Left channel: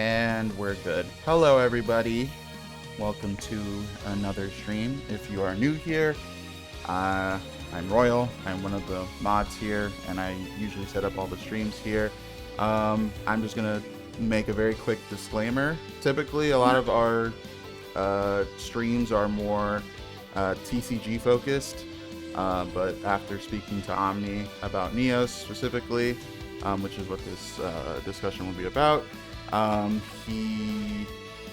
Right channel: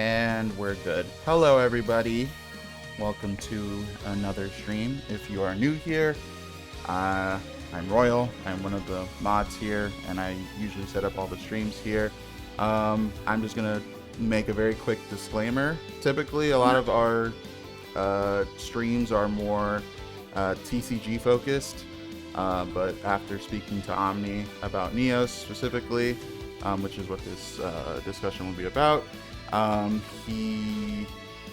And we're good. Hello, everybody. Welcome to another stream. If you are new here, I'm Royal. I'm one of the mods here, and I usually set up all the streams here. I'm just gonna make a very quick disclaimer. Typically, a lot of our streams are more TCG focused, but after speaking to Omni about Neos specifically, which is what this discussion will be about, he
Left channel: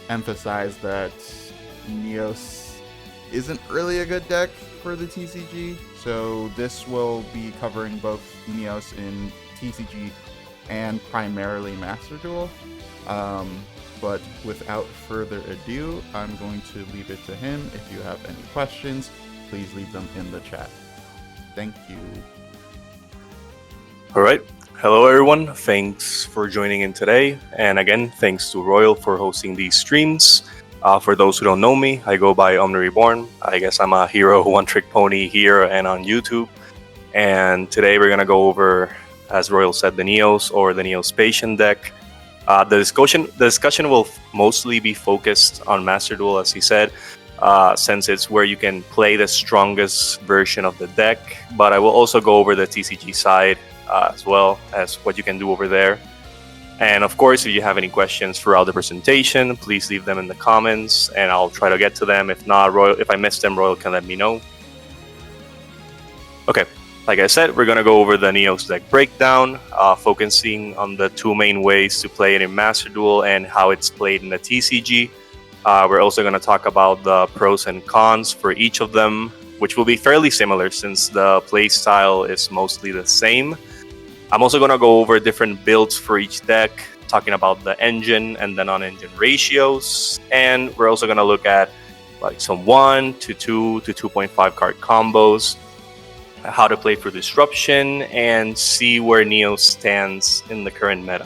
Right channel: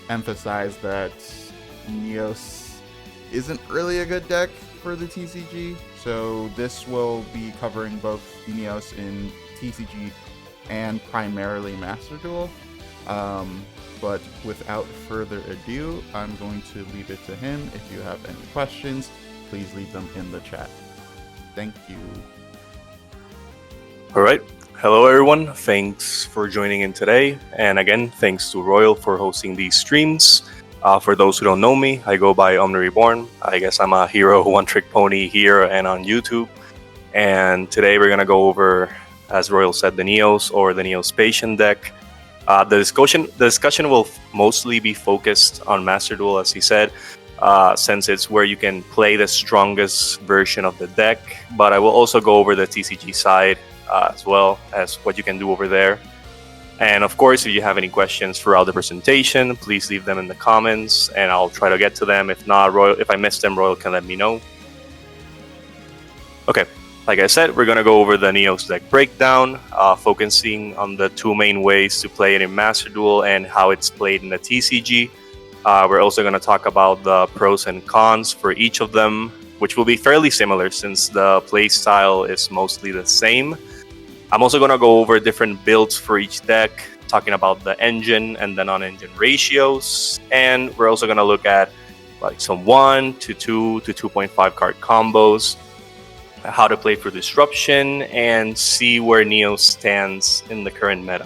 emphasized that Neos isn't really a good deck for the TCG, so this will be covering both Neos in TCG and primarily Master Duel. But without further ado, I'm going to leave it to him. If you have any questions, please leave them in the chat. Thank you. All right. Hello, everyone. Thanks for joining in today. And again, thanks to Royal for hosting these streams. For those who don't know me, I go by OmniReborn. I guess I'm a hero one-trick pony here and on YouTube. And today we're going to go over, as Royal said, the Neos or the Neospatian deck. The discussion will mostly be focused on Master Duel, as he said, since it's where you can play the strongest version of the deck. But I will also go over the TCG side as well as what you can do over there. And of course, if you have any questions throughout the presentation, please leave them in the comments and I'll try to get to them. If not, Royal, if I miss them, Royal can let me know. Okay, like I said, we're going to go over the Neos deck breakdown, focusing on the two main ways to play it in Master Duel and how it's played in the TCG. We're also going to talk about the pros and cons for each of them, which will be fairly similar since the play style is mostly the same. I'm also going to go over different builds for each deck, talking about the engine and the non-engine ratios. And we're also going to look at like some 1 to 2 to 2.5 card combos, how to play for disruption, and see where Neos stands in the current meta.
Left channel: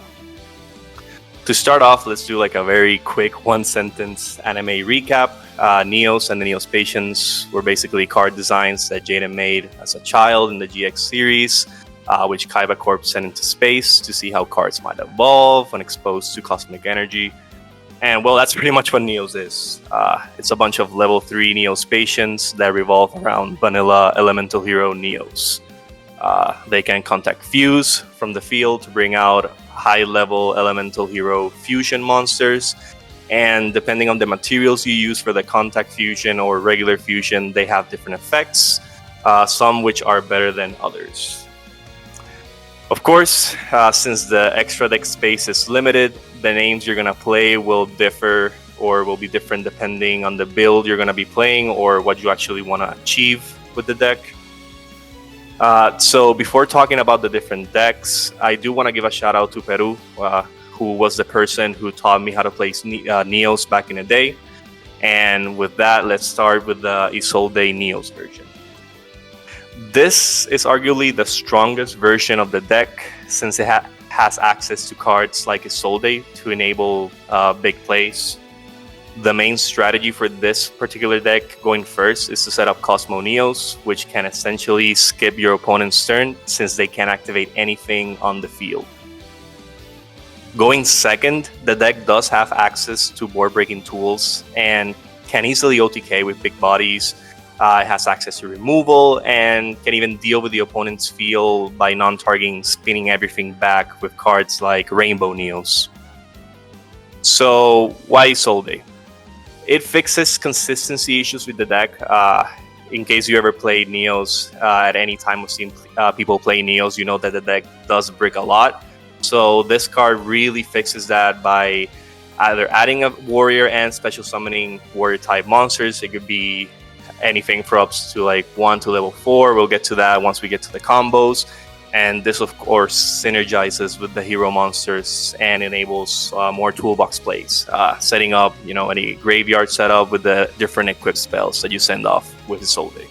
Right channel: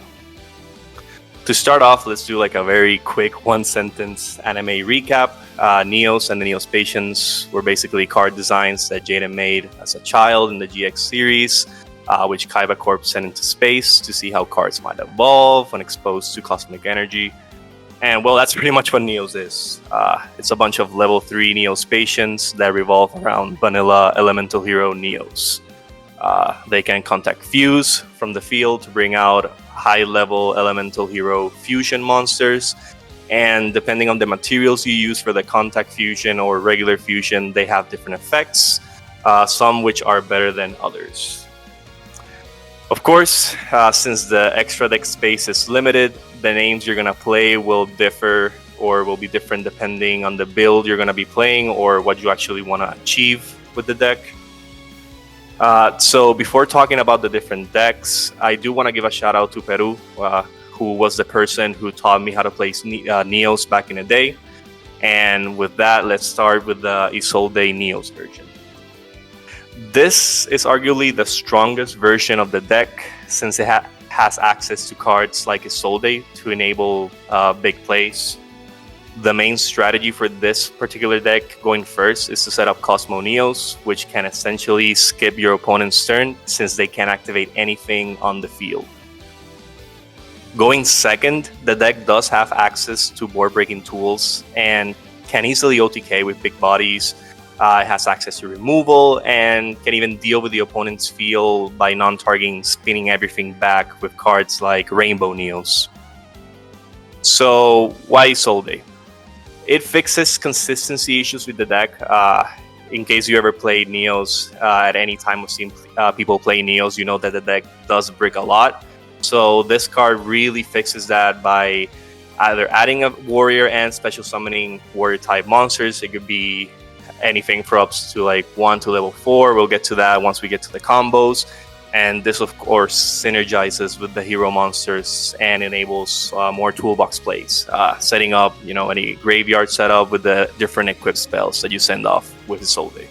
To start off, let's do like a very quick one-sentence anime recap. Neos and the Neospatians were basically card designs that Jaden made as a child in the GX series, which Kaiba Corp sent into space to see how cards might evolve when exposed to cosmic energy. And well, that's pretty much what Neos is. It's a bunch of level 3 Neospatians that revolve around vanilla elemental hero Neos. They can contact Fuse from the field to bring out high-level elemental hero fusion monsters. And depending on the materials you use for the contact fusion or regular fusion, they have different effects, some which are better than others. Of course, since the extra deck space is limited, the names you're going to play will differ or will be different depending on the build you're going to be playing or what you actually want to achieve with the deck. So before talking about the different decks, I do want to give a shout out to Peru, who was the person who taught me how to play Neos back in the day. And with that, let's start with the Isolde Neos version. This is arguably the strongest version of the deck since it has access to cards like Isolde to enable big plays. The main strategy for this particular deck going first is to set up Cosmo Neos, which can essentially skip your opponent's turn since they can't activate anything on the field. Going second, the deck does have access to board breaking tools and can easily OTK with big bodies. It has access to removal and can even deal with the opponent's field by non-targeting spinning everything back with cards like Rainbow Neos. So why Isolde? It fixes consistency issues with the deck. In case you ever played Neos at any time of seeing people play Neos, you know that the deck does brick a lot. So this card really fixes that by either adding a warrior and special summoning warrior type monsters. It could be anything for up to like 1 to level 4. We'll get to that once we get to the combos. And this, of course, synergizes with the hero monsters and enables more toolbox plays, setting up, any graveyard setup with the different equipped spells that you send off with Isolde.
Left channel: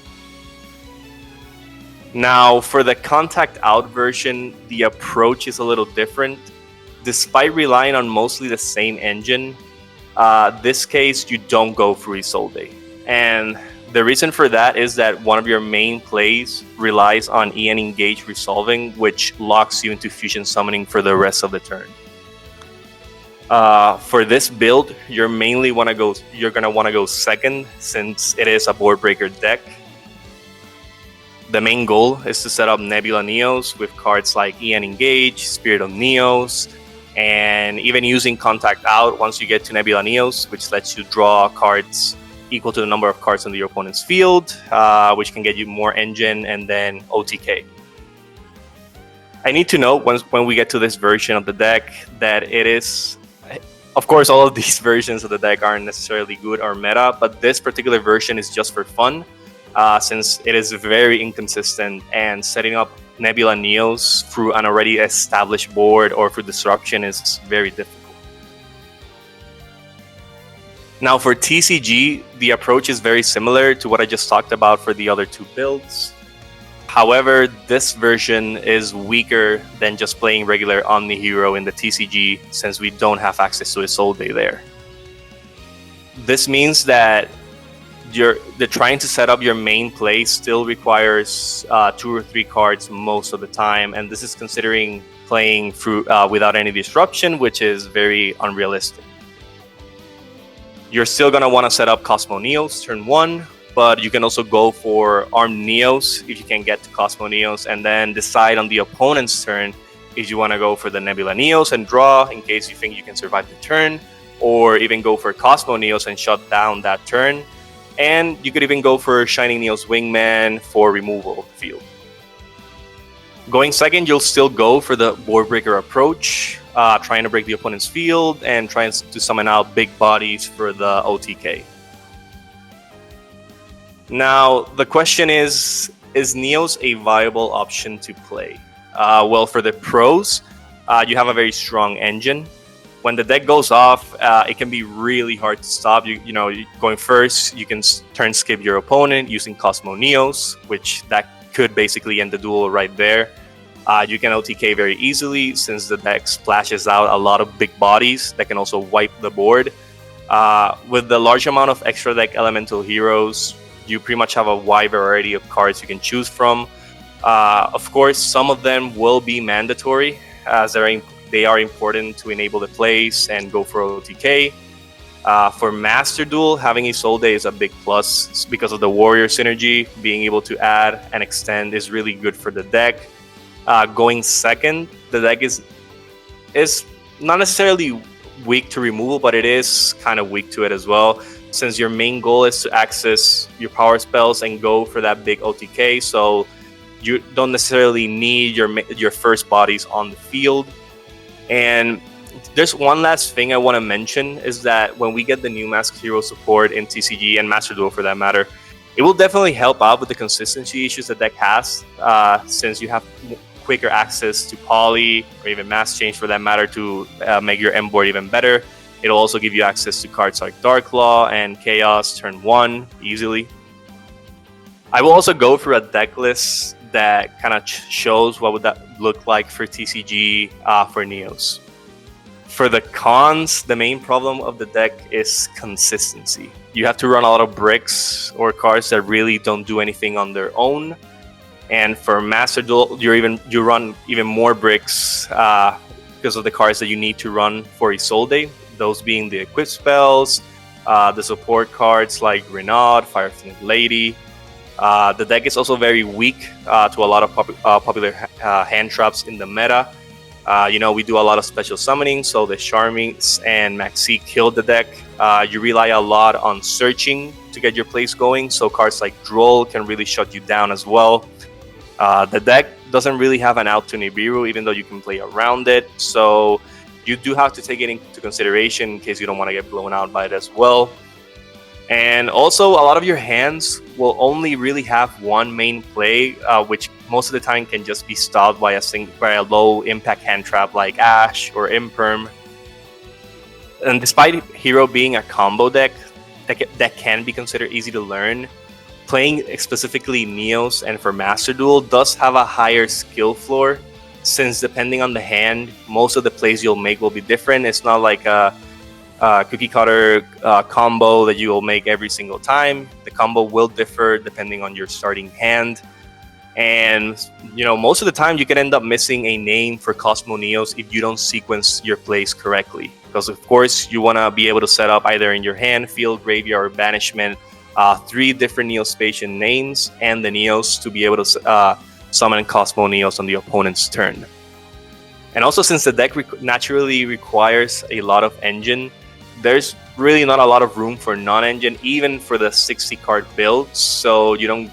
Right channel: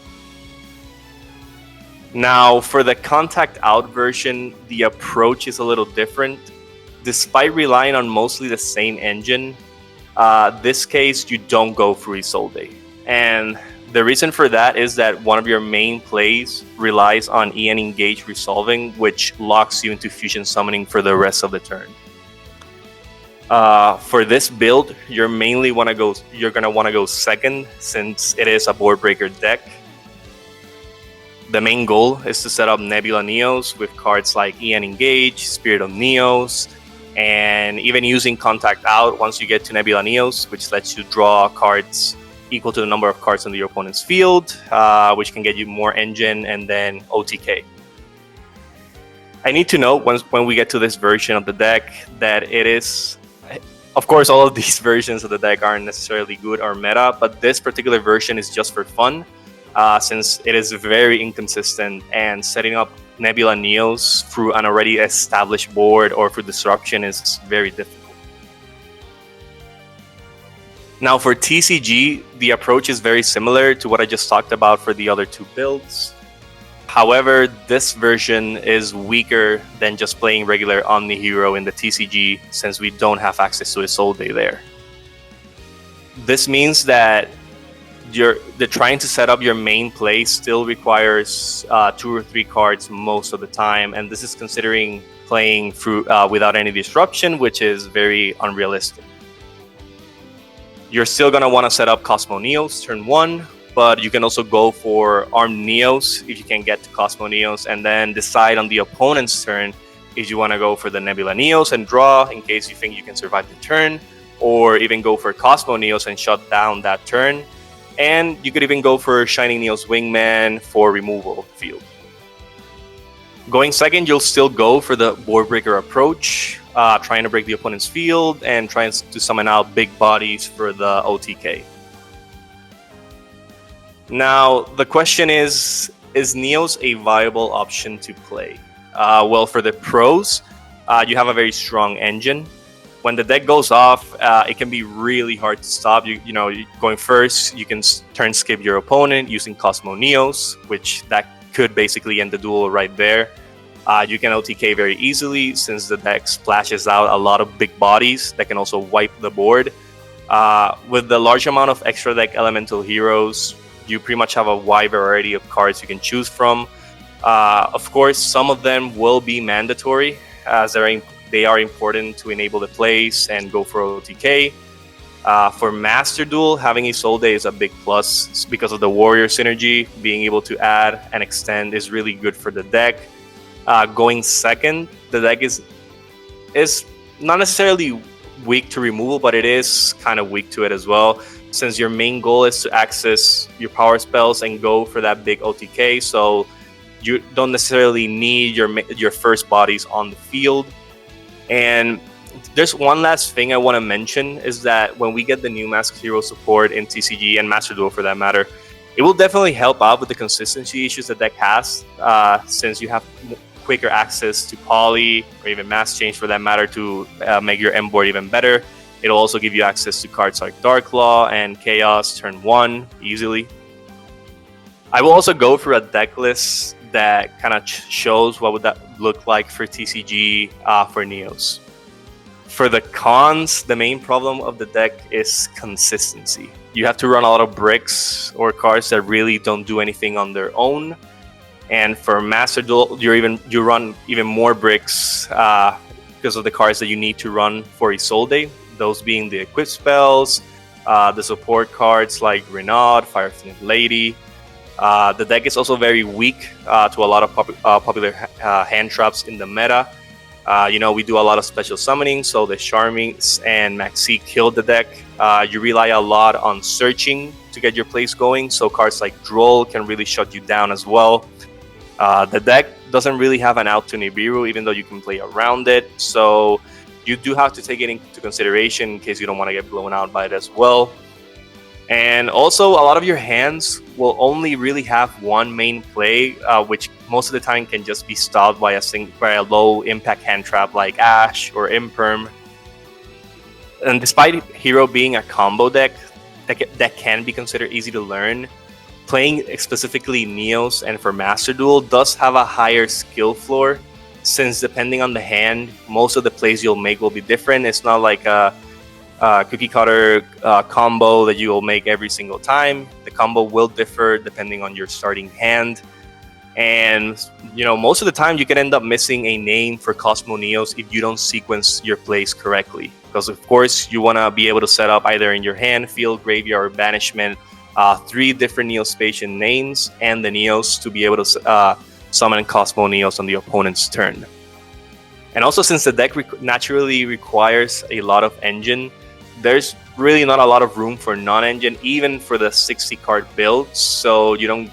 Now, for the contact out version, the approach is a little different. Despite relying on mostly the same engine, this case you don't go through Isolde. And the reason for that is that one of your main plays relies on EN Engage resolving, which locks you into fusion summoning for the rest of the turn. For this build, you're gonna want to go second, since it is a board breaker deck. The main goal is to set up Nebula Neos with cards like EN Engage, Spirit of Neos, and even using Contact Out once you get to Nebula Neos, which lets you draw cards equal to the number of cards in your opponent's field, which can get you more engine and then OTK. I need to note when we get to this version of the deck that it is, of course, all of these versions of the deck aren't necessarily good or meta, but this particular version is just for fun, since it is very inconsistent, and setting up Nebula Neos through an already established board or through disruption is very difficult. Now for TCG, the approach is very similar to what I just talked about for the other two builds. However, this version is weaker than just playing regular Omni Hero in the TCG, since we don't have access to a Soul Day there. This means that trying to set up your main play still requires 2 or 3 cards most of the time, and this is considering playing through without any disruption, which is very unrealistic. You're still going to want to set up Cosmo Neos turn 1, but you can also go for Armed Neos if you can get to Cosmo Neos, and then decide on the opponent's turn if you want to go for the Nebula Neos and draw in case you think you can survive the turn, or even go for Cosmo Neos and shut down that turn. And you could even go for Shining Neos Wingman for removal of the field. Going second, you'll still go for the board breaker approach, trying to break the opponent's field and trying to summon out big bodies for the OTK. Now, the question is Neos a viable option to play? Well, for the pros, you have a very strong engine. When the deck goes off, it can be really hard to stop. Going first, you can turn skip your opponent using Cosmo Neos, which that could basically end the duel right there. You can OTK very easily since the deck splashes out a lot of big bodies that can also wipe the board. With the large amount of extra deck elemental heroes, you pretty much have a wide variety of cards you can choose from. Of course, some of them will be mandatory, as they are important to enable the plays and go for OTK. For Master Duel, having a Soul Day is a big plus because of the Warrior synergy. Being able to add and extend is really good for the deck. Going second, the deck is not necessarily weak to removal, but it is kind of weak to it as well, since your main goal is to access your power spells and go for that big OTK, so you don't necessarily need your first bodies on the field. And there's one last thing I want to mention, is that when we get the new Masked Hero support in TCG and Master Duel for that matter, it will definitely help out with the consistency issues the deck has, since you have quicker access to Poly or even Mass Change for that matter to make your M board even better. It'll also give you access to cards like Dark Law and Chaos turn 1 easily. I will also go through a deck list that kind of shows what would that look like for TCG for Neos. For the cons, the main problem of the deck is consistency. You have to run a lot of bricks or cards that really don't do anything on their own. And for Master Duel, you run even more bricks because of the cards that you need to run for a Soul Day. Those being the equip spells, the support cards like Renaud, Firefang Lady. The deck is also very weak to a lot of popular hand traps in the meta. We do a lot of special summoning, so the Charmings and Maxi killed the deck. You rely a lot on searching to get your plays going, so cards like Duel can really shut you down as well. The deck doesn't really have an out to Nibiru, even though you can play around it, so you do have to take it into consideration in case you don't want to get blown out by it as well. And also, a lot of your hands will only really have one main play, which most of the time can just be stopped by a low impact hand trap like Ash or Imperm. And despite Hero being a combo deck that can be considered easy to learn, playing specifically Neos and for Master Duel does have a higher skill floor, since depending on the hand, most of the plays you'll make will be different. It's not like a cookie cutter combo that you will make every single time. The combo will differ depending on your starting hand. And most of the time you can end up missing a name for Cosmo Neos if you don't sequence your plays correctly, because of course you want to be able to set up either in your hand, field, graveyard, or banishment 3 different Neospatian names and the Neos to be able to summon Cosmo Neos on the opponent's turn. And also, since the deck naturally requires a lot of engine, there's really not a lot of room for non-engine, even for the 60 card build. So you don't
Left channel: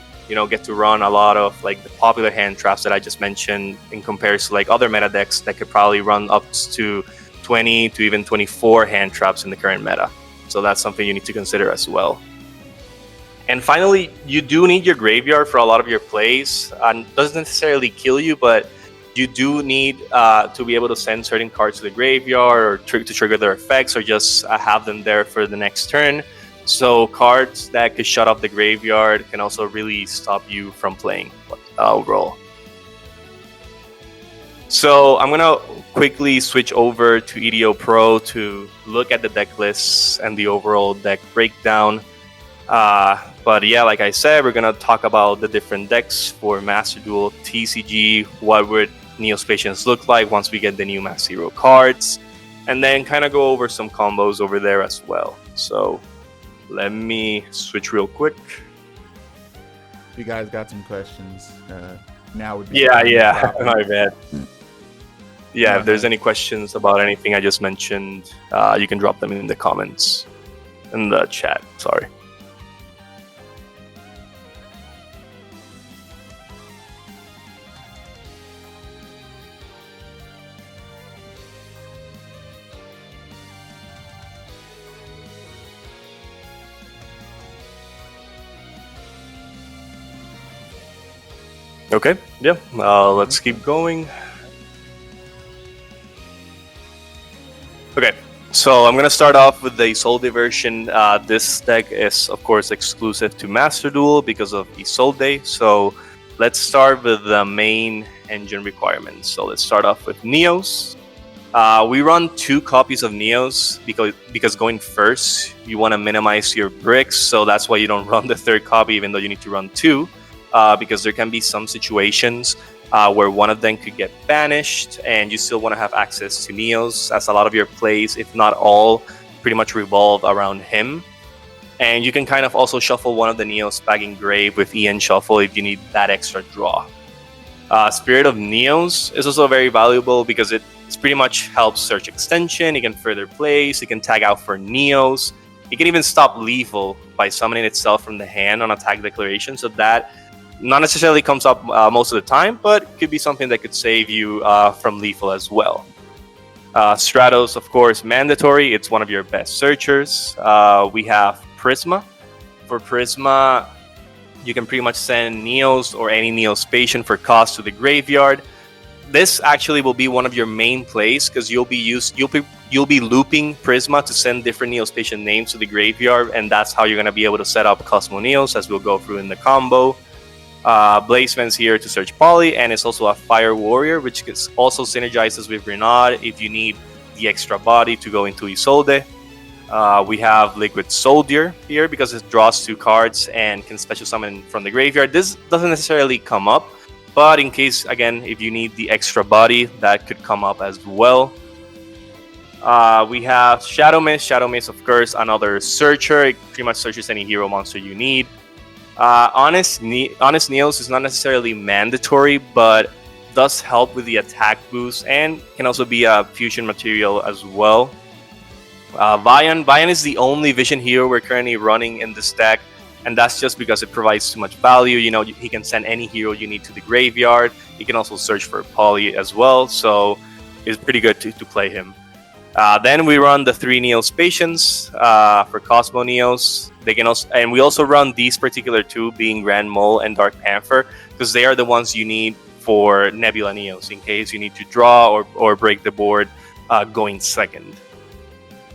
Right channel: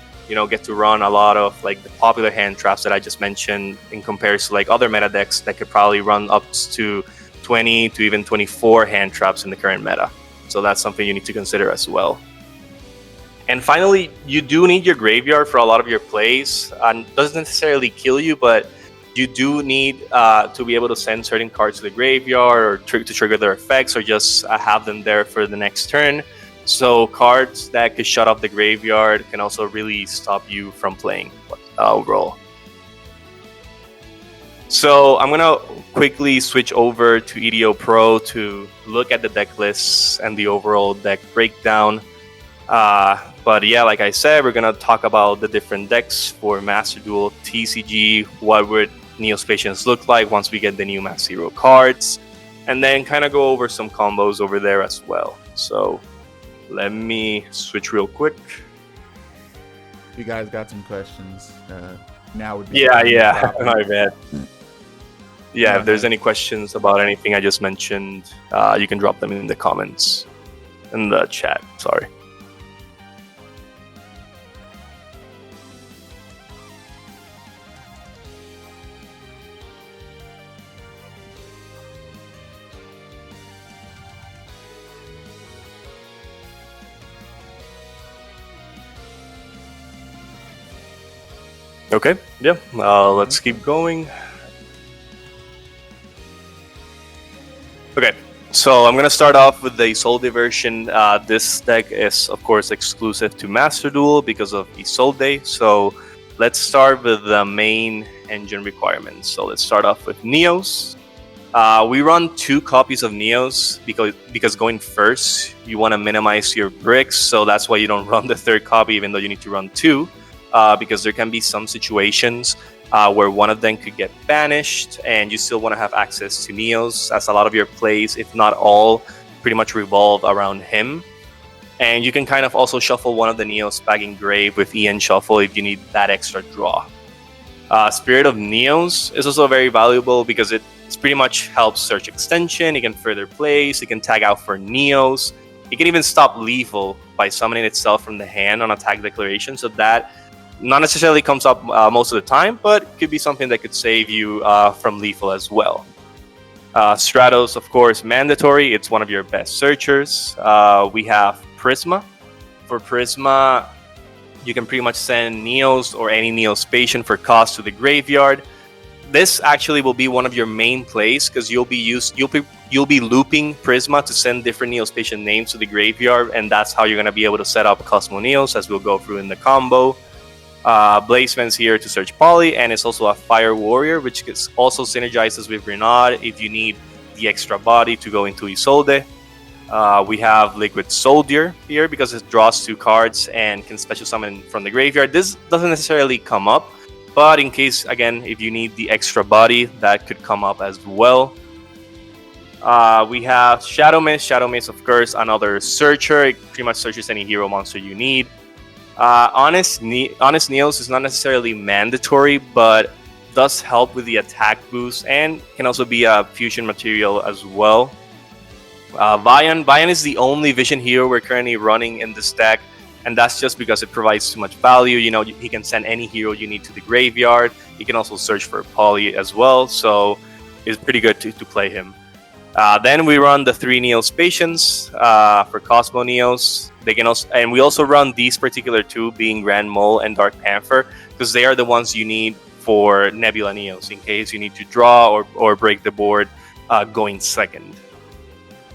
get to run a lot of like the popular hand traps that I just mentioned, in comparison to like other meta decks that could probably run up to 20 to even 24 hand traps in the current meta. So that's something you need to consider as well. And finally, you do need your graveyard for a lot of your plays. Doesn't necessarily kill you, but you do need to be able to send certain cards to the graveyard or to trigger their effects, or just have them there for the next turn. So cards that could shut off the graveyard can also really stop you from playing overall. So I'm going to quickly switch over to EDO Pro to look at the deck lists and the overall deck breakdown. But yeah, like I said, we're going to talk about the different decks for Master Duel TCG, what would Neospatians look like once we get the new Mass Hero cards, and then kind of go over some combos over there as well. So let me switch real quick. If you guys got some questions, now would be yeah. My bad. Yeah, No, if there's no. any questions about anything I just mentioned, you can drop them in the comments, in the chat. Sorry. Okay, yeah, let's keep going. Okay, so I'm going to start off with the Isolde version. This deck is, of course, exclusive to Master Duel because of Isolde. So let's start with the main engine requirements. So let's start off with Neos. We run 2 copies of Neos because going first, you want to minimize your bricks. So that's why you don't run the 3rd copy, even though you need to run 2. Because there can be some situations where one of them could get banished and you still want to have access to Neos, as a lot of your plays, if not all, pretty much revolve around him. And you can kind of also shuffle one of the Neos back in grave with EN Shuffle if you need that extra draw. Spirit of Neos is also very valuable because it pretty much helps search extension. It can further plays, it can tag out for Neos. It can even stop lethal by summoning itself from the hand on attack declaration, so that not necessarily comes up most of the time, but could be something that could save you from lethal as well. Stratos, of course, mandatory. It's one of your best searchers. We have Prisma. For Prisma, you can pretty much send Neos or any Neospatian for cost to the graveyard. This actually will be one of your main plays because you'll be looping Prisma to send different Neospatian names to the graveyard, and that's how you're going to be able to set up Cosmo Neos, as we'll go through in the combo. Blazeman's here to search Poly, and it's also a Fire Warrior, which also synergizes with Renaud if you need the extra body to go into Isolde. We have Liquid Soldier here because it draws 2 cards and can special summon from the graveyard. This doesn't necessarily come up, but in case, again, if you need the extra body, that could come up as well. We have Shadow Mist. Shadow Mist, of course, another searcher. It pretty much searches any hero monster you need. Honest Neos is not necessarily mandatory, but does help with the attack boost and can also be a fusion material as well. Vian is the only vision hero we're currently running in this deck, and that's just because it provides too much value. You know, he can send any hero you need to the graveyard. You can also search for Poly as well, so it's pretty good to play him. Then we run the 3 Neospatians for Cosmo Neos. They can also, and we also run these particular 2, being Grand Mole and Dark Panther, because they are the ones you need for Nebula Neos in case you need to draw or break the board going second.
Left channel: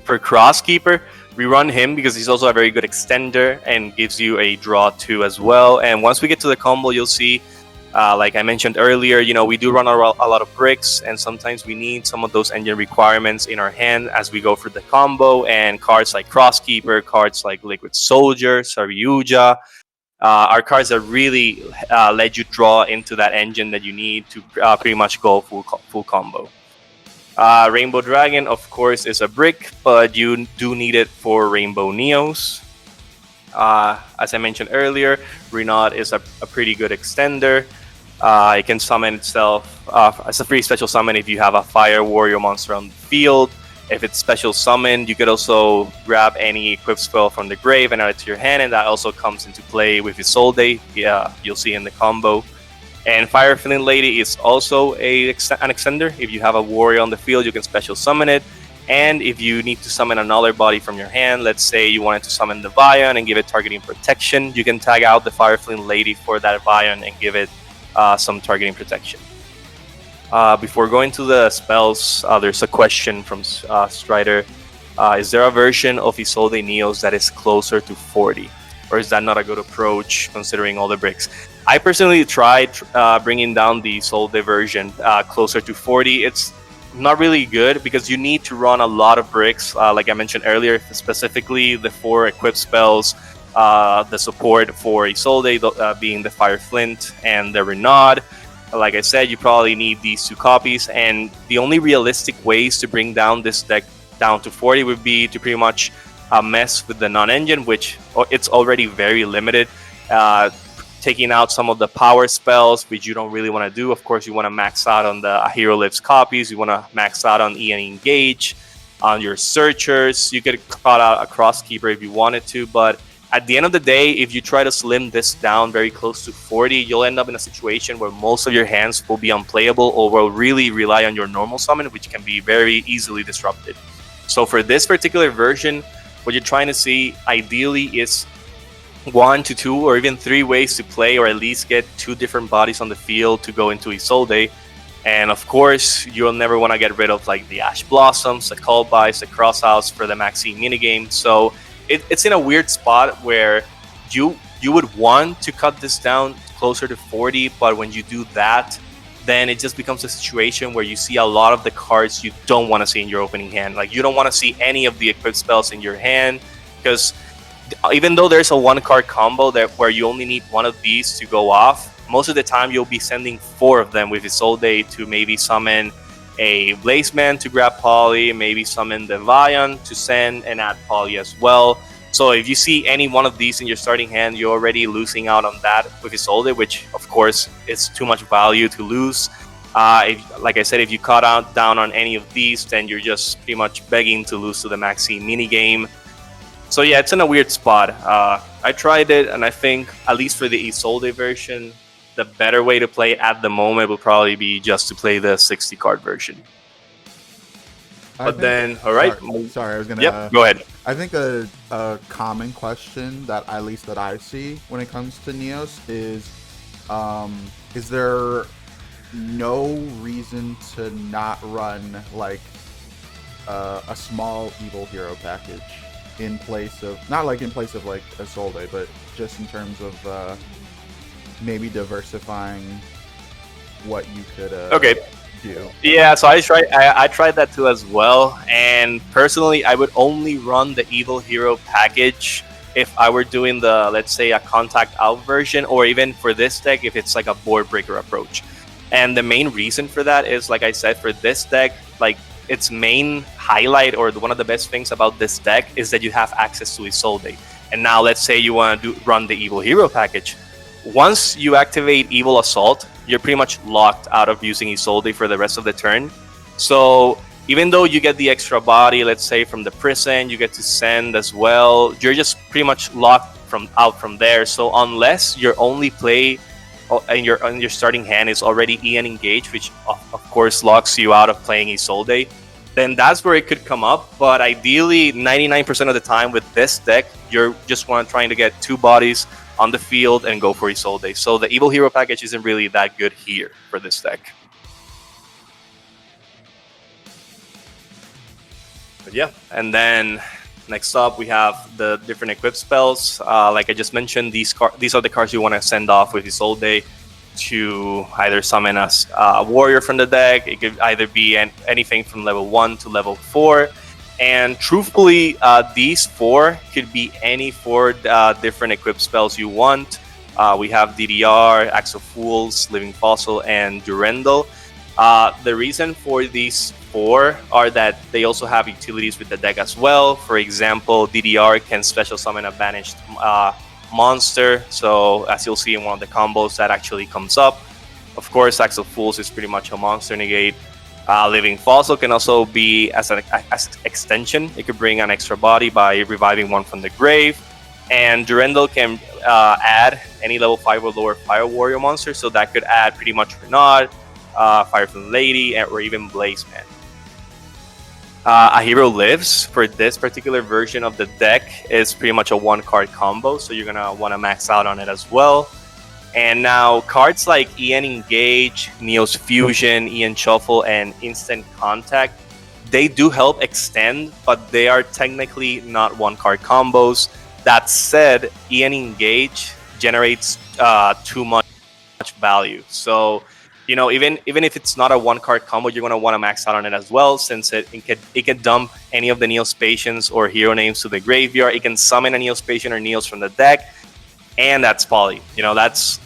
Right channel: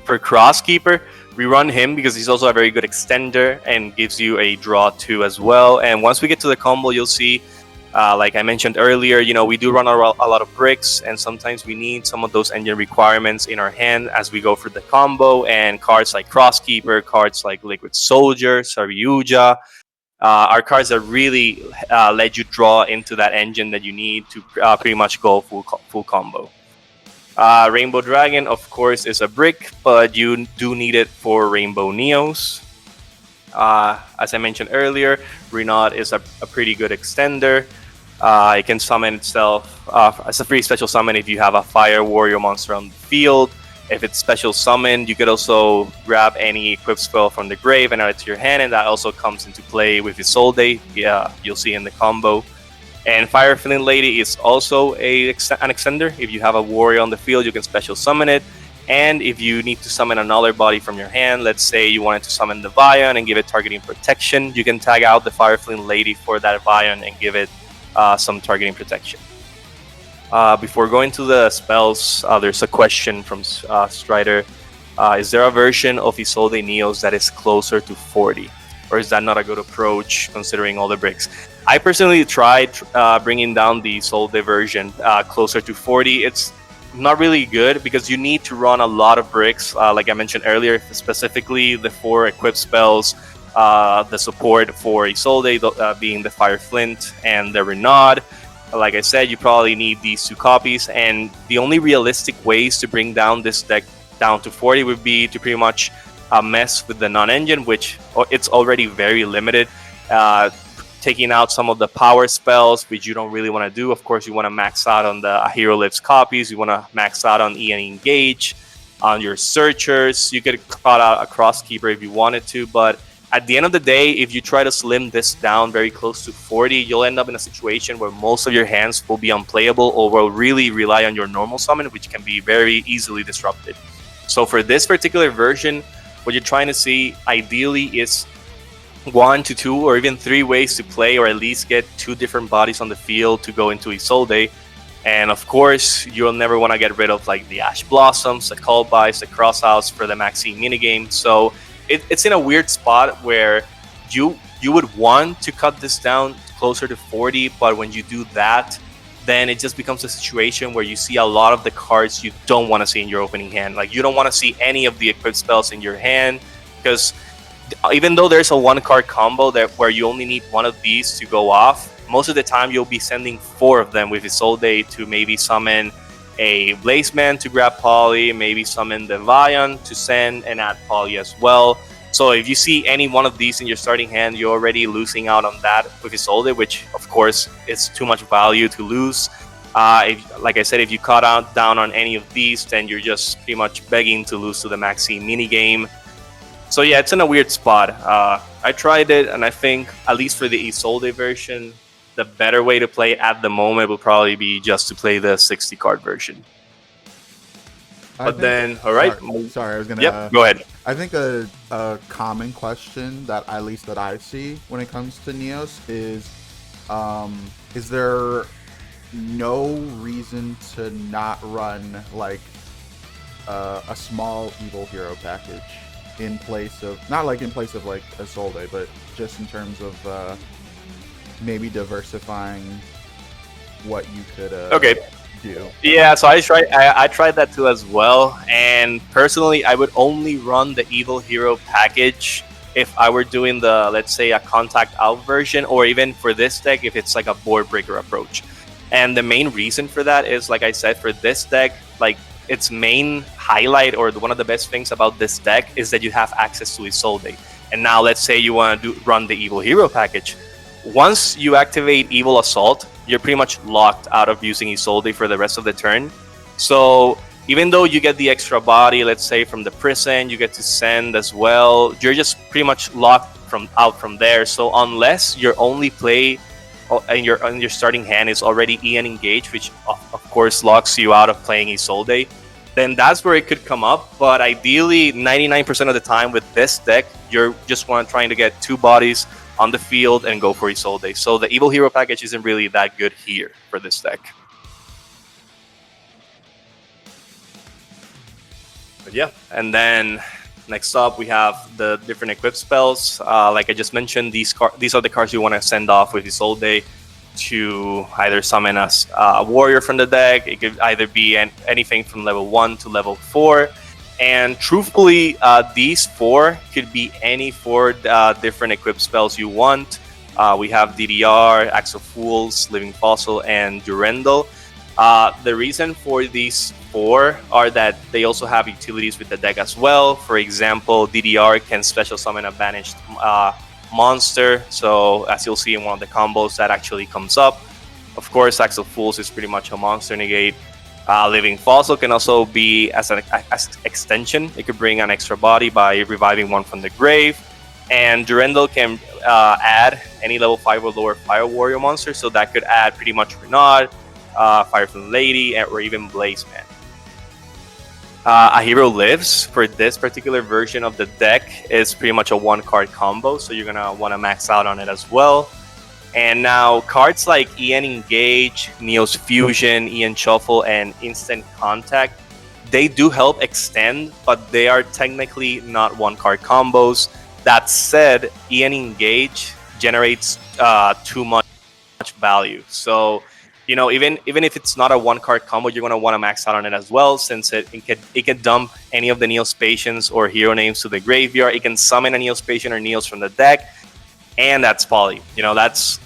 For Crosskeeper, we run him because he's also a very good extender and gives you a draw 2 as well. And once we get to the combo, you'll see, like I mentioned earlier, you know, we do run a lot of bricks, and sometimes we need some of those engine requirements in our hand as we go through the combo. And cards like Crosskeeper, cards like Liquid Soldier, Saryuja, are cards that really let you draw into that engine that you need to pretty much go full combo. Rainbow Dragon, of course, is a brick, but you do need it for Rainbow Neos. As I mentioned earlier, Renaud is a pretty good extender. It can summon itself as a free special summon if you have a Fire Warrior monster on the field. If it's special summoned, you could also grab any equipped spell from the grave and add it to your hand, and that also comes into play with Isolde. Yeah, you'll see in the combo. And Fire Flint Lady is also an extender. If you have a warrior on the field, you can special summon it. And if you need to summon another body from your hand, let's say you wanted to summon the Vion and give it targeting protection, you can tag out the Fire Flint Lady for that Vion and give it some targeting protection. Before going to the spells, there's a question from Strider. Is there a version of Isolde Neos that is closer to 40? Or is that not a good approach considering all the bricks? I personally tried bringing down the Isolde version closer to 40. It's not really good because you need to run a lot of bricks, like I mentioned earlier, specifically the 4 equipped spells, the support for Isolde being the Fire Flint and the Renaud. Like I said, you probably need these 2 copies, and the only realistic ways to bring down this deck down to 40 would be to pretty much mess with the non-engine, which it's already very limited. Taking out some of the power spells, which you don't really want to do. Of course, you want to max out on the Hero Lives copies. You want to max out on Ian Engage, on your Searchers. You could cut out a Crosskeeper if you wanted to, but at the end of the day, if you try to slim this down very close to 40, you'll end up in a situation where most of your hands will be unplayable or will really rely on your normal summon, which can be very easily disrupted. So for this particular version, what you're trying to see ideally is 1 to 2 or even 3 ways to play, or at least get 2 different bodies on the field to go into Isolde. And of course, you'll never want to get rid of like the Ash Blossoms, the Callbys, the Crosshouse for the Maxi minigame. So it's in a weird spot where you would want to cut this down closer to 40, but when you do that, then it just becomes a situation where you see a lot of the cards you don't want to see in your opening hand. Like, you don't want to see any of the equipped spells in your hand, because even though there's a 1-card combo where you only need 1 of these to go off, most of the time you'll be sending 4 of them with Isolde to maybe summon a Blazeman to grab Poly, maybe summon the Vion to send and add Poly as well. So if you see any one of these in your starting hand, you're already losing out on that with Isolde, which of course is too much value to lose. Like I said, if you cut down on any of these, then you're just pretty much begging to lose to the Maxi minigame. So yeah, it's in a weird spot. I tried it, and I think, at least for the Isolde version, the better way to play it at the moment will probably be just to play the 60-card version. But then, all right. Sorry, I was gonna. Yep, go ahead. I think a common question that I see when it comes to Neos is there no reason to not run like a small evil hero package in place of, not like in place of like Isolde, but just in terms of maybe diversifying what you could do. Yeah, so I tried that too as well, and personally I would only run the evil hero package if I were doing the, let's say, a contact out version, or even for this deck if it's like a board breaker approach. And the main reason for that is, like I said, for this deck, like, its main highlight, or one of the best things about this deck, is that you have access to Isolde. And now let's say you want to run the evil hero package. Once you activate Evil Assault, you're pretty much locked out of using Isolde for the rest of the turn. So even though you get the extra body, let's say from the prison, you get to send as well, you're just pretty much locked out from there. So unless your only play in your starting hand is already Ian Engage, which of course locks you out of playing Isolde, then that's where it could come up. But ideally, 99% of the time with this deck, you're just trying to get 2 bodies on the field and go for Isolde. So the Evil Hero package isn't really that good here for this deck. But yeah, and then next up we have the different equip spells. Like I just mentioned, these are the cards you want to send off with Isolde to either summon a warrior from the deck. It could either be anything from level 1 to level 4. And truthfully, these 4 could be any 4 different equip spells you want. We have DDR, Axel Fools, Living Fossil, and Durendal. The reason for these 4 are that they also have utilities with the deck as well. For example, DDR can special summon a banished monster, so as you'll see in one of the combos, that actually comes up. Of course, Axel Fools is pretty much a monster negate. Living Fossil can also be as an extension. It could bring an extra body by reviving one from the grave. And Durendal can add any level 5 or lower Fire Warrior monster, so that could add pretty much Renaud, Fireflame Lady, or even Blazeman. A Hero Lives, for this particular version of the deck, is pretty much a 1-card combo, so you're going to want to max out on it as well. And now, cards like EN Engage, Neos Fusion, EN Shuffle, and Instant Contact, they do help extend, but they are technically not 1-card combos. That said, EN Engage generates too much value. So, even if it's not a 1-card combo, you're going to want to max out on it as well, since it can dump any of the Neospatians or hero names to the graveyard. It can summon a Neospatian or Neos from the deck, and that's poly. That's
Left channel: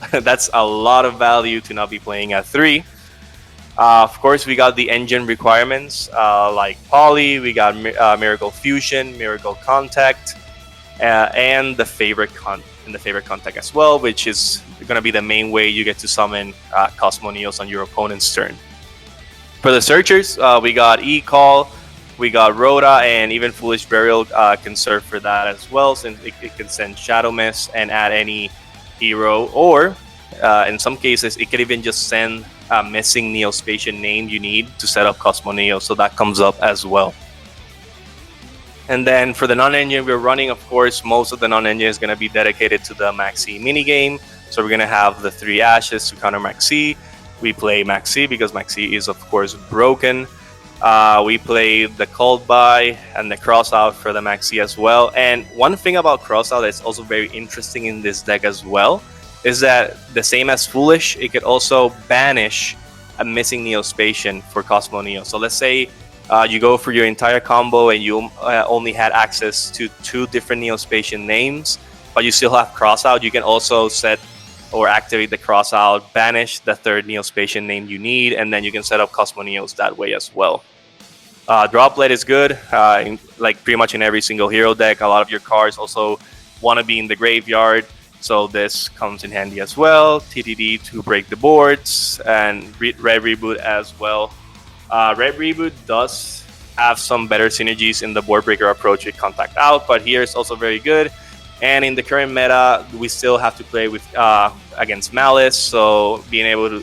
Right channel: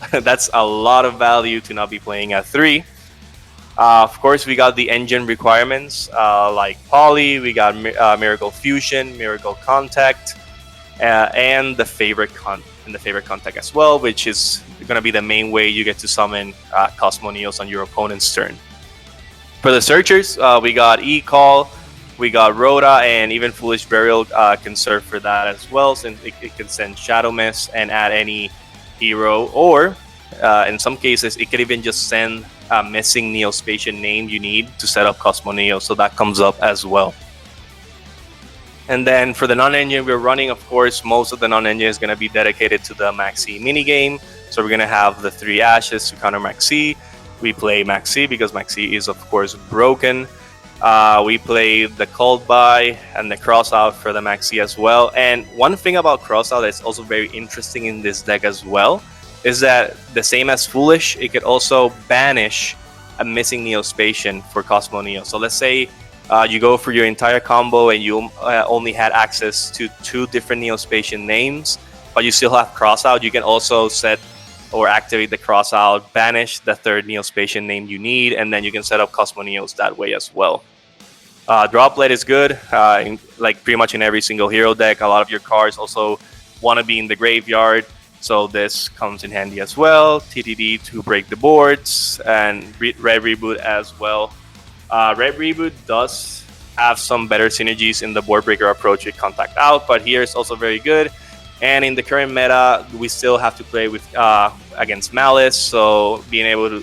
a lot of value to not be playing at 3. Of course, we got the engine requirements like poly. We got Miracle Fusion, Miracle Contact, and the favorite contact as well, which is going to be the main way you get to summon Cosmo Neos on your opponent's turn. For the searchers, we got E-Call, we got Rhoda, and even Foolish Burial can serve for that as well, since it can send Shadow Mist and add any hero, or in some cases, it could even just send a missing Neospatian name you need to set up Cosmo Neo, so that comes up as well. And then for the non-engine we're running, of course, most of the non-engine is going to be dedicated to the Maxi minigame. So we're going to have the 3 Ashes to counter Maxi. We play Maxi because Maxi is, of course, broken. We play the Called By and the Crossout for the Maxi as well. And one thing about Crossout that's also very interesting in this deck as well is that the same as Foolish, it could also banish a missing Neospatian for Cosmo Neo. So let's say you go for your entire combo and you only had access to 2 different Neospatian names, but you still have Crossout. You can also set or activate the Crossout, banish the 3rd Neospatian name you need, and then you can set up Cosmo Neos that way as well. Droplet is good, like pretty much in every single hero deck. A lot of your cards also want to be in the graveyard, so this comes in handy as well. TTD to break the boards, and Red Reboot as well. Red Reboot does have some better synergies in the board breaker approach with Contact Out, but here it's also very good. And in the current meta, we still have to play with against Malice, so being able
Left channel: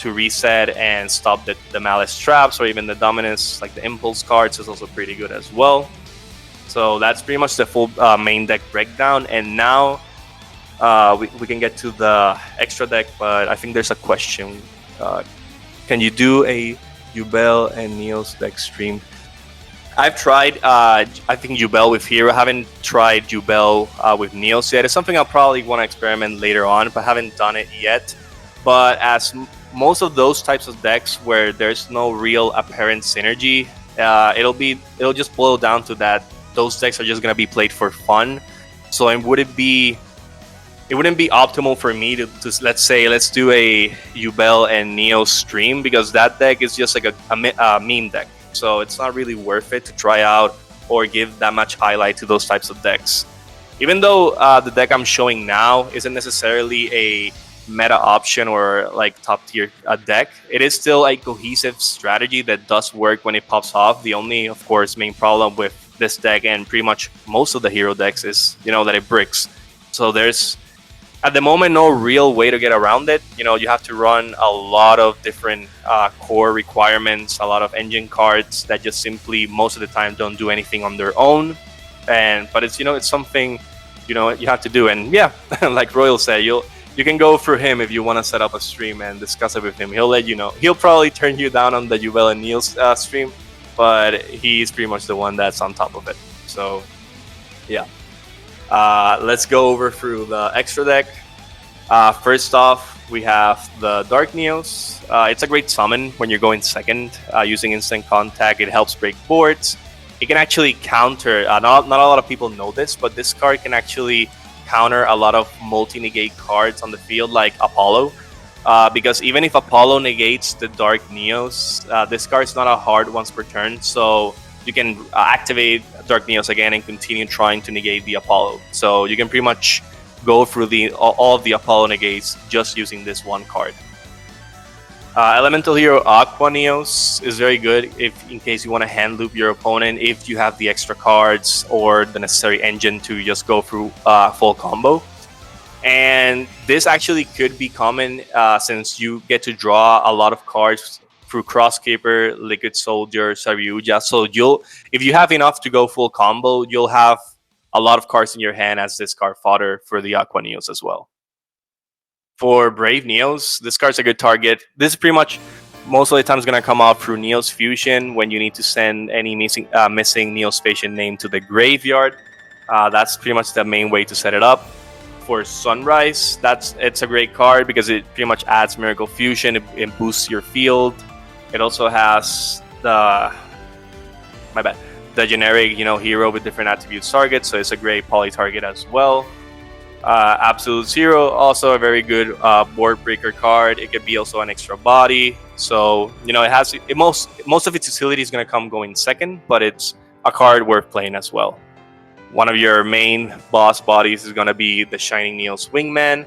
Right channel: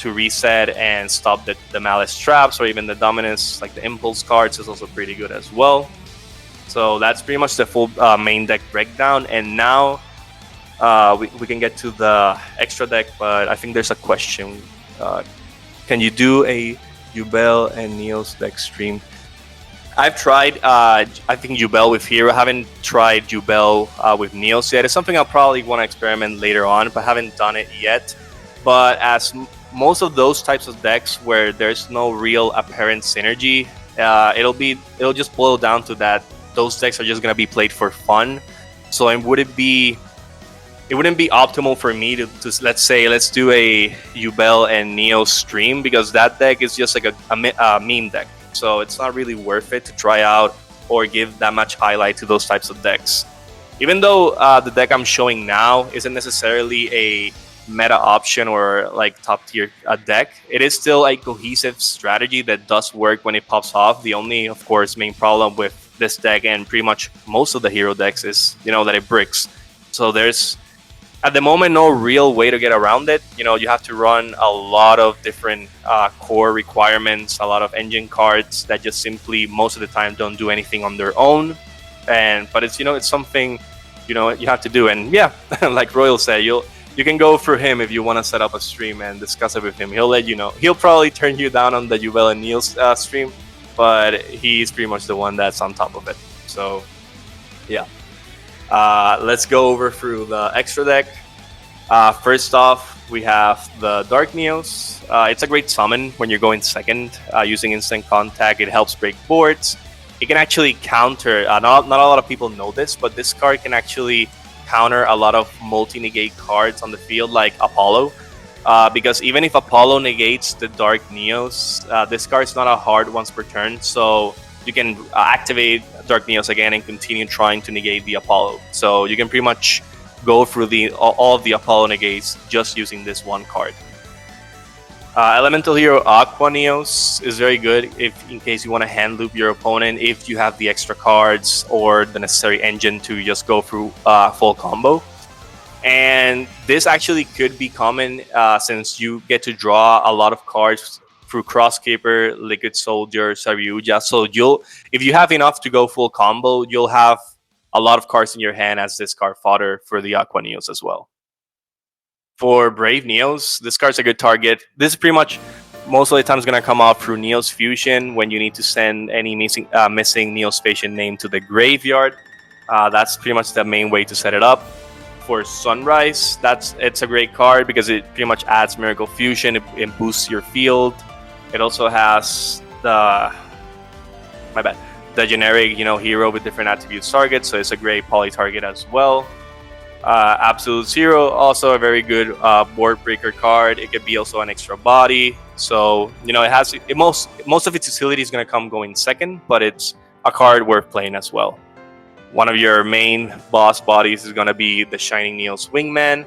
to reset and stop the Malice traps or even the dominance, like the Impulse cards, is also pretty good as well. So that's pretty much the full main deck breakdown. And now we can get to the extra deck, but I think there's a question. Can you do a Jubel and Neos deck stream? I've tried, I think, Jubel with Hero. I haven't tried Jubel with Neos yet. It's something I'll probably want to experiment later on, but haven't done it yet. But as most of those types of decks where there's no real apparent synergy, it'll just boil down to that those decks are just going to be played for fun. So it wouldn't be optimal for me to let's do a Jubel and Neos stream, because that deck is just like a meme deck. So it's not really worth it to try out or give that much highlight to those types of decks. Even though the deck I'm showing now isn't necessarily a meta option or like top tier deck, it is still a cohesive strategy that does work when it pops off. The only, of course, main problem with this deck and pretty much most of the hero decks is, that it bricks. So there's, at the moment, no real way to get around it. You have to run a lot of different core requirements, a lot of engine cards that just simply most of the time don't do anything on their own. But it's it's something you have to do. And yeah, like Royal said, you can go through him if you want to set up a stream and discuss it with him. He'll let you know. He'll probably turn you down on the Jubel and Neos stream, but he's pretty much the one that's on top of it. So yeah. Let's go over through the extra deck. First off, we have the Dark Neos. It's a great summon when you're going second using Instant Contact. It helps break boards. It can actually counter, not a lot of people know this, but this card can actually counter a lot of multi-negate cards on the field like Apollo. Because even if Apollo negates the Dark Neos, this card's not a hard once per turn, so you can activate Dark Neos again and continue trying to negate the Apollo. So you can pretty much go through all of the Apollo negates just using this one card. Elemental Hero Aqua Neos is very good in case you want to hand loop your opponent if you have the extra cards or the necessary engine to just go through full combo. And this actually could be common since you get to draw a lot of cards through Crosskeeper, Liquid Soldier, Saryuja. So if you have enough to go full combo, you'll have a lot of cards in your hand as this card fodder for the Aqua Neos as well. For Brave Neos, this card's a good target. This is pretty much most of the time is going to come out through Neos Fusion when you need to send any missing Neospatian name to the graveyard. That's pretty much the main way to set it up. For Sunrise, it's a great card because it pretty much adds Miracle Fusion. It boosts your field. It also has the generic hero with different attributes targets, so it's a great poly target as well. Absolute Zero, also a very good board breaker card. It could be also an extra body, so most of its utility is going to come going second, but it's a card worth playing as well. One of your main boss bodies is going to be the Shining Neos Wingman.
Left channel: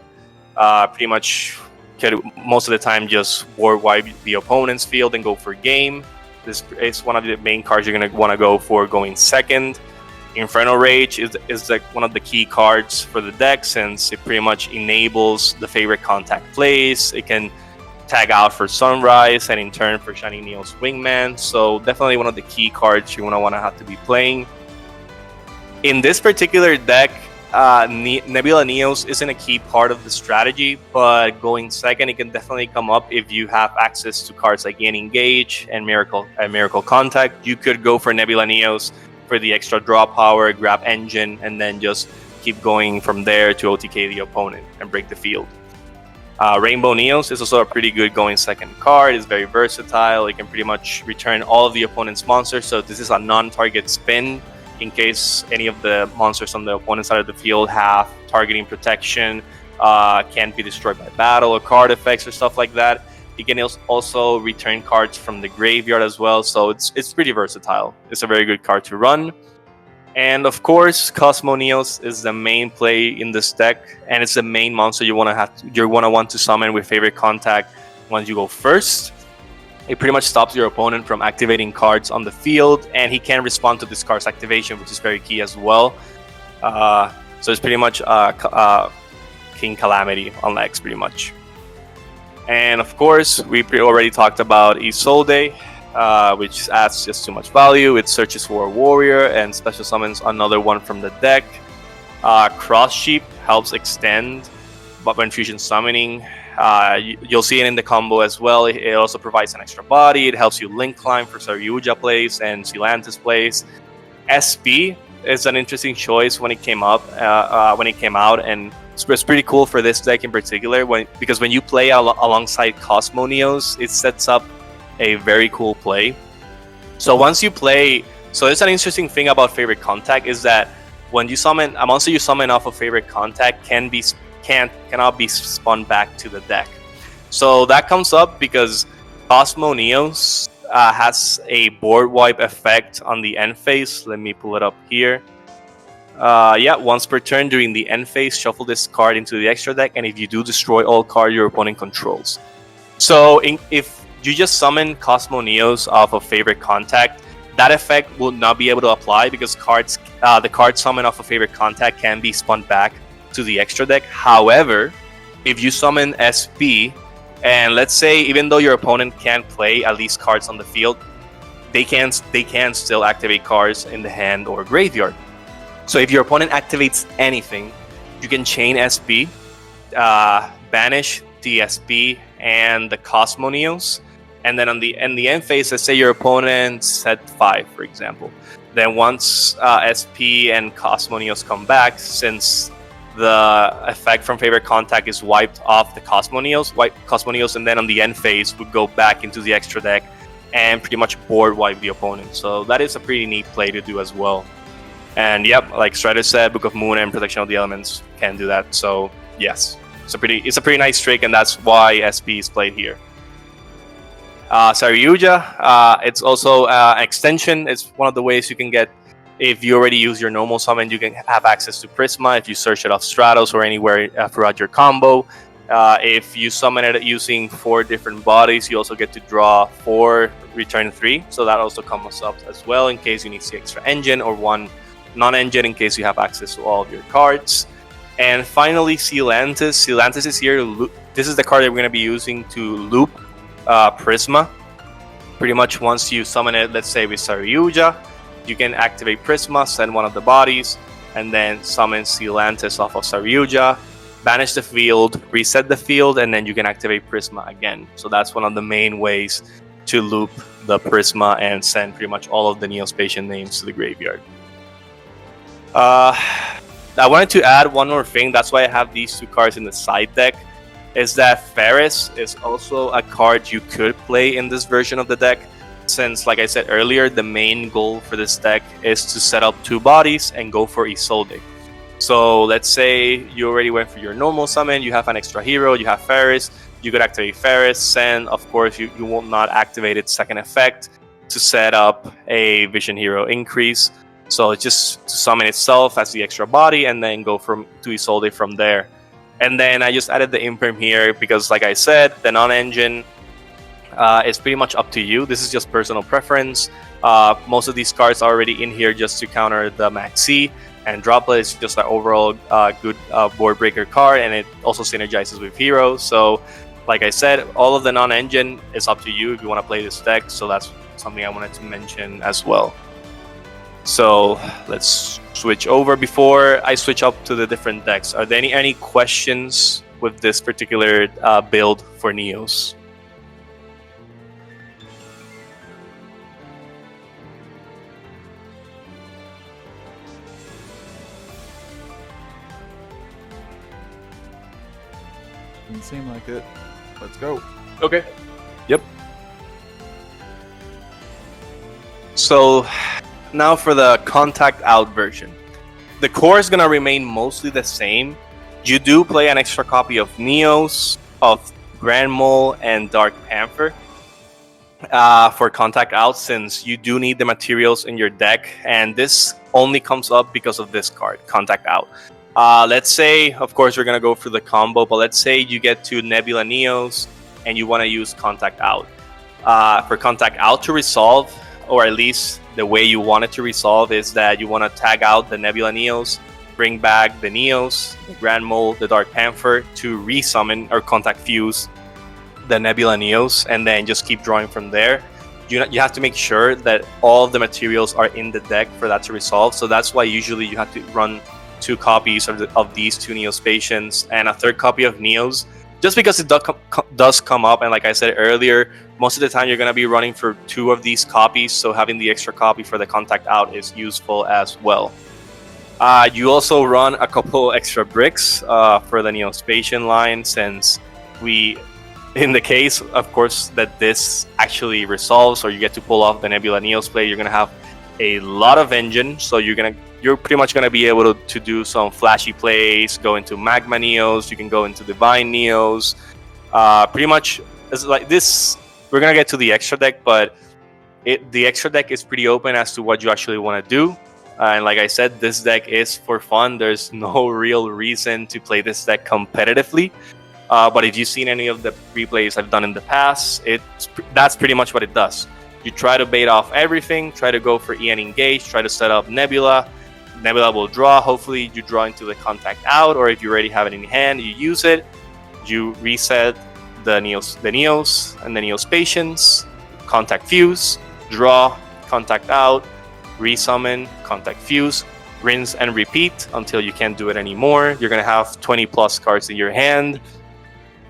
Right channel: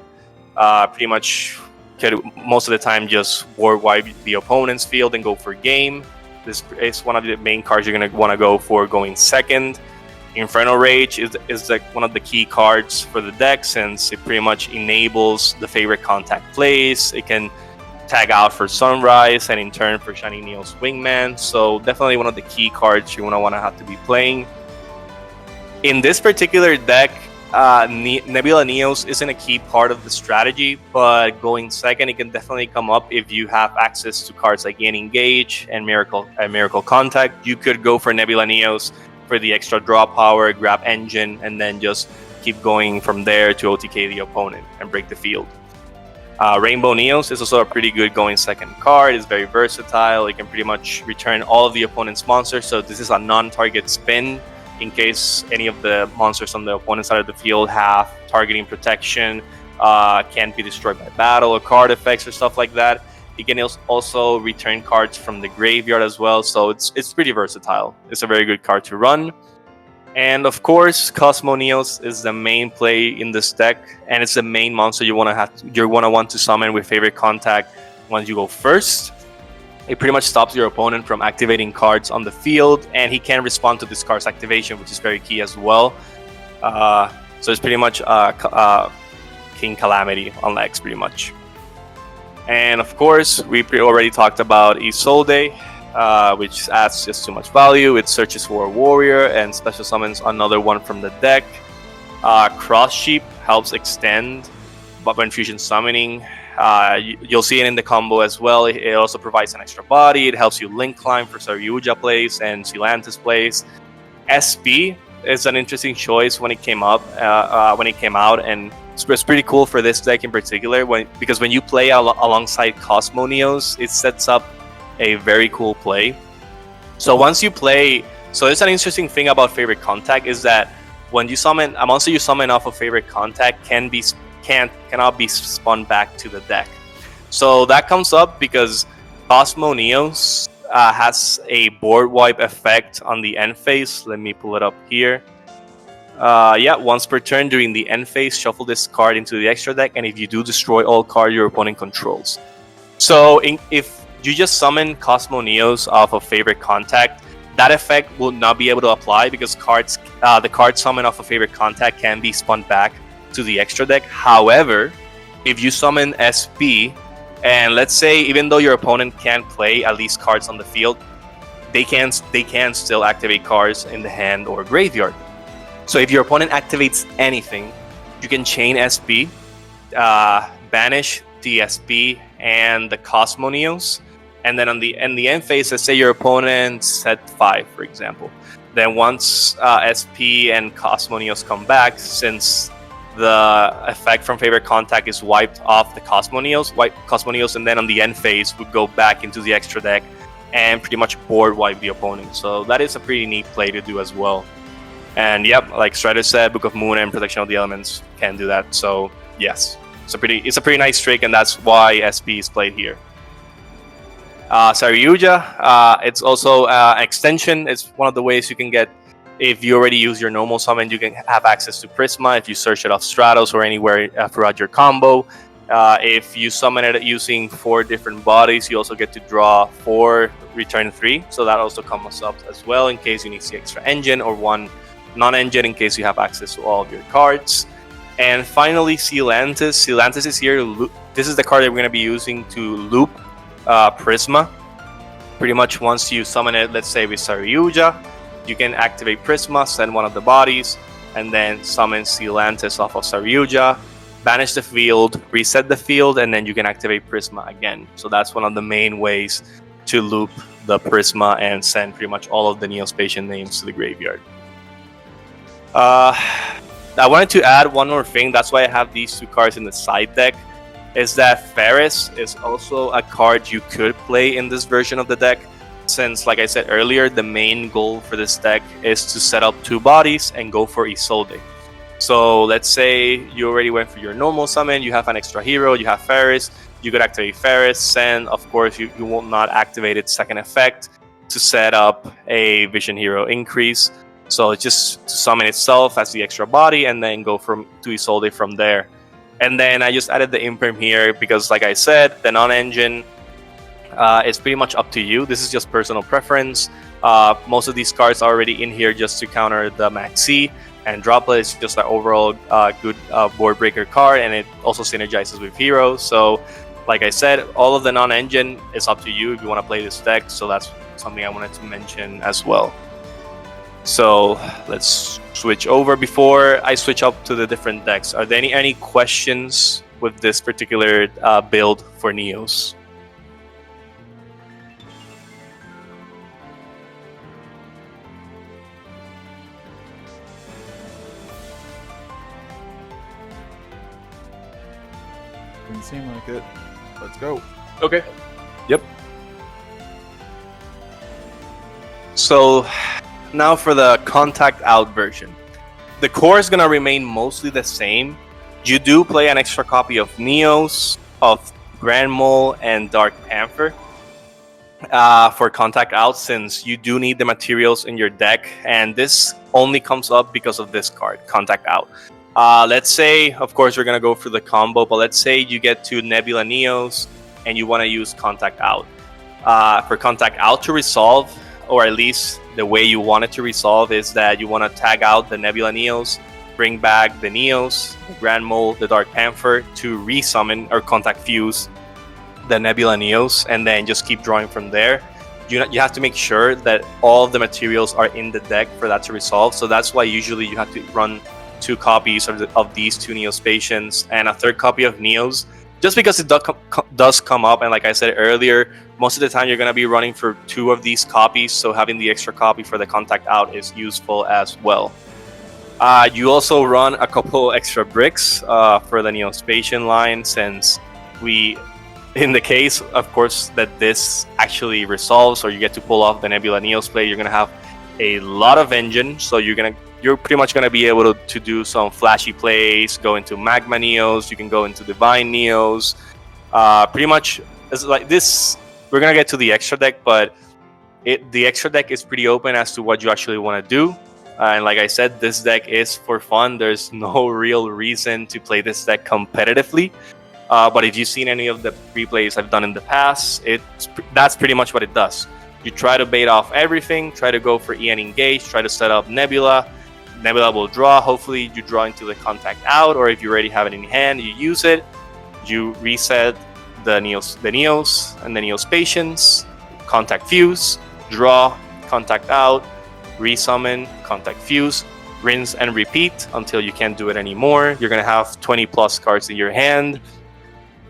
Pretty much could most of the time just board wipe the opponent's field and go for game. This is one of the main cards you're going to want to go for going second. Infernal Rage is like one of the key cards for the deck since it pretty much enables the favorite contact plays. It can tag out for Sunrise and in turn for Shining Neos Wingman. So definitely one of the key cards you want to have to be playing. In this particular deck, Nebula Neos isn't a key part of the strategy, but going second, it can definitely come up if you have access to cards like Gain Engage and Miracle Contact. You could go for Nebula Neos for the extra draw power, grab engine, and then just keep going from there to OTK the opponent and break the field. Rainbow Neos is also a pretty good going second card. It's very versatile. It can pretty much return all of the opponent's monsters, so this is a non-target spin in case any of the monsters on the opponent's side of the field have targeting protection, can't be destroyed by battle or card effects or stuff like that. It can also return cards from the graveyard as well, so it's pretty versatile. It's a very good card to run. And of course, Cosmo Neos is the main play in this deck, and it's the main monster you're gonna want to summon with favorite contact once you go first. It pretty much stops your opponent from activating cards on the field, and he can respond to this card's activation, which is very key as well. So it's pretty much King Calamity on Lex, pretty much. And of course, we already talked about Isolde, which adds just too much value. It searches for a warrior and special summons another one from the deck. Cross Sheep helps extend when fusion summoning. You'll see it in the combo as well. It also provides an extra body. It helps you link climb for Saryuja plays and Silantis plays. SP is an interesting choice when it came out, and it's pretty cool for this deck in particular because when you play alongside Cosmo Neos, it sets up a very cool play. So once you play, it's an interesting thing about favorite contact is that when you summon a monster you summon off of favorite contact cannot be spun back to the deck. So that comes up because Cosmo Neos has a board wipe effect on the end phase. Let me pull it up here. Once per turn during the end phase, shuffle this card into the extra deck, and if you do, destroy all cards your opponent controls. So if you just summon Cosmo Neos off of favorite contact, that effect will not be able to apply because the card summoned off of favorite contact can be spun back to the extra deck. However, if you summon SP, and let's say even though your opponent can't play at least cards on the field, they can still activate cards in the hand or graveyard. So if your opponent activates anything, you can chain SP, banish the SP and the Cosmo Neos, and then on the end phase, let's say your opponent set 5, for example. Then once SP and Cosmo Neos come back, since the effect from favorite contact is wiped off the Cosmo Neos, and then on the end phase would go back into the extra deck and pretty much board wipe the opponent. So that is a pretty neat play to do as well. And yep, like Strider said, Book of Moon and Protection of the Elements can do that. So yes, it's a pretty nice trick, and that's why SP is played here. Saryuja, it's also an extension. It's one of the ways you can get, if you already use your normal summon, you can have access to Prisma if you search it off Stratos or anywhere throughout your combo. If you summon it using 4 different bodies, you also get to draw 4, return 3. So that also comes up as well in case you need the extra engine, or 1 non-engine in case you have access to all of your cards. And finally, Sealantis. Sealantis is here. This is the card that we're going to be using to loop Prisma. Pretty much once you summon it, let's say with Saryuja, you can activate Prisma, send one of the bodies, and then summon Sealantis off of Saryuja, banish the field, reset the field, and then you can activate Prisma again. So that's one of the main ways to loop the Prisma and send pretty much all of the Neospatian names to the graveyard. I wanted to add one more thing. That's why I have these 2 cards in the side deck, is that Ferris is also a card you could play in this version of the deck, since, like I said earlier, the main goal for this deck is to set up 2 bodies and go for Isolde. So let's say you already went for your normal summon, you have an extra hero, you have Ferris, you could activate Ferris, and of course you will not activate its second effect to set up a Vision Hero increase. So it's just to summon itself as the extra body and then go to Isolde from there. And then I just added the Imperm here because, like I said, the non-engine is pretty much up to you. This is just personal preference. Most of these cards are already in here just to counter the Maxi, and Droplet is just an overall good board breaker card, and it also synergizes with heroes. So, like I said, all of the non-engine is up to you if you want to play this deck. So that's something I wanted to mention as well. So let's switch over. Before I switch up to the different decks, are there any questions with this particular build for Neos? Didn't seem like it. Let's go. Okay. Yep. So now for the Contact Out version. The core is going to remain mostly the same. You do play an extra copy of Neos, of Grand Mole, and Dark Panther for Contact Out, since you do need the materials in your deck, and this only comes up because of this card, Contact Out. Let's say, of course, we're going to go for the combo, but let's say you get to Nebula Neos and you want to use Contact Out. For Contact Out to resolve, or at least the way you want it to resolve, is that you want to tag out the Nebula Neos, bring back the Neos, the Grand Mole, the Dark Panther to resummon or Contact Fuse the Nebula Neos, and then just keep drawing from there. You have to make sure that all of the materials are in the deck for that to resolve. So that's why usually you have to run 2 copies of these 2 Neospatians and a 3rd copy of Neos, just because it does come up. And like I said earlier, most of the time you're going to be running for 2 of these copies, so having the extra copy for the Contact Out is useful as well. You also run a couple extra bricks for the Neospatian line, since in the case, of course, that this actually resolves, or you get to pull off the Nebula Neos play, you're going to have a lot of engine, so you're pretty much going to be able to do some flashy plays, go into Magma Neos, you can go into Divine Neos. Pretty much, it's like this, we're going to get to the extra deck, but the extra deck is pretty open as to what you actually want to do. And like I said, this deck is for fun. There's no real reason to play this deck competitively. But if you've seen any of the replays I've done in the past, that's pretty much what it does. You try to bait off everything, try to go for EN Engage, try to set up Nebula. Nebula will draw. Hopefully you draw into the Contact Out, or if you already have it in hand, you use it. You reset the Neos and the Neospatians, Contact Fuse, draw, Contact Out, resummon, Contact Fuse, rinse and repeat until you can't do it anymore. You're going to have 20 plus cards in your hand,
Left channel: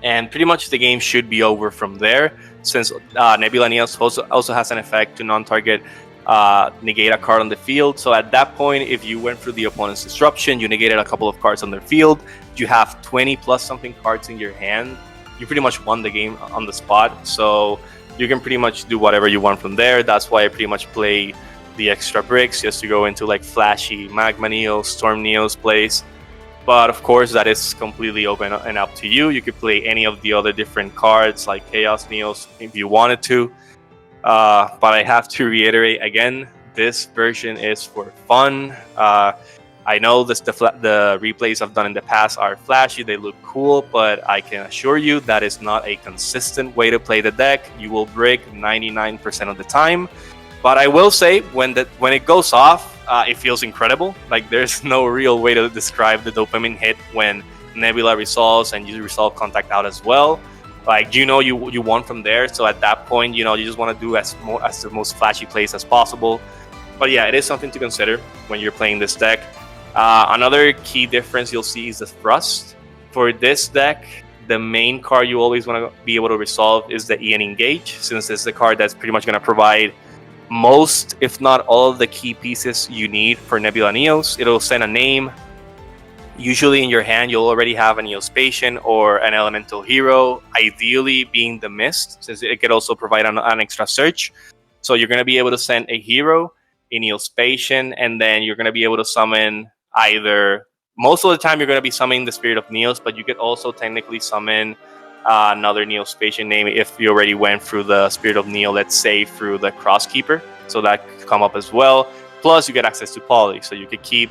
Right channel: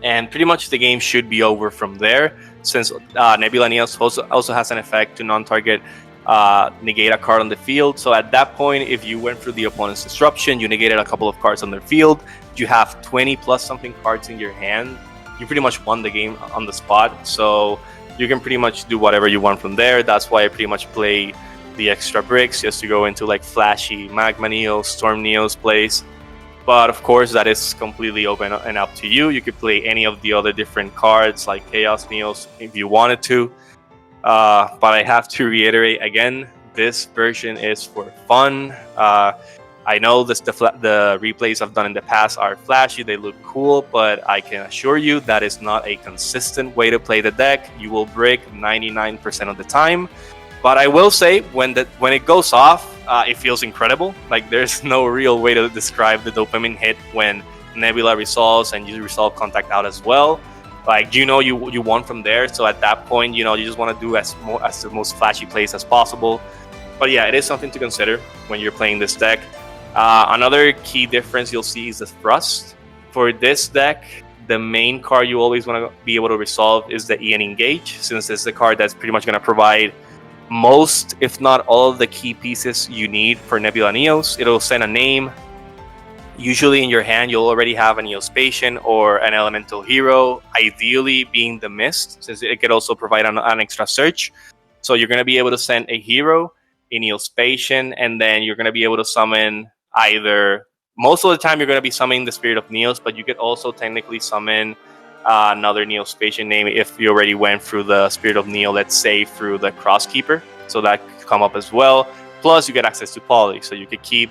and pretty much the game should be over from there, since Nebula Neos also has an effect to non-target negate a card on the field. So at that point, if you went through the opponent's disruption, you negated a couple of cards on their field, you have 20 plus something cards in your hand, you pretty much won the game on the spot. So you can pretty much do whatever you want from there. That's why I pretty much play the extra bricks just to go into like flashy Magma Neos, Storm Neos plays. But of course, that is completely open and up to you. You could play any of the other different cards like Chaos Neos if you wanted to. But I have to reiterate again, this version is for fun. I know the replays I've done in the past are flashy, they look cool, but I can assure you that is not a consistent way to play the deck. You will break 99% of the time. But I will say, when it goes off, it feels incredible. Like, there's no real way to describe the dopamine hit when Nebula resolves and you resolve Contact Out as well. Like, you won from there. So at that point, you just want to do as the most flashy plays as possible. But yeah, it is something to consider when you're playing this deck. Another key difference you'll see is the thrust. For this deck, the main card you always want to be able to resolve is the Ian Engage, since it's the card that's pretty much going to provide most, if not all, of the key pieces you need for Nebula Neos. It'll send a name. Usually in your hand, you'll already have a Neospatian or an Elemental Hero, ideally being the Mist, since it could also provide an extra search. So you're going to be able to send a hero, a Neospatian, and then you're going to be able to summon either, most of the time you're going to be summoning the Spirit of Neos, but you could also technically summon another Neospatian name if you already went through the Spirit of Neo, let's say through the Crosskeeper. So that could come up as well. Plus you get access to Poly, so you could keep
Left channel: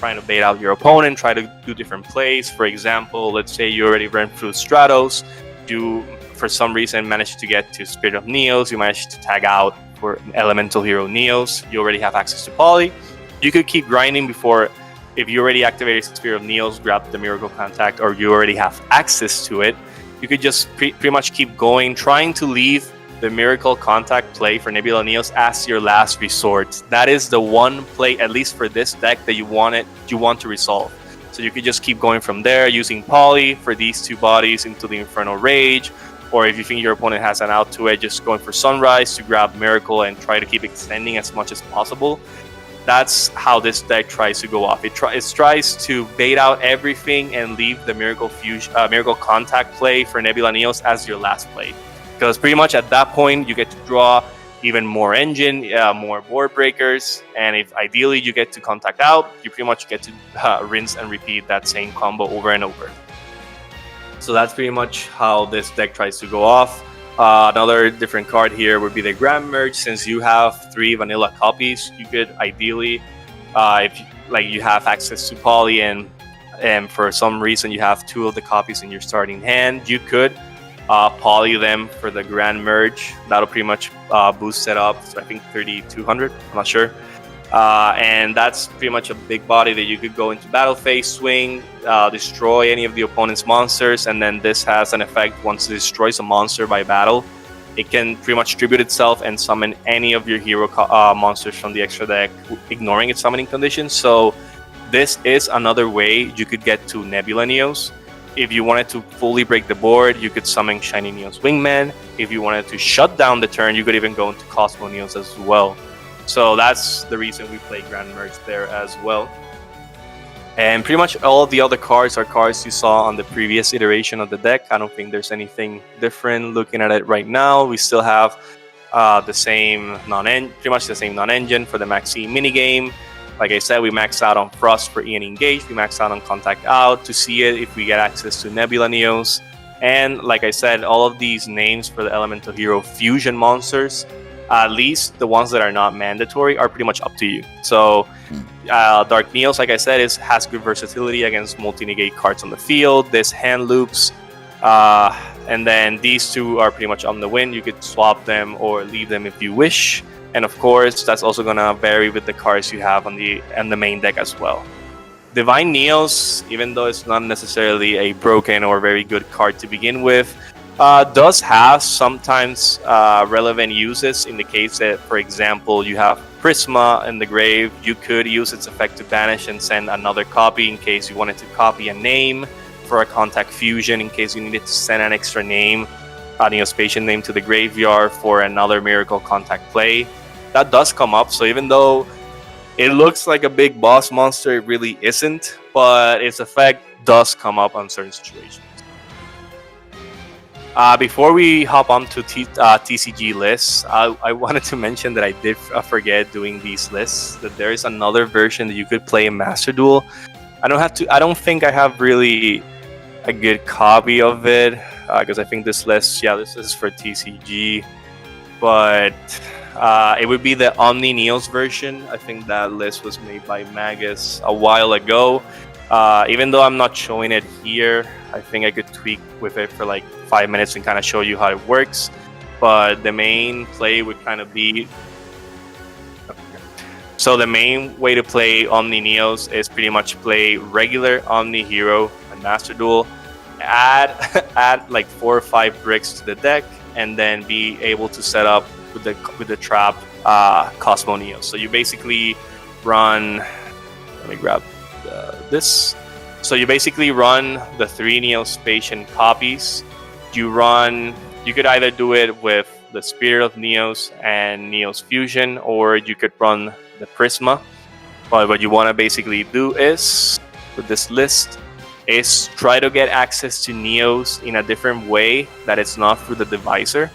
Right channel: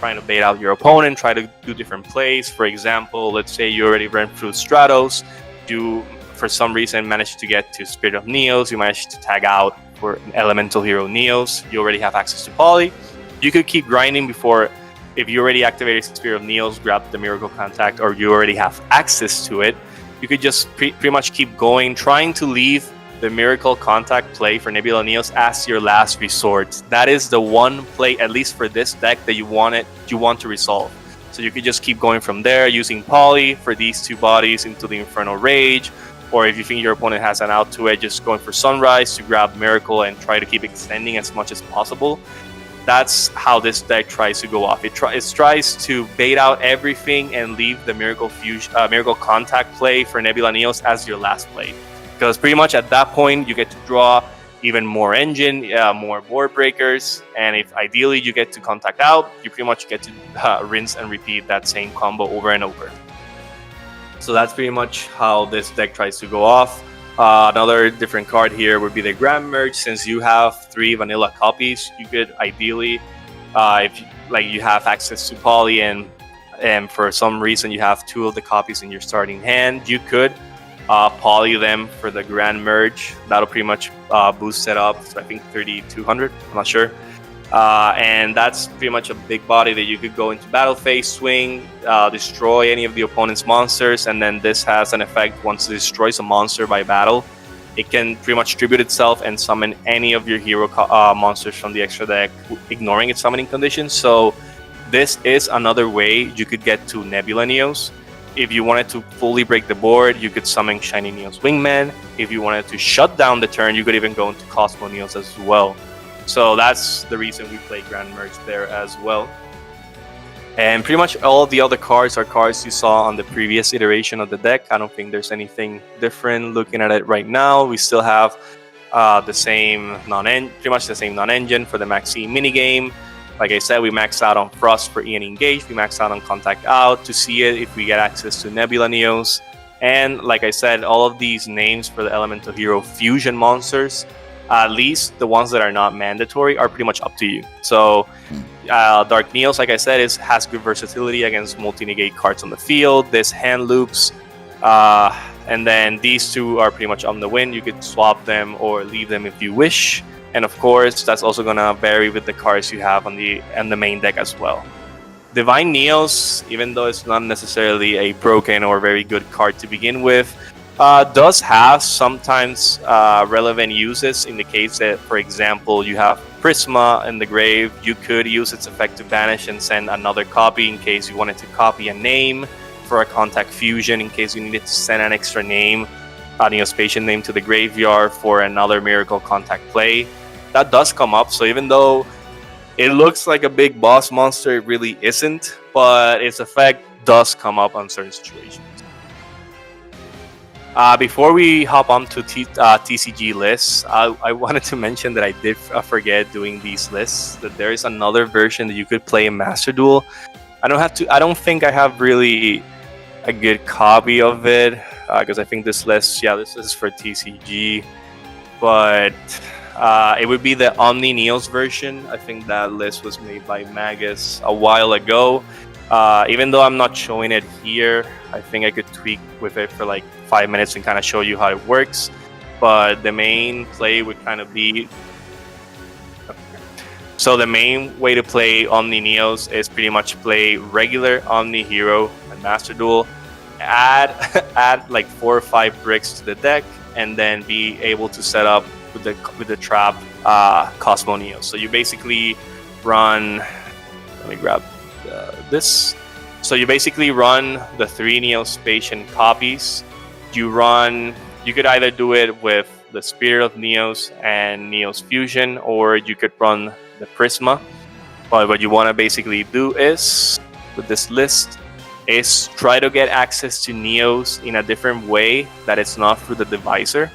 trying to bait out your opponent, try to do different plays. For example, let's say you already ran through Stratos, you for some reason managed to get to Spirit of Neos, you managed to tag out for Elemental Hero Neos, you already have access to Poly. You could keep grinding before, if you already activated Spirit of Neos, grab the Miracle Contact, or you already have access to it, you could just pretty much keep going, trying to leave the Miracle Contact play for Nebula Neos as your last resort. That is the one play, at least for this deck, that you want to resolve. So you could just keep going from there, using Poly for these two bodies into the Infernal Rage, or if you think your opponent has an out to it, just going for Sunrise to grab Miracle and try to keep extending as much as possible. That's how this deck tries to go off. It tries to bait out everything and leave the Miracle Contact play for Nebula Neos as your last play. Because pretty much at that point, you get to draw even more engine, more board breakers, and if ideally you get to Contact Out, you pretty much get to rinse and repeat that same combo over and over. So that's pretty much how this deck tries to go off. Another different card here would be the Grand Merge. Since you have 3 vanilla copies, you could ideally, if you have access to Poly and for some reason you have 2 of the copies in your starting hand, you could Poly them for the Grand Merge. That'll pretty much boost it up. So I think 3,200. I'm not sure. And that's pretty much a big body that you could go into battle phase, swing, destroy any of the opponent's monsters, and then this has an effect once it destroys a monster by battle. It can pretty much tribute itself and summon any of your hero monsters from the extra deck, ignoring its summoning conditions. So this is another way you could get to Nebula Neos. If you wanted to fully break the board, you could summon Shiny Neos Wingman. If you wanted to shut down the turn, you could even go into Cosmo Neos as well. So that's the reason we play Grand Merge there as well. And pretty much all of the other cards are cards you saw on the previous iteration of the deck. I don't think there's anything different looking at it right now. We still have the same pretty much the same non-engine for the Maxi minigame. Like I said, we max out on Frost for Ian Engage. We max out on Contact Out to see it if we get access to Nebula Neos. And like I said, all of these names for the Elemental Hero Fusion monsters, at least the ones that are not mandatory, are pretty much up to you. So Dark Neos, like I said, has good versatility against multi-negate cards on the field. This hand loops, and then these 2 are pretty much on the win. You could swap them or leave them if you wish. And of course, that's also going to vary with the cards you have on the main deck as well. Divine Neos, even though it's not necessarily a broken or very good card to begin with, does have sometimes relevant uses in the case that, for example, you have Prisma in the grave. You could use its effect to banish and send another copy in case you wanted to copy a name for a Contact Fusion, in case you needed to send an extra name, a Neospatian name, to the graveyard for another Miracle Contact play. That does come up, so even though it looks like a big boss monster, it really isn't, but its effect does come up on certain situations. Before we hop on to TCG lists, I wanted to mention that I did forget doing these lists. That there is another version that you could play in Master Duel. I don't think I have really a good copy of it because I think this list, this is for TCG, but it would be the OmniNeos version. I think that list was made by Magus a while ago. Even though I'm not showing it here, I think I could tweak with it for like 5 minutes and kind of show you how it works. But the main play would kind of be... So the main way to play OmniNeos is pretty much play regular Omni Hero and Master Duel, add like 4 or 5 bricks to the deck, and then be able to set up with the trap Cosmo Neo. So you basically run... Let me grab this. So you basically run the 3 Neospatian copies. You could either do it with the Spirit of Neos and Neos Fusion, or you could run the Prisma. But what you want to basically do is, with this list, is try to get access to Neos in a different way that it's not through the divisor.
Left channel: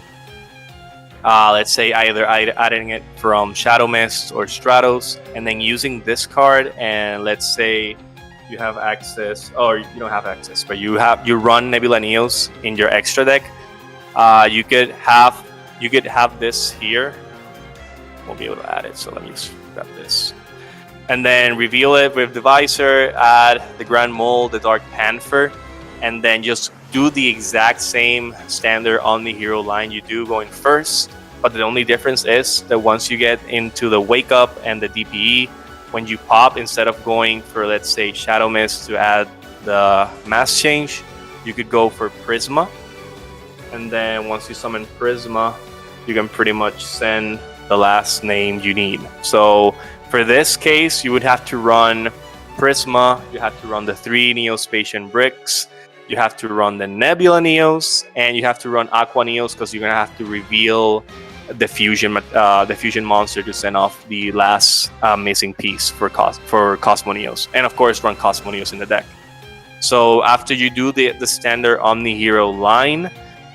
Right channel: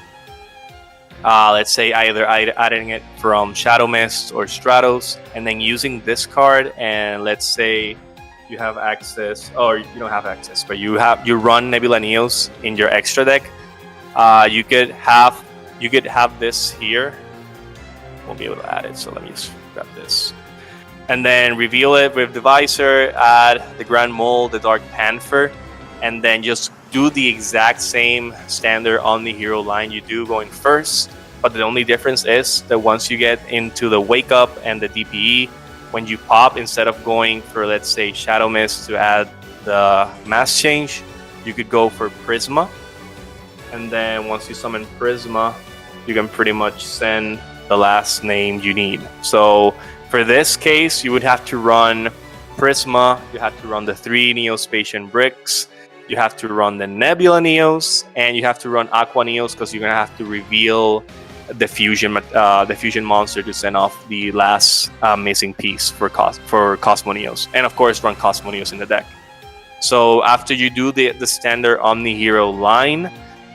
Let's say either adding it from Shadow Mist or Stratos, and then using this card, and let's say you have access, or you don't have access, but you run Nebula Neos in your extra deck. You could have this here. Won't be able to add it, so let me just grab this. And then reveal it with Divisor, add the Grand Mole, the Dark Panther, and then just do the exact same standard Omni Hero line you do going first. But the only difference is that once you get into the Wake Up and the DPE, when you pop, instead of going for, let's say, Shadow Mist to add the Mass Change, you could go for Prisma. And then once you summon Prisma, you can pretty much send the last name you need. So for this case, you would have to run Prisma, you have to run the 3 Neospatian bricks, you have to run the Nebula Neos, and you have to run Aqua Neos because you're going to have to reveal the fusion monster to send off the last missing piece for Cosmo Neos, and of course run Cosmo Neos in the deck. So after you do the standard Omni Hero line,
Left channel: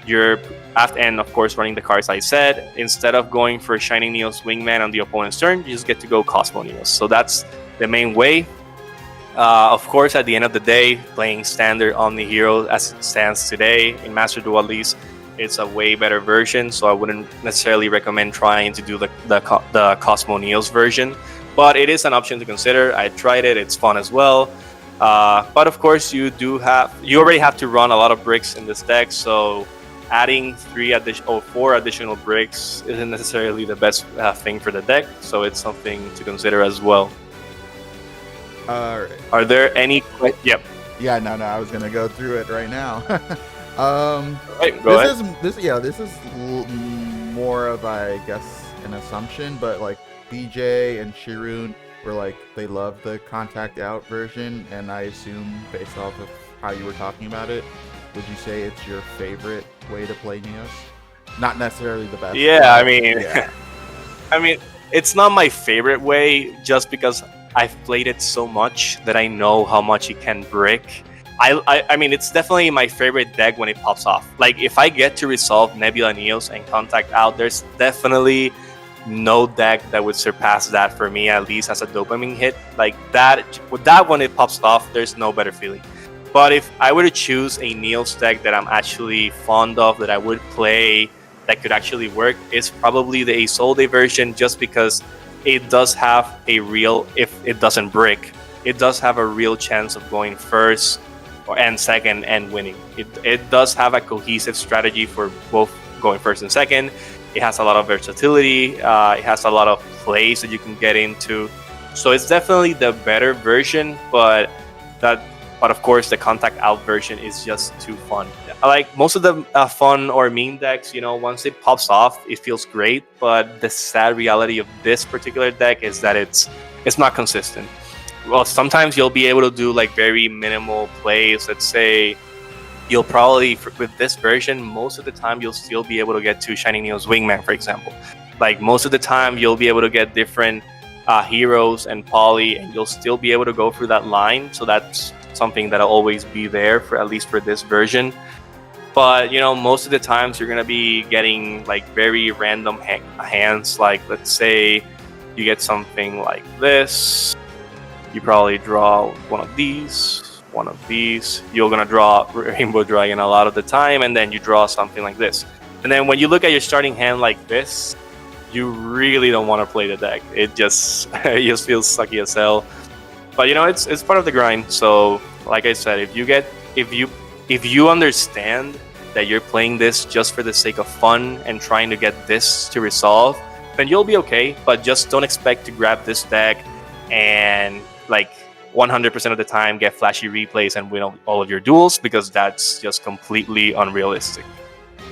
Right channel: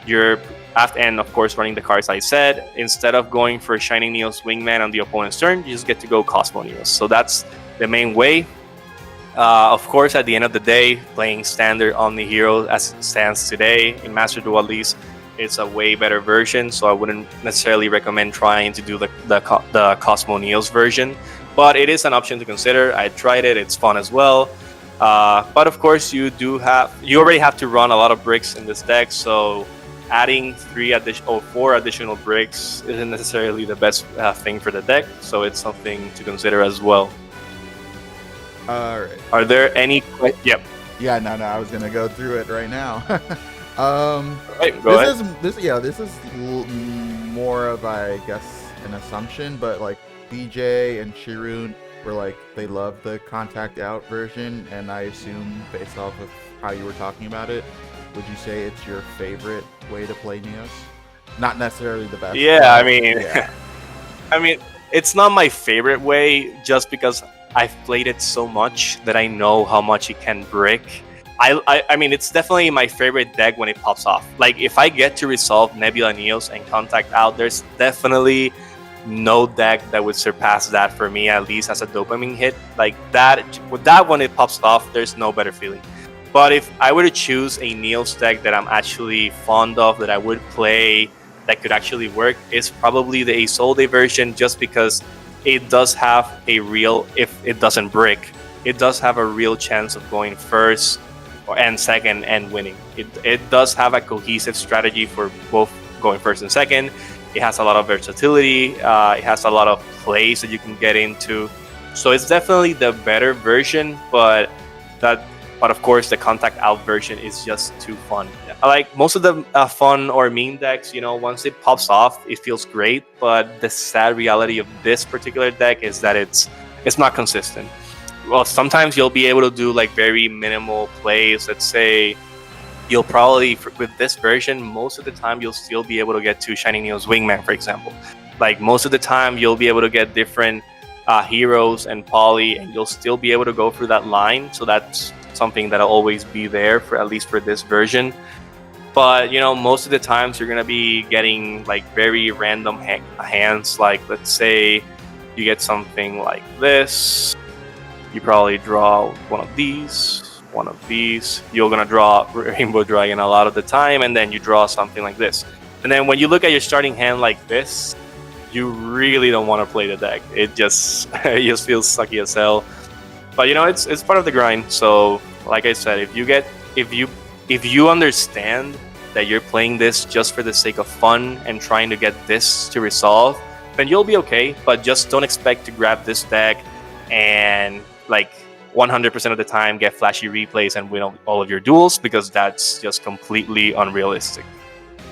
and of course running the cards I said, instead of going for Shining Neos Wingman on the opponent's turn, you just get to go Cosmo Neos. So that's the main way. Of course, at the end of the day, playing standard Omni Hero as it stands today in Master Duel at least, it's a way better version, so I wouldn't necessarily recommend trying to do the Cosmo Neos version, but it is an option to consider. I tried it, it's fun as well. But of course, you already have to run a lot of bricks in this deck, so adding 4 additional bricks isn't necessarily the best thing for the deck, so it's something to consider as well. All right. Are there any? Yep. Yeah, no, I was gonna go through it right now. This is more of, I guess, an assumption, but like BJ and Shirun were like, they love the contact out version, and I assume based off of how you were talking about it, would you say it's your favorite way to play Neos? Not necessarily the best. Yeah, I mean, it's not my favorite way just because I've played it so much that I know how much it can brick. I mean, it's definitely my favorite deck when it pops off. Like, if I get to resolve Nebula Neos and Contact Out, there's definitely no deck that would surpass that for me, at least as a dopamine hit. Like, with that when it pops off, there's no better feeling. But if I were to choose a Neos deck that I'm actually fond of, that I would play, that could actually work, is probably the Isolde version, just because it does have a real, if it doesn't brick, it does have a real chance of going first and second and winning. It does have a cohesive strategy for both going first and second. It has a lot of versatility. It has a lot of plays that you can get into. So it's definitely the better version, but of course the contact out version is just too fun. Like most of the fun or mean decks, once it pops off, it feels great. But the sad reality of this particular deck is that it's not consistent. Well, sometimes you'll be able to do like very minimal plays. Let's say you'll probably, with this version, most of the time you'll still be able to get to Shining Neos Wingman, for example. Like most of the time you'll be able to get different heroes and poly, and you'll still be able to go through that line. So that's something that'll always be there, for at least for this version. But most of the times you're gonna be getting like very random hands. Like let's say you get something like this, you probably draw one of these. You're gonna draw Rainbow Dragon a lot of the time, and then you draw something like this. And then when you look at your starting hand like this, you really don't want to play the deck. It just feels sucky as hell. But it's part of the grind. So like I said, if you understand that you're playing this just for the sake of fun and trying to get this to resolve, then you'll be okay. But just don't expect to grab this deck and like 100% of the time get flashy replays and win all of your duels, because that's just completely unrealistic.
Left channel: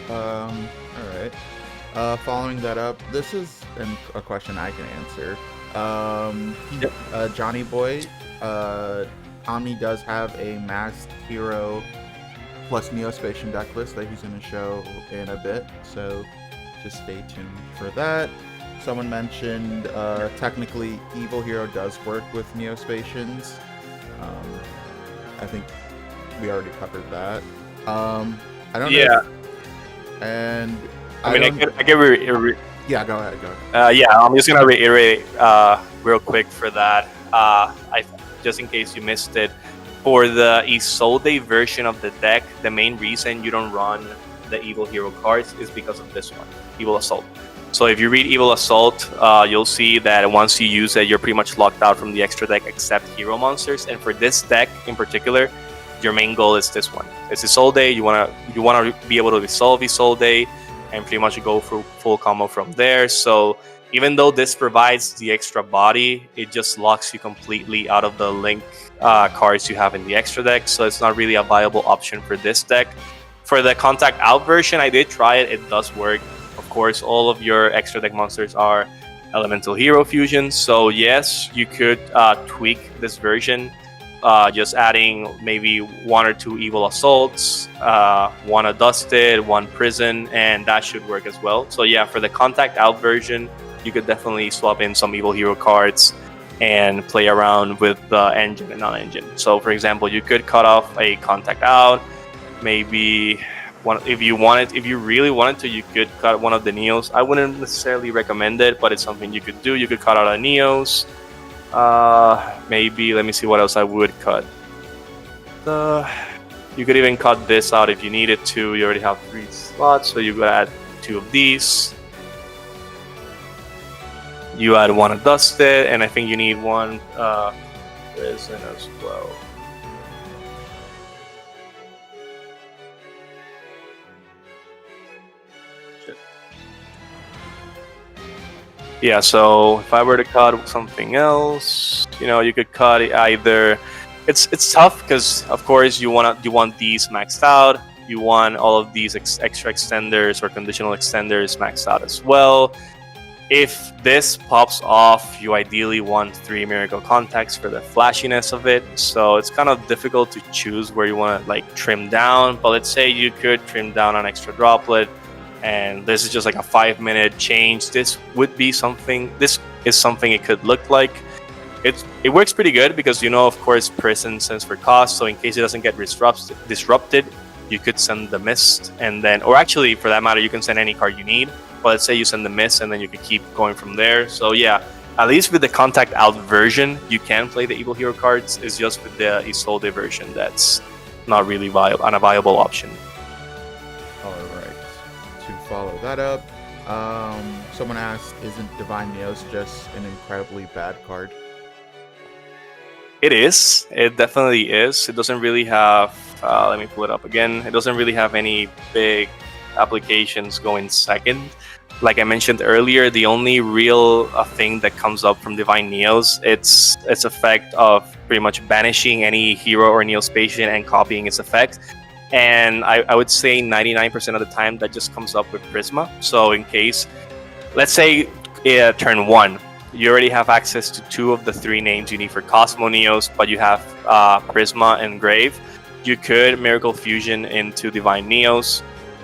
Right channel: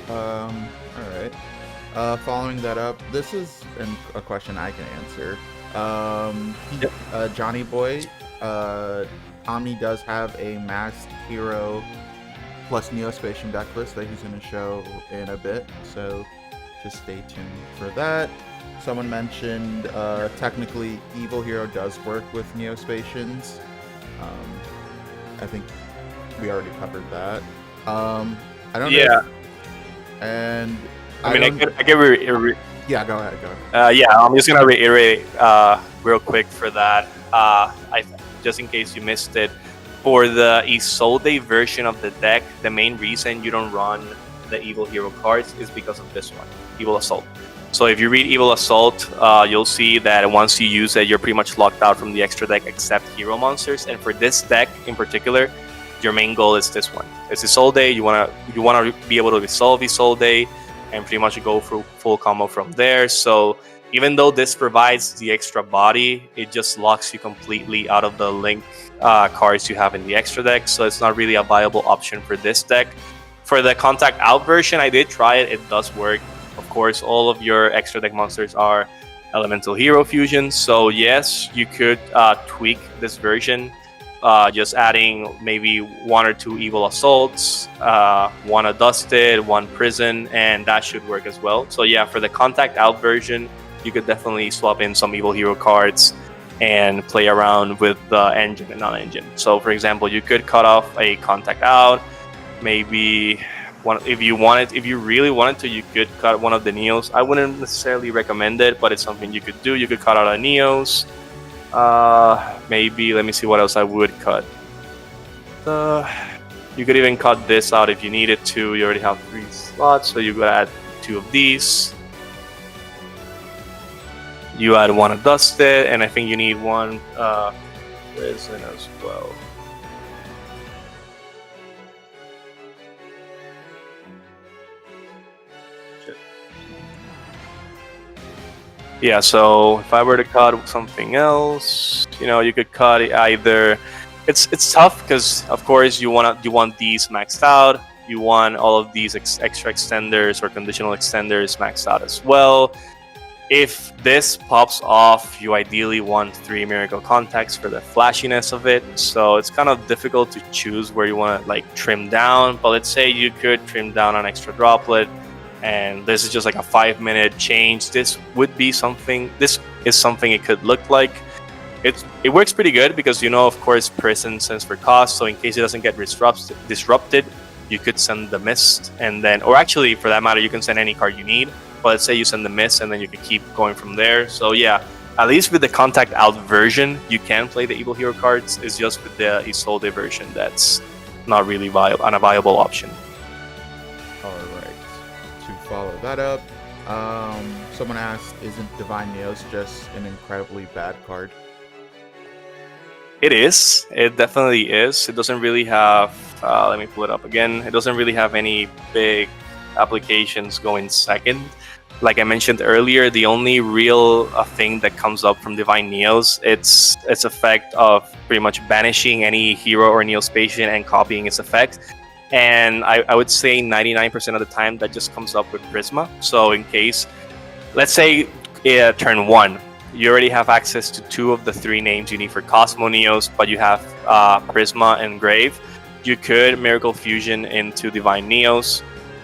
All right. Following that up, this is a question I can answer. Johnny Boy, Omni does have a masked hero plus Neospatian deck list that he's going to show in a bit, so just stay tuned for that. Someone mentioned technically Evil Hero does work with Neospatians. I think we already covered that. I don't know. And I mean, yeah, go ahead. I'm just gonna reiterate real quick for that. Just in case you missed it, for the Isolde version of the deck, the main reason you don't run the Evil Hero cards is because of this one, Evil Assault. So if you read Evil Assault, you'll see that once you use it, you're pretty much locked out from the extra deck except hero monsters. And for this deck in particular, your main goal is this one. It's Isolde. You wanna be able to resolve Isolde and pretty much go for full combo from there. So even though this provides the extra body, it just locks you completely out of the link cards you have in the extra deck. So it's not really a viable option for this deck. For the Contact Out version, I did try it. It does work. Of course, all of your extra deck monsters are Elemental Hero fusions. So yes, you could tweak this version, just adding maybe 1 or 2 Evil Assaults, 1 Adusted, 1 Prison, and that should work as well. So yeah, for the Contact Out version, you could definitely swap in some Evil Hero cards and play around with the engine and non-engine. So for example, you could cut off a Contact Out, maybe if you really wanted to, you could cut one of the Neos. I wouldn't necessarily recommend it, but it's something you could do. You could cut out a Neos. Maybe, let me see what else I would cut. You could even cut this out if you needed to. You already have 3 slots, so you could add 2 of these. You add 1 Adusted, and I think you need 1 Prison as well. Yeah, so if I were to cut something else, you could cut it either. It's tough because of course you want these maxed out. You want all of these extra extenders or conditional extenders maxed out as well. If this pops off, you ideally want 3 Miracle Contacts for the flashiness of it. So it's kind of difficult to choose where you want to trim down. But let's say you could trim down an extra droplet, and this is just like a 5-minute change. This is something it could look like. It works pretty good because of course Prison sends for cost, so in case it doesn't get disrupted, you could send the Mist, and then, or actually for that matter, you can send any card you need. But let's say you send the Mist, and then you can keep going from there. So yeah, at least with the Contact Out version, you can play the Evil Hero cards. It's just with the Isolde version that's not really a viable option. All right. To follow that up, someone asked, isn't Divine Neos just an incredibly bad card? It is. It definitely is. It doesn't really have, let me pull it up again. It doesn't really have any big applications going second. Like I mentioned earlier, the only real thing that comes up from Divine Neos, it's effect of pretty much banishing any hero or Neospatian and copying its effect. And I would say 99% of the time that just comes up with Prisma. So in case, let's say turn 1, you already have access to 2 of the 3 names you need for Cosmo Neos, but you have Prisma and Grave. You could Miracle Fusion into Divine Neos,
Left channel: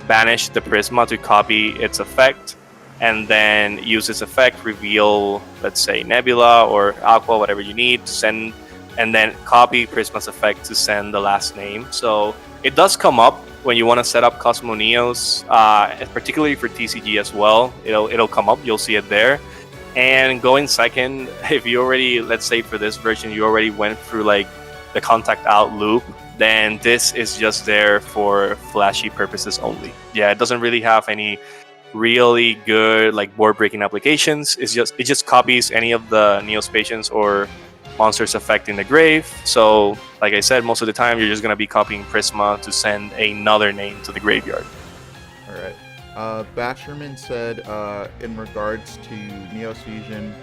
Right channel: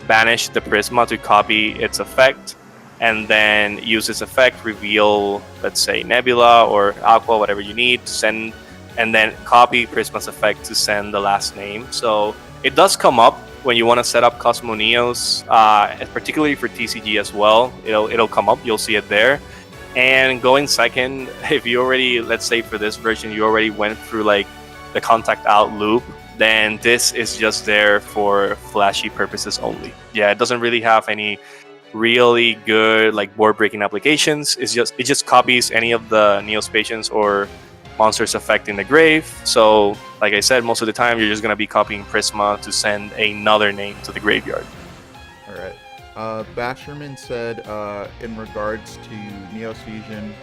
banish the Prisma to copy its effect, and then use its effect, reveal, let's say, Nebula or Aqua, whatever you need, to send and then copy Prisma's effect to send the last name. So it does come up when you want to set up Cosmo Neos, and particularly for TCG as well. It'll come up. You'll see it there. And going second, if you already, let's say for this version, you already went through like the contact out loop, then this is just there for flashy purposes only. Yeah, it doesn't really have any really good like board breaking applications. It just copies any of the Neospatians or monsters affecting the grave. So like I said, most of the time you're just gonna be copying Prisma to send another name to the graveyard. All right. Basherman said, in regards to Neos Fusion,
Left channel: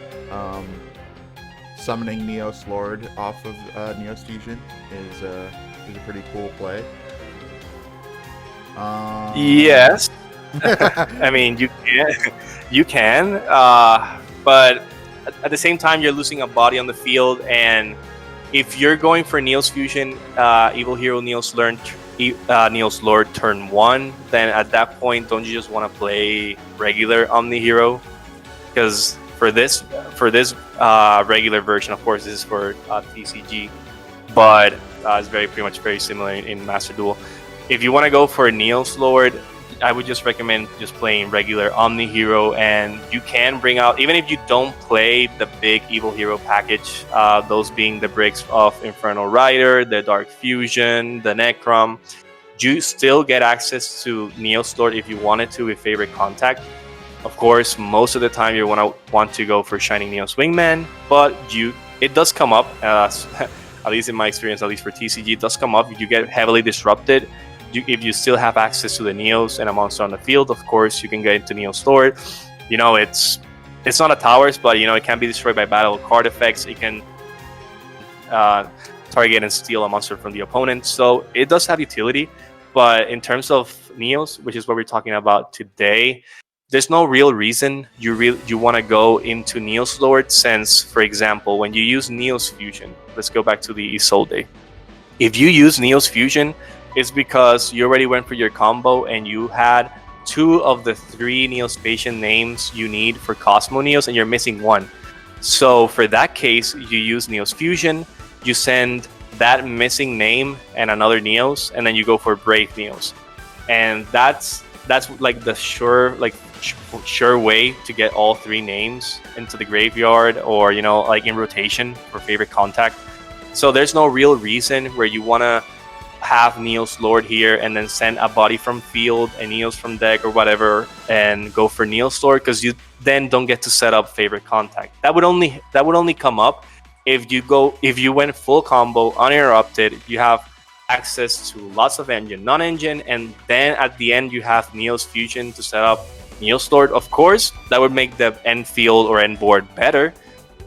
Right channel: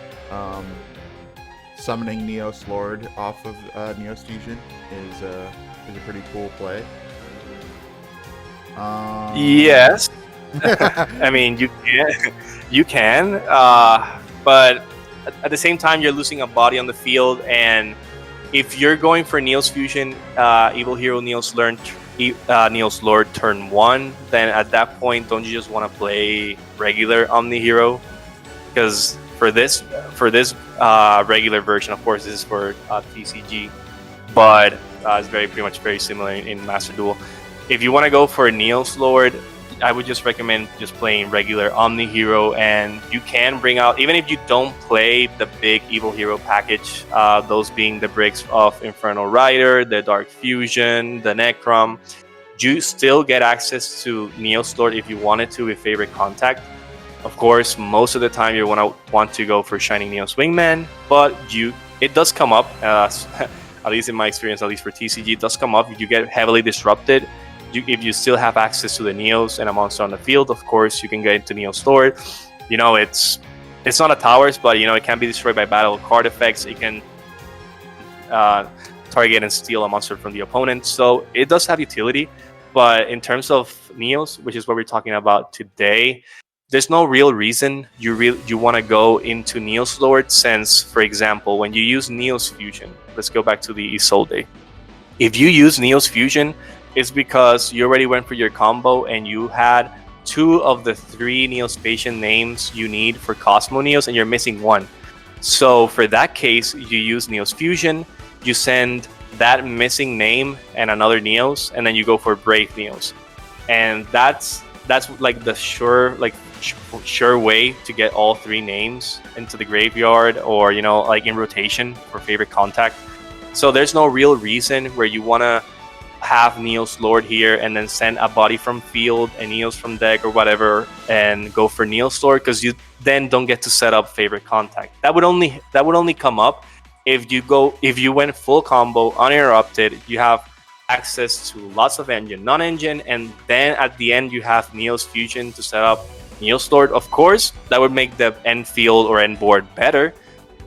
summoning Neos Lord off of Neos Fusion is a pretty cool play. Yes. I mean, you can, but at the same time, you're losing a body on the field, and if you're going for Neos Fusion, Evil Hero Neos Lord turn 1, then at that point, don't you just want to play regular Omni Hero? Because for this regular version, of course, this is for TCG, but it's pretty much very similar in Master Duel. If you want to go for Neos Lord, I would just recommend just playing regular Omni Hero, and you can bring out, even if you don't play the big Evil Hero package, those being the bricks of Infernal Rider, the Dark Fusion, the Necrom, you still get access to Neos Lord if you wanted to with favorite contact. Of course, most of the time you want to go for Shining Neos Wingman, but it does come up, at least in my experience, at least for TCG, it does come up if you get heavily disrupted. If you still have access to the Neos and a monster on the field, of course, you can get into Neos Lord. It's not a towers, but it can be destroyed by battle card effects. It can target and steal a monster from the opponent. So it does have utility, but in terms of Neos, which is what we're talking about today, there's no real reason you want to go into Neos Lord, since, for example, when you use Neos Fusion, let's go back to the Isolde. If you use Neos Fusion, it's because you already went for your combo and you had 2 of the 3 Neospatian names you need for Cosmo Neos, and you're missing 1. So for that case, you use Neos Fusion, you send that missing name and another Neos, and then you go for Brave Neos. And that's like the sure way to get all 3 names into the graveyard, or like in rotation for favorite contact. So there's no real reason where you want to have Neos Lord here and then send a body from field and Neos from deck or whatever and go for Neos Lord, because you then don't get to set up favorite contact. That would only come up if you went full combo uninterrupted. You have access to lots of engine, non-engine, and then at the end you have Neos Fusion to set up Neos Lord. Of course, that would make the end field or end board better,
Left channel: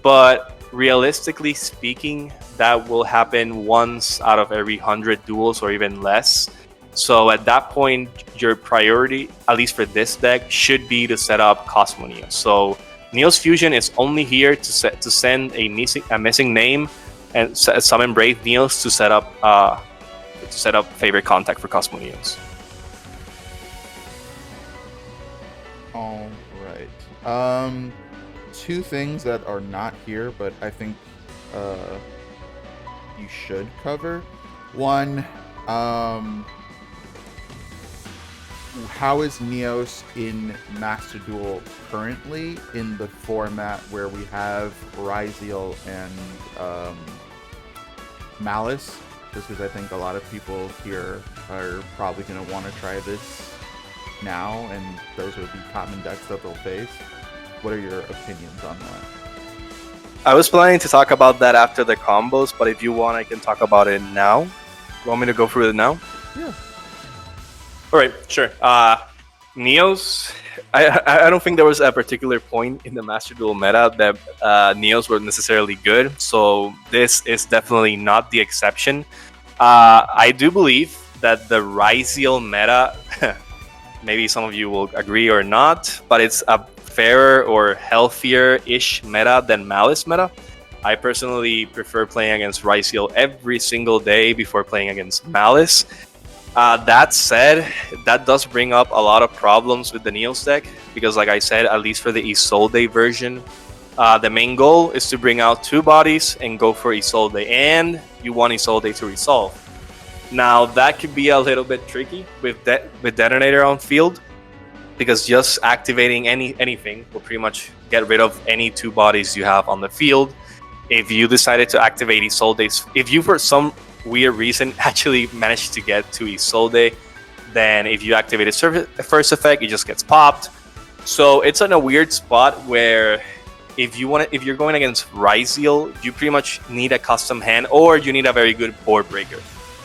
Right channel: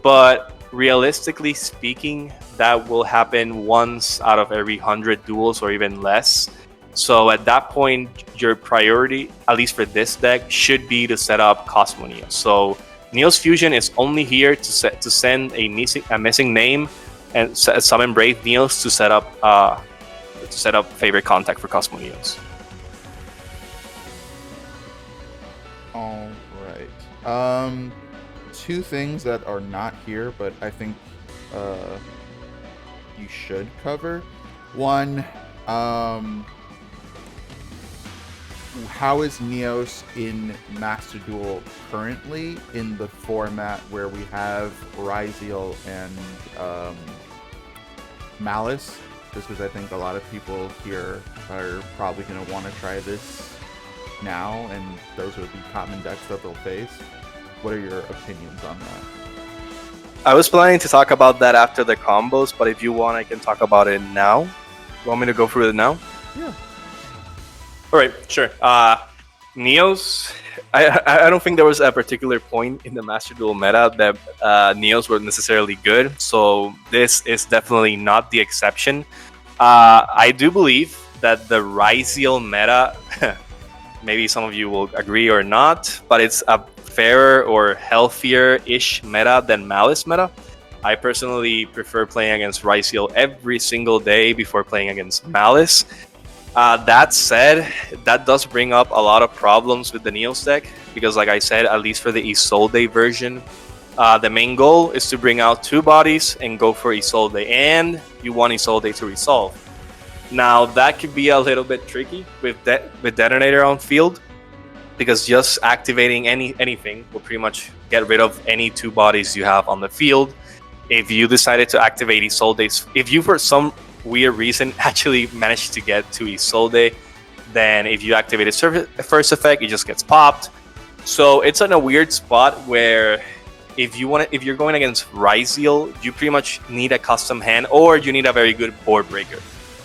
but realistically speaking, that will happen once out of every 100 duels or even less. So at that point, your priority, at least for this deck, should be to set up Cosmo Neos. So Neos Fusion is only here to send a missing name and summon Brave Neos to set up favorite contact for Cosmo Neos. All right. 2 things that are not here, but I think you should cover. One, how is Neos in Master Duel currently in the format where we have Ryziel and Malice? Just because I think a lot of people here are probably going to want to try this now, and those will be common decks that they'll face. What are your opinions on that? I was planning to talk about that after the combos, but if you want, I can talk about it now. You want me to go through it now? Yeah. All right, sure. Neos, I don't think there was a particular point in the Master Duel meta that Neos were necessarily good, so this is definitely not the exception. I do believe that the Ryziel meta, maybe some of you will agree or not, but it's a fairer or healthier-ish meta than Malice meta. I personally prefer playing against Ryziel every single day before playing against Malice. That said, that does bring up a lot of problems with the Neos deck, because like I said, at least for the Isolde version, The main goal is to bring out 2 bodies and go for Isolde, and you want Isolde to resolve. Now that could be a little bit tricky with Detonator on field, because just activating anything will pretty much get rid of any 2 bodies you have on the field. If you decided to activate Isolde, if you for some weird reason actually managed to get to Isolde, then if you activate its first effect, it just gets popped. So it's in a weird spot where if you're going against Ryzeal, you pretty much need a custom hand, or you need a very good board breaker.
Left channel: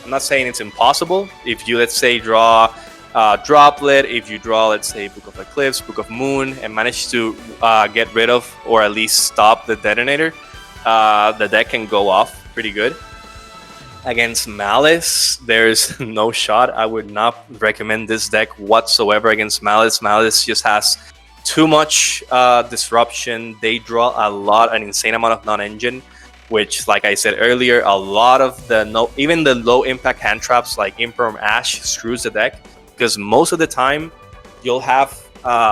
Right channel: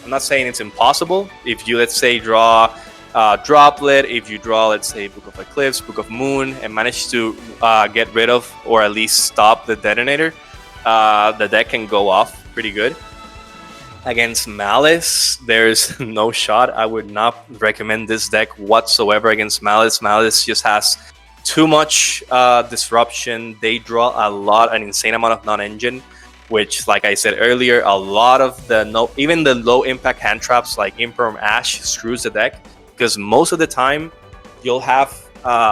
I'm not saying it's impossible. If you, let's say, draw Droplet, if you draw, let's say, Book of Eclipse, Book of Moon, and manage to get rid of or at least stop the Detonator, the deck can go off pretty good. Against Malice, there's no shot. I would not recommend this deck whatsoever against Malice. Malice just has too much disruption. They draw an insane amount of non-engine, which, like I said earlier, a lot of even the low impact hand traps like Imperm Ash screws the deck, because most of the time you'll have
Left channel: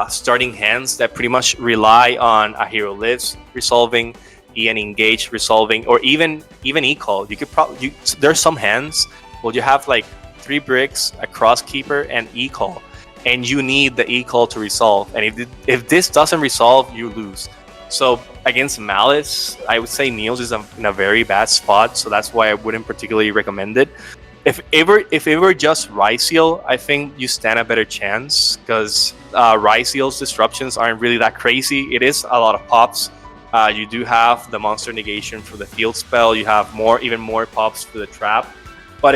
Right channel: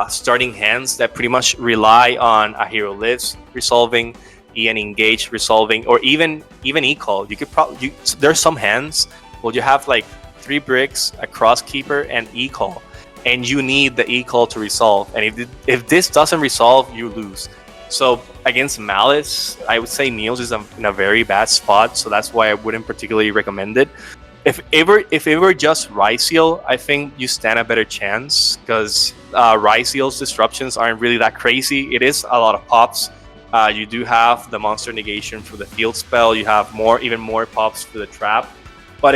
starting hands that pretty much rely on a Hero Lives resolving, EN Engage resolving, or even E-Call. You could probably there's some hands where you have like 3 bricks, a Crosskeeper, and E-Call, and you need the E-Call to resolve. And if this doesn't resolve, you lose. So against Malice, I would say Neos is in a very bad spot, so that's why I wouldn't particularly recommend it. If it were just Ryzeal, I think you stand a better chance, because Ryzeal's disruptions aren't really that crazy. It is a lot of pops. You do have the monster negation for the field spell. You have even more pops for the trap, but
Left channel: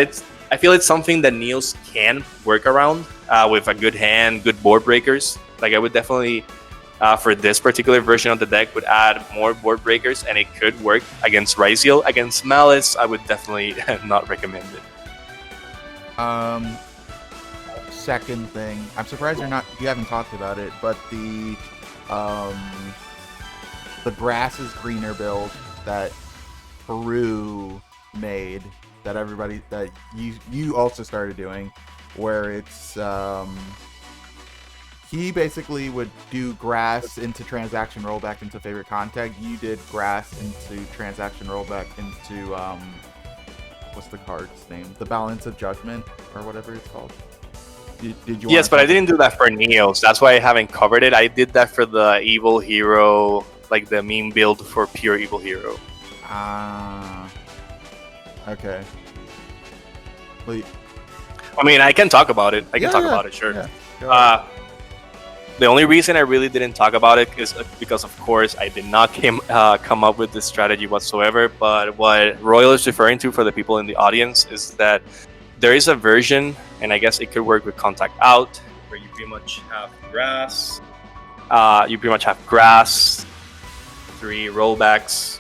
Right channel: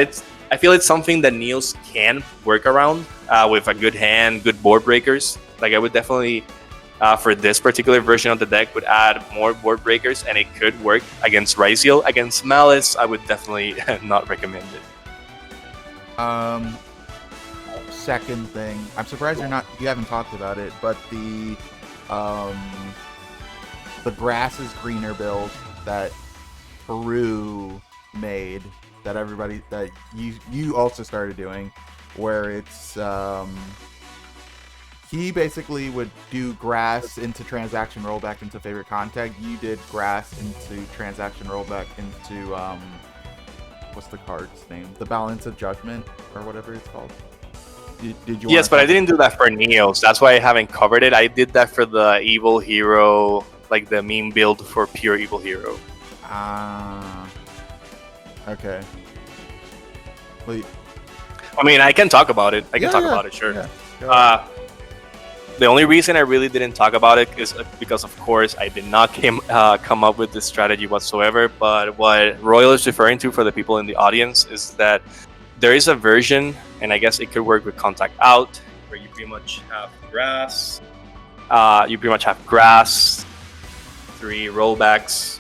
I feel it's something that Neos can work around with a good hand, good board breakers. Like I would definitely, for this particular version of the deck, would add more board breakers, and it could work against Ryzeal. Against Malice, I would definitely not recommend it. Second thing, I'm surprised you haven't talked about it, but the grass is greener build that Peru made, that you also started doing, where it's he basically would do grass into transaction rollback into favorite contact. You did grass into transaction rollback into what's the card's name? The Balance of Judgment, or whatever it's called. Did you? Yes, but I didn't do that for Neos. That's why I haven't covered it. I did that for the Evil Hero, like the meme build for pure Evil Hero. Okay. Wait. I mean, I can talk about it. I can talk about it, sure. Yeah. The only reason I really didn't talk about it is because, of course, I did not come up with this strategy whatsoever. But what Royal is referring to for the people in the audience is that there is a version, and I guess it could work with Contact Out, where you pretty much have grass. You pretty much have grass, 3 rollbacks.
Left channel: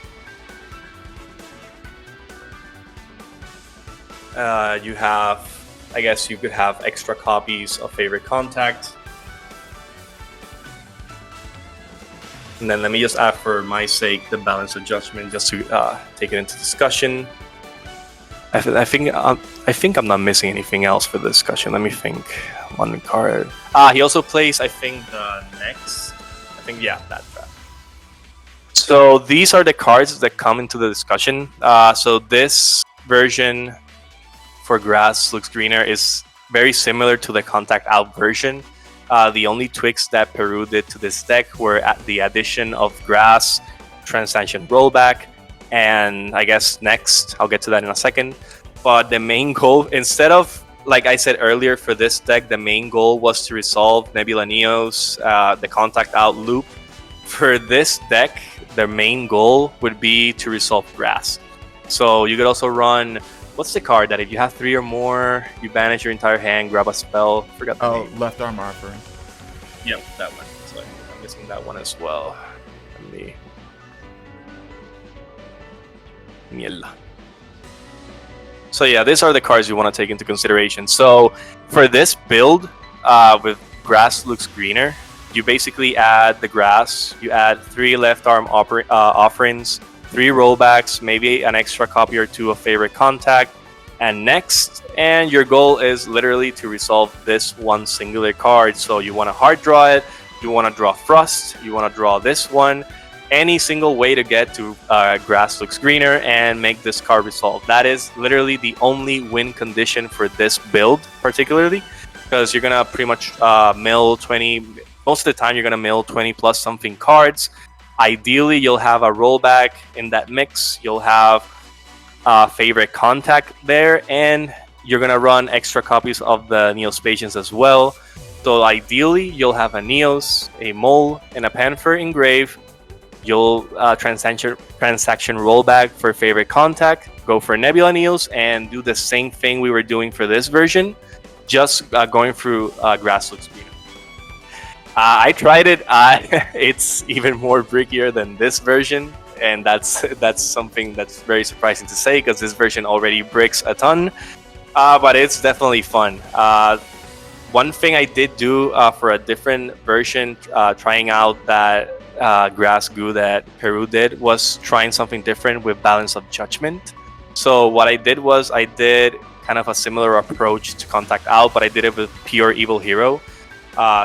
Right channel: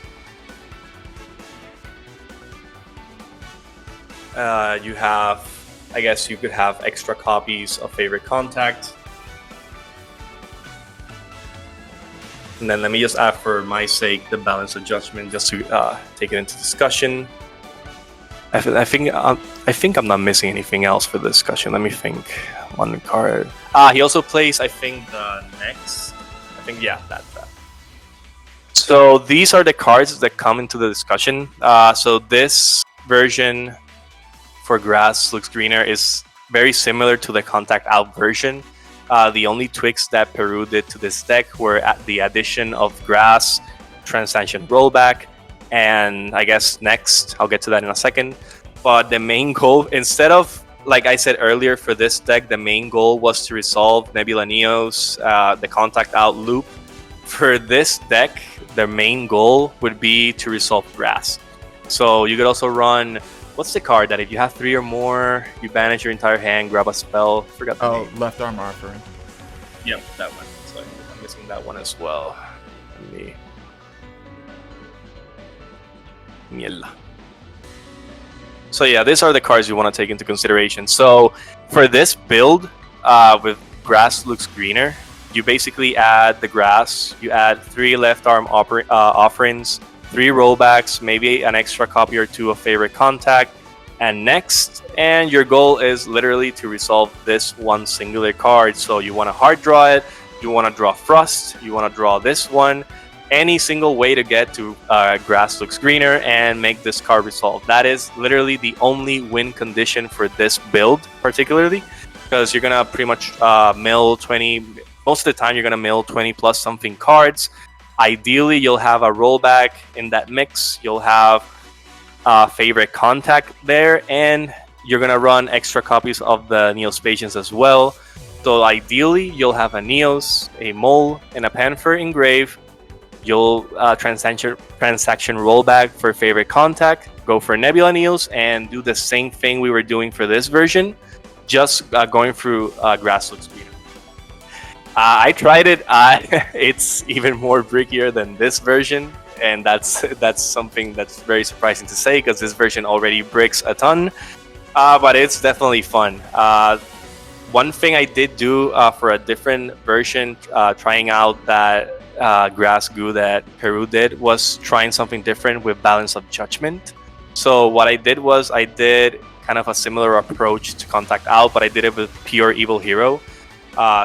You have, I guess you could have extra copies of Favorite Contact. And then let me just add, for my sake, the Balance of Judgment, just to take it into discussion. I think I'm not missing anything else for the discussion. Let me think. One card. He also plays, I think, the next. That. So these are the cards that come into the discussion. So this version for Grass Looks Greener is very similar to the Contact Out version. The only tweaks that Peru did to this deck were the addition of Grass, Transaction Rollback, and I guess next, I'll get to that in a second. But the main goal, instead of, like I said earlier, for this deck, the main goal was to resolve Nebula Neos, the Contact Out loop. For this deck, their main goal would be to resolve Grass. So you could also run, what's the card that if you have 3 or more, you banish your entire hand, grab a spell? Forgot the name. Left Arm Offering. Yep, that one. So I'm missing that one as well. So yeah, these are the cards you want to take into consideration. So for this build, with Grass Looks Greener, you basically add the grass, you add 3 left arm offerings, 3 rollbacks, maybe an extra copy or 2 of Favorite Contact, and next. And your goal is literally to resolve this one singular card. So you want to hard draw it, you want to draw Frost, you want to draw this one, any single way to get to grass looks greener and make this card resolve. That is literally the only win condition for this build, particularly, because you're gonna pretty much mill 20. Most of the time, you're gonna mill 20 plus something cards. Ideally, you'll have a rollback in that mix. You'll have favorite contact there, and you're gonna run extra copies of the Neospatians as well. So ideally, you'll have a Neos, a Mole, and a Panther engrave. You'll transaction rollback for favorite contact, go for Nebula Neos, and do the same thing we were doing for this version, just going through Grass Looks Greener. I tried it. It's even more brickier than this version, and that's something that's very surprising to say because this version already bricks a ton. But it's definitely fun. One thing I did do for a different version, trying out that grass goo that Peru did, was trying something different with Balance of Judgment. So what I did was I did kind of a similar approach to Contact Out, but I did it with Pure Evil Hero.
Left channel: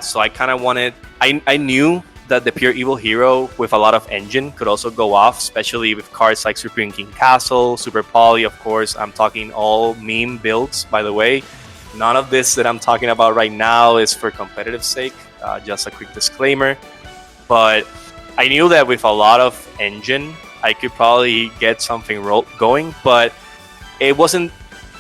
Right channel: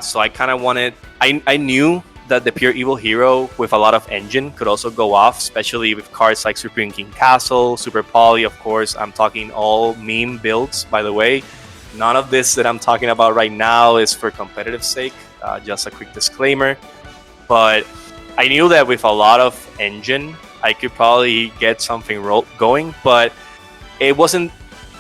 So I kind of wanted, I knew that the Pure Evil Hero with a lot of engine could also go off, especially with cards like Supreme King Castle, Super Poly, of course. I'm talking all meme builds, by the way. None of this that I'm talking about right now is for competitive sake, just a quick disclaimer. But I knew that with a lot of engine, I could probably get something going, but it wasn't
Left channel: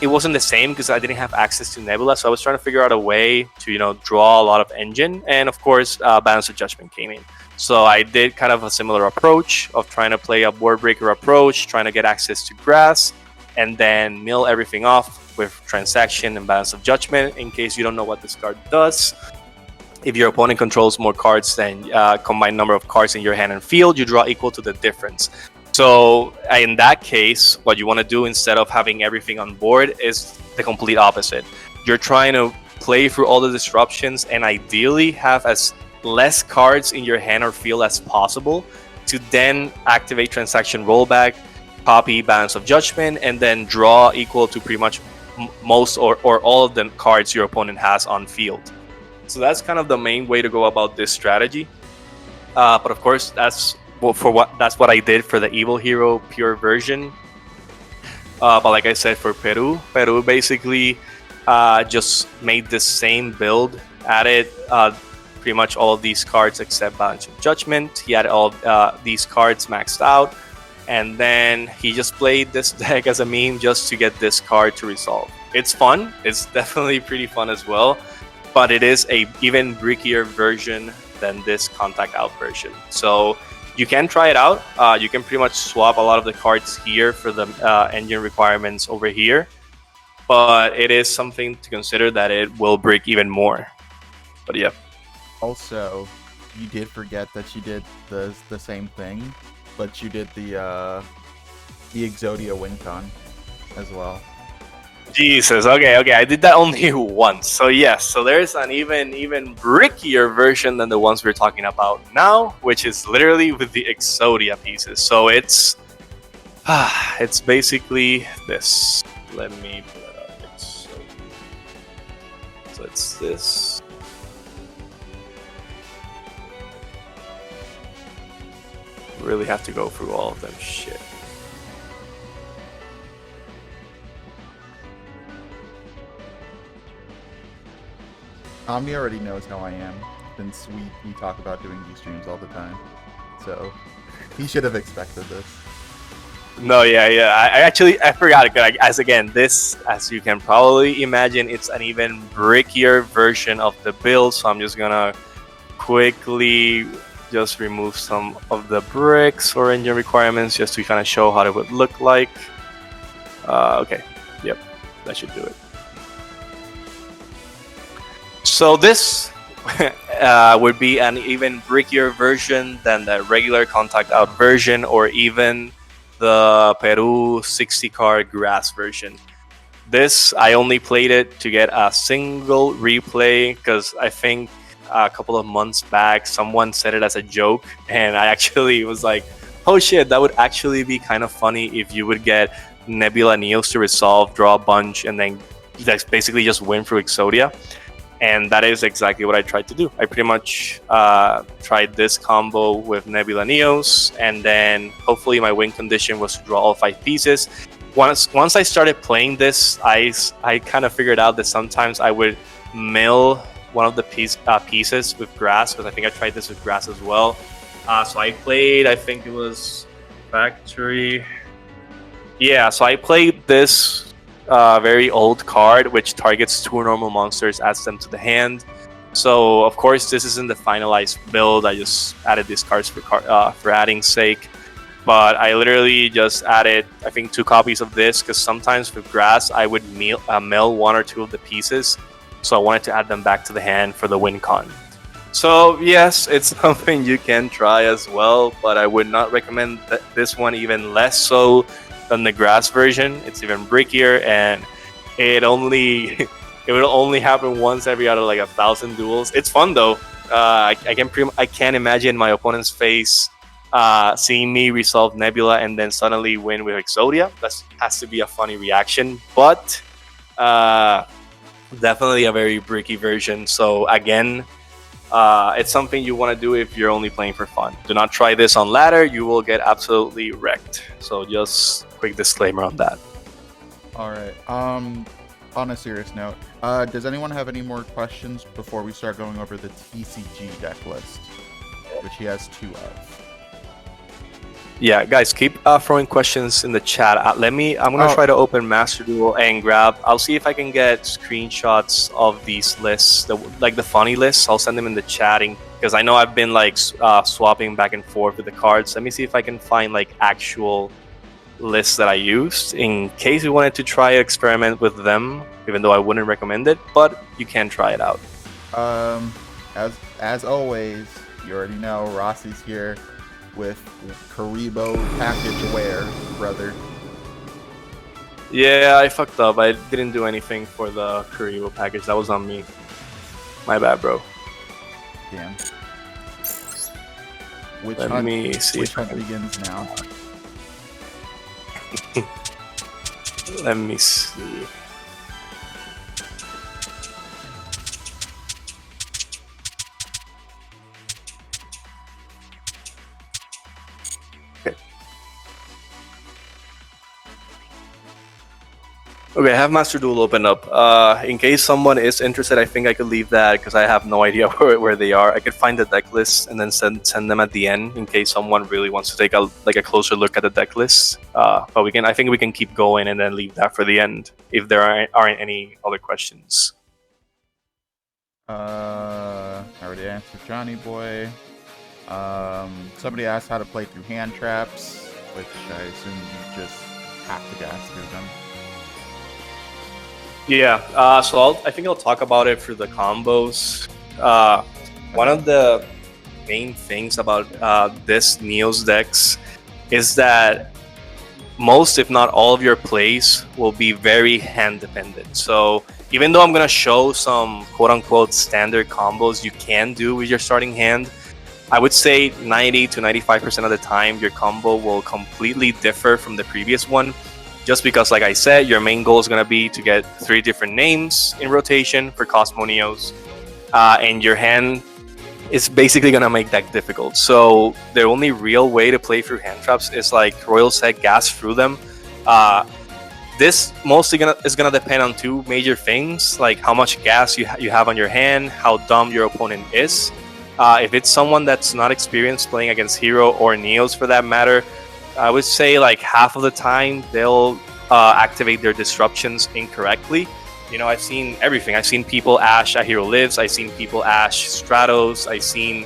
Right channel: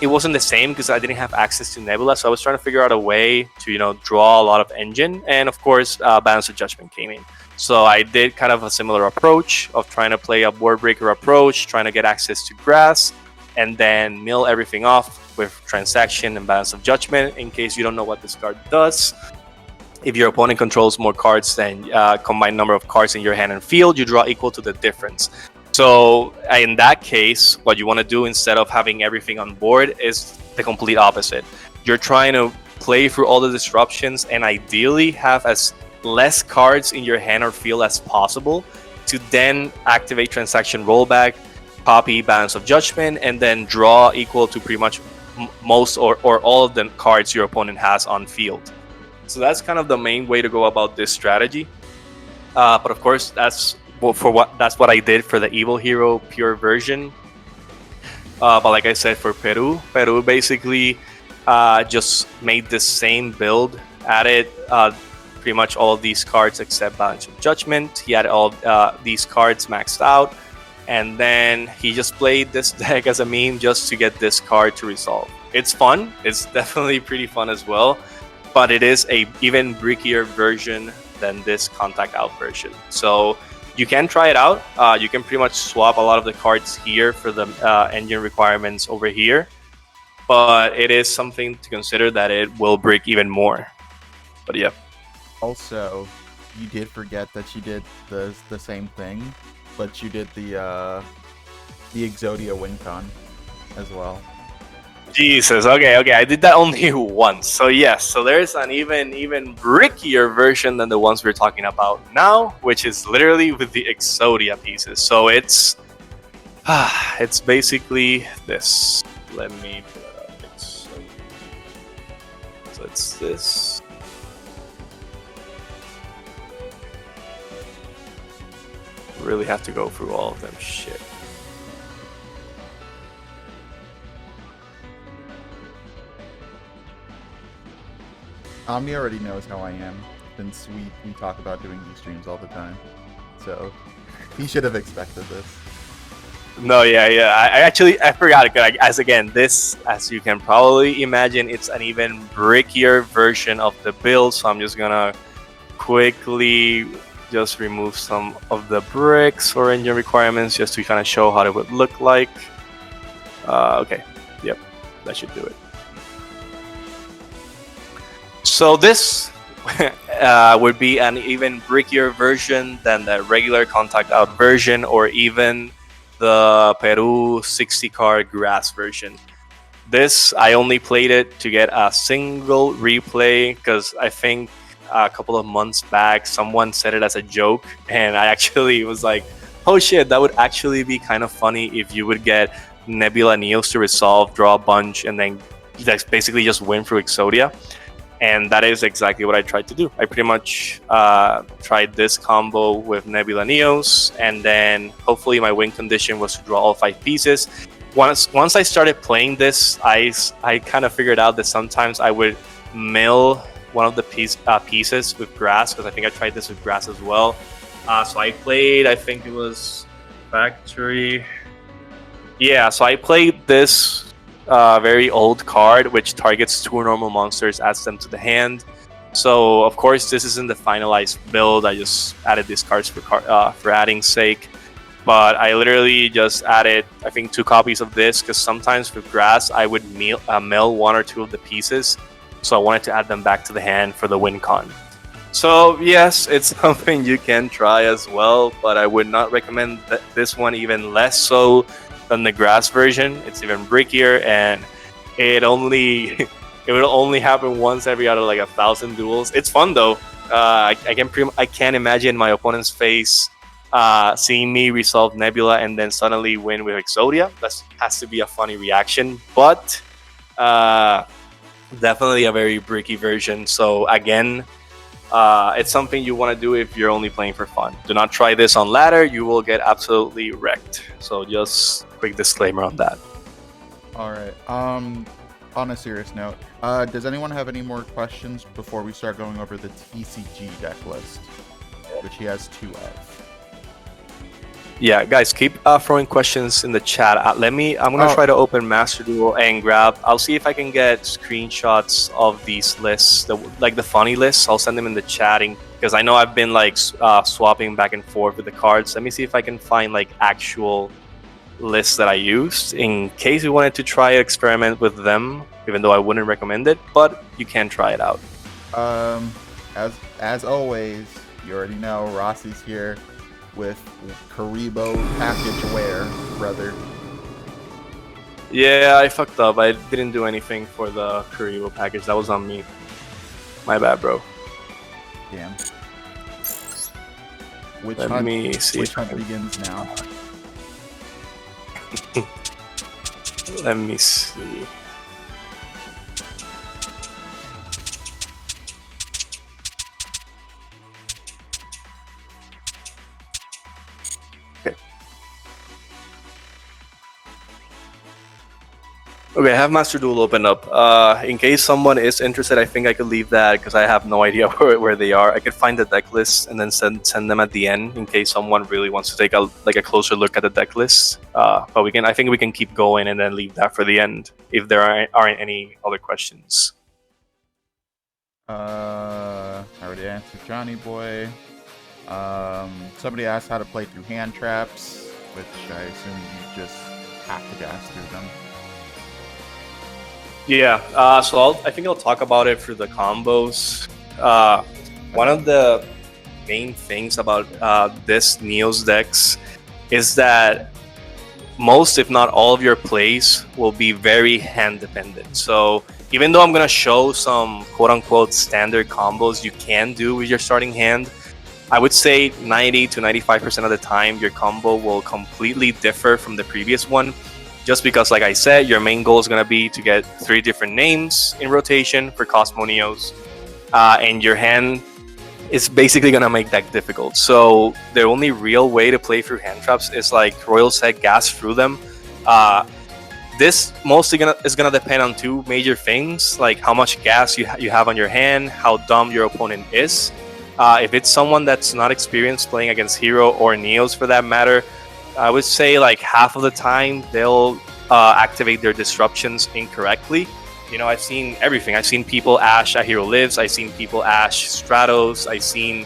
the same because I didn't have access to Nebula, so I was trying to figure out a way to, draw a lot of engine, and of course, Balance of Judgment came in. So I did kind of a similar approach of trying to play a board breaker approach, trying to get access to grass, and then mill everything off with Transaction and Balance of Judgment in case you don't know what this card does. If your opponent controls more cards than combined number of cards in your hand and field, you draw equal to the difference. So in that case, what you want to do instead of having everything on board is the complete opposite. You're trying to play through all the disruptions and ideally have as less cards in your hand or field as possible to then activate Transaction Rollback, copy Balance of Judgment, and then draw equal to pretty much most or all of the cards your opponent has on field. So that's kind of the main way to go about this strategy. But of course, that's what I did for the Evil Hero Pure version. But like I said, for Peru basically just made the same build, added pretty much all of these cards except Balance of Judgment. He had all these cards maxed out, and then he just played this deck as a meme just to get this card to resolve. It's fun. It's definitely pretty fun as well, but it is a even brickier version than this Contact Out version. So you can try it out. You can pretty much swap a lot of the cards here for the engine requirements over here, but it is something to consider that it will break even more. But yeah. Also, you did forget that you did the same thing, but you did the Exodia WinCon as well. Jesus, okay, I did that only once. So yes, so there's an even brickier version than the ones we're talking about now, which is literally with the Exodia pieces. So it's basically this. Let me. So it's this. I really have to go through all of that shit. Omni already knows how I am, since we talk about doing these streams all the time. So he should have expected this. No, yeah. I forgot it. As you can probably imagine, it's an even brickier version of the build. So I'm just gonna quickly just remove some of the bricks or engine requirements just to kind of show how it would look like. Okay, yep, that should do it. So this would be an even brickier version than the regular Contact Out version, or even the Peru 60 card grass version. This, I only played it to get a single replay because I think a couple of months back someone said it as a joke, and I actually was like, oh shit, that would actually be kind of funny if you would get Nebula Neos to resolve, draw a bunch, and then basically just win through Exodia. And that is exactly what I tried to do. I pretty much tried this combo with Nebula Neos, and then hopefully my win condition was to draw all 5 pieces. Once I started playing this, I kind of figured out that sometimes I would mill one of the pieces with grass, because I think I tried this with grass as well. So I played, I think it was Factory. Yeah, so I played this very old card, which targets 2 normal monsters, adds them to the hand. So of course this isn't the finalized build. I just added these cards for adding sake. But I literally just added, I think, 2 copies of this, because sometimes with grass I would mill 1 or 2 of the pieces. So I wanted to add them back to the hand for the win con. So yes, it's something you can try as well, but I would not recommend this one, even less so than the grass version. It's even brickier, and it will only happen once every out of like 1,000 duels. It's fun though. I can't imagine my opponent's face seeing me resolve Nebula and then suddenly win with Exodia. That has to be a funny reaction, but definitely a very bricky version. So again, it's something you want to do if you're only playing for fun. Do not try this on ladder. You will get absolutely wrecked. So just quick disclaimer on that. All right. On a serious note, does anyone have any more questions before we start going over the TCG deck list, which he has 2 of? Yeah, guys, keep throwing questions in the chat. I'm gonna try to open Master Duel and grab. I'll see if I can get screenshots of these lists, the funny lists. I'll send them in the chatting, because I know I've been like swapping back and forth with the cards. Let me see if I can find like actual lists that I used, in case you wanted to try experiment with them. Even though I wouldn't recommend it, but you can try it out. As always, you already know Rossi's here with Karibo package wear, brother. Yeah, I fucked up. I didn't do anything for the Karibo package. That was on me. My bad, bro. Damn. Which hunt begins now? Let me see. Okay, I have Master Duel open up. In case someone is interested, I think I could leave that, because I have no idea where they are. I could find the deck list and then send them at the end, in case someone really wants to take a closer look at the deck list. But I think we can keep going and then leave that for the end, if there aren't any other questions. I already answered Johnny Boy. Somebody asked how to play through hand traps, which I assume you just have to gas through them. Yeah, so I think I'll talk about it for the combos. One of the main things about this Neos decks is that most, if not all, of your plays will be very hand dependent. So even though I'm going to show some quote-unquote standard combos you can do with your starting hand, I would say 90 to 95% of the time your combo will completely differ from the previous one. Just because, like I said, your main goal is going to be to get 3 different names in rotation for Cosmo Neos, and your hand is basically going to make that difficult. So the only real way to play through hand traps is, like Royal said, gas through them. This mostly is going to depend on 2 major things, like how much gas you have on your hand, how dumb your opponent is. If it's someone that's not experienced playing against Hero or Neos for that matter, I would say like half of the time they'll activate their disruptions incorrectly. You know, I've seen everything. I've seen people ash A Hero Lives. I've seen people ash Stratos. I've seen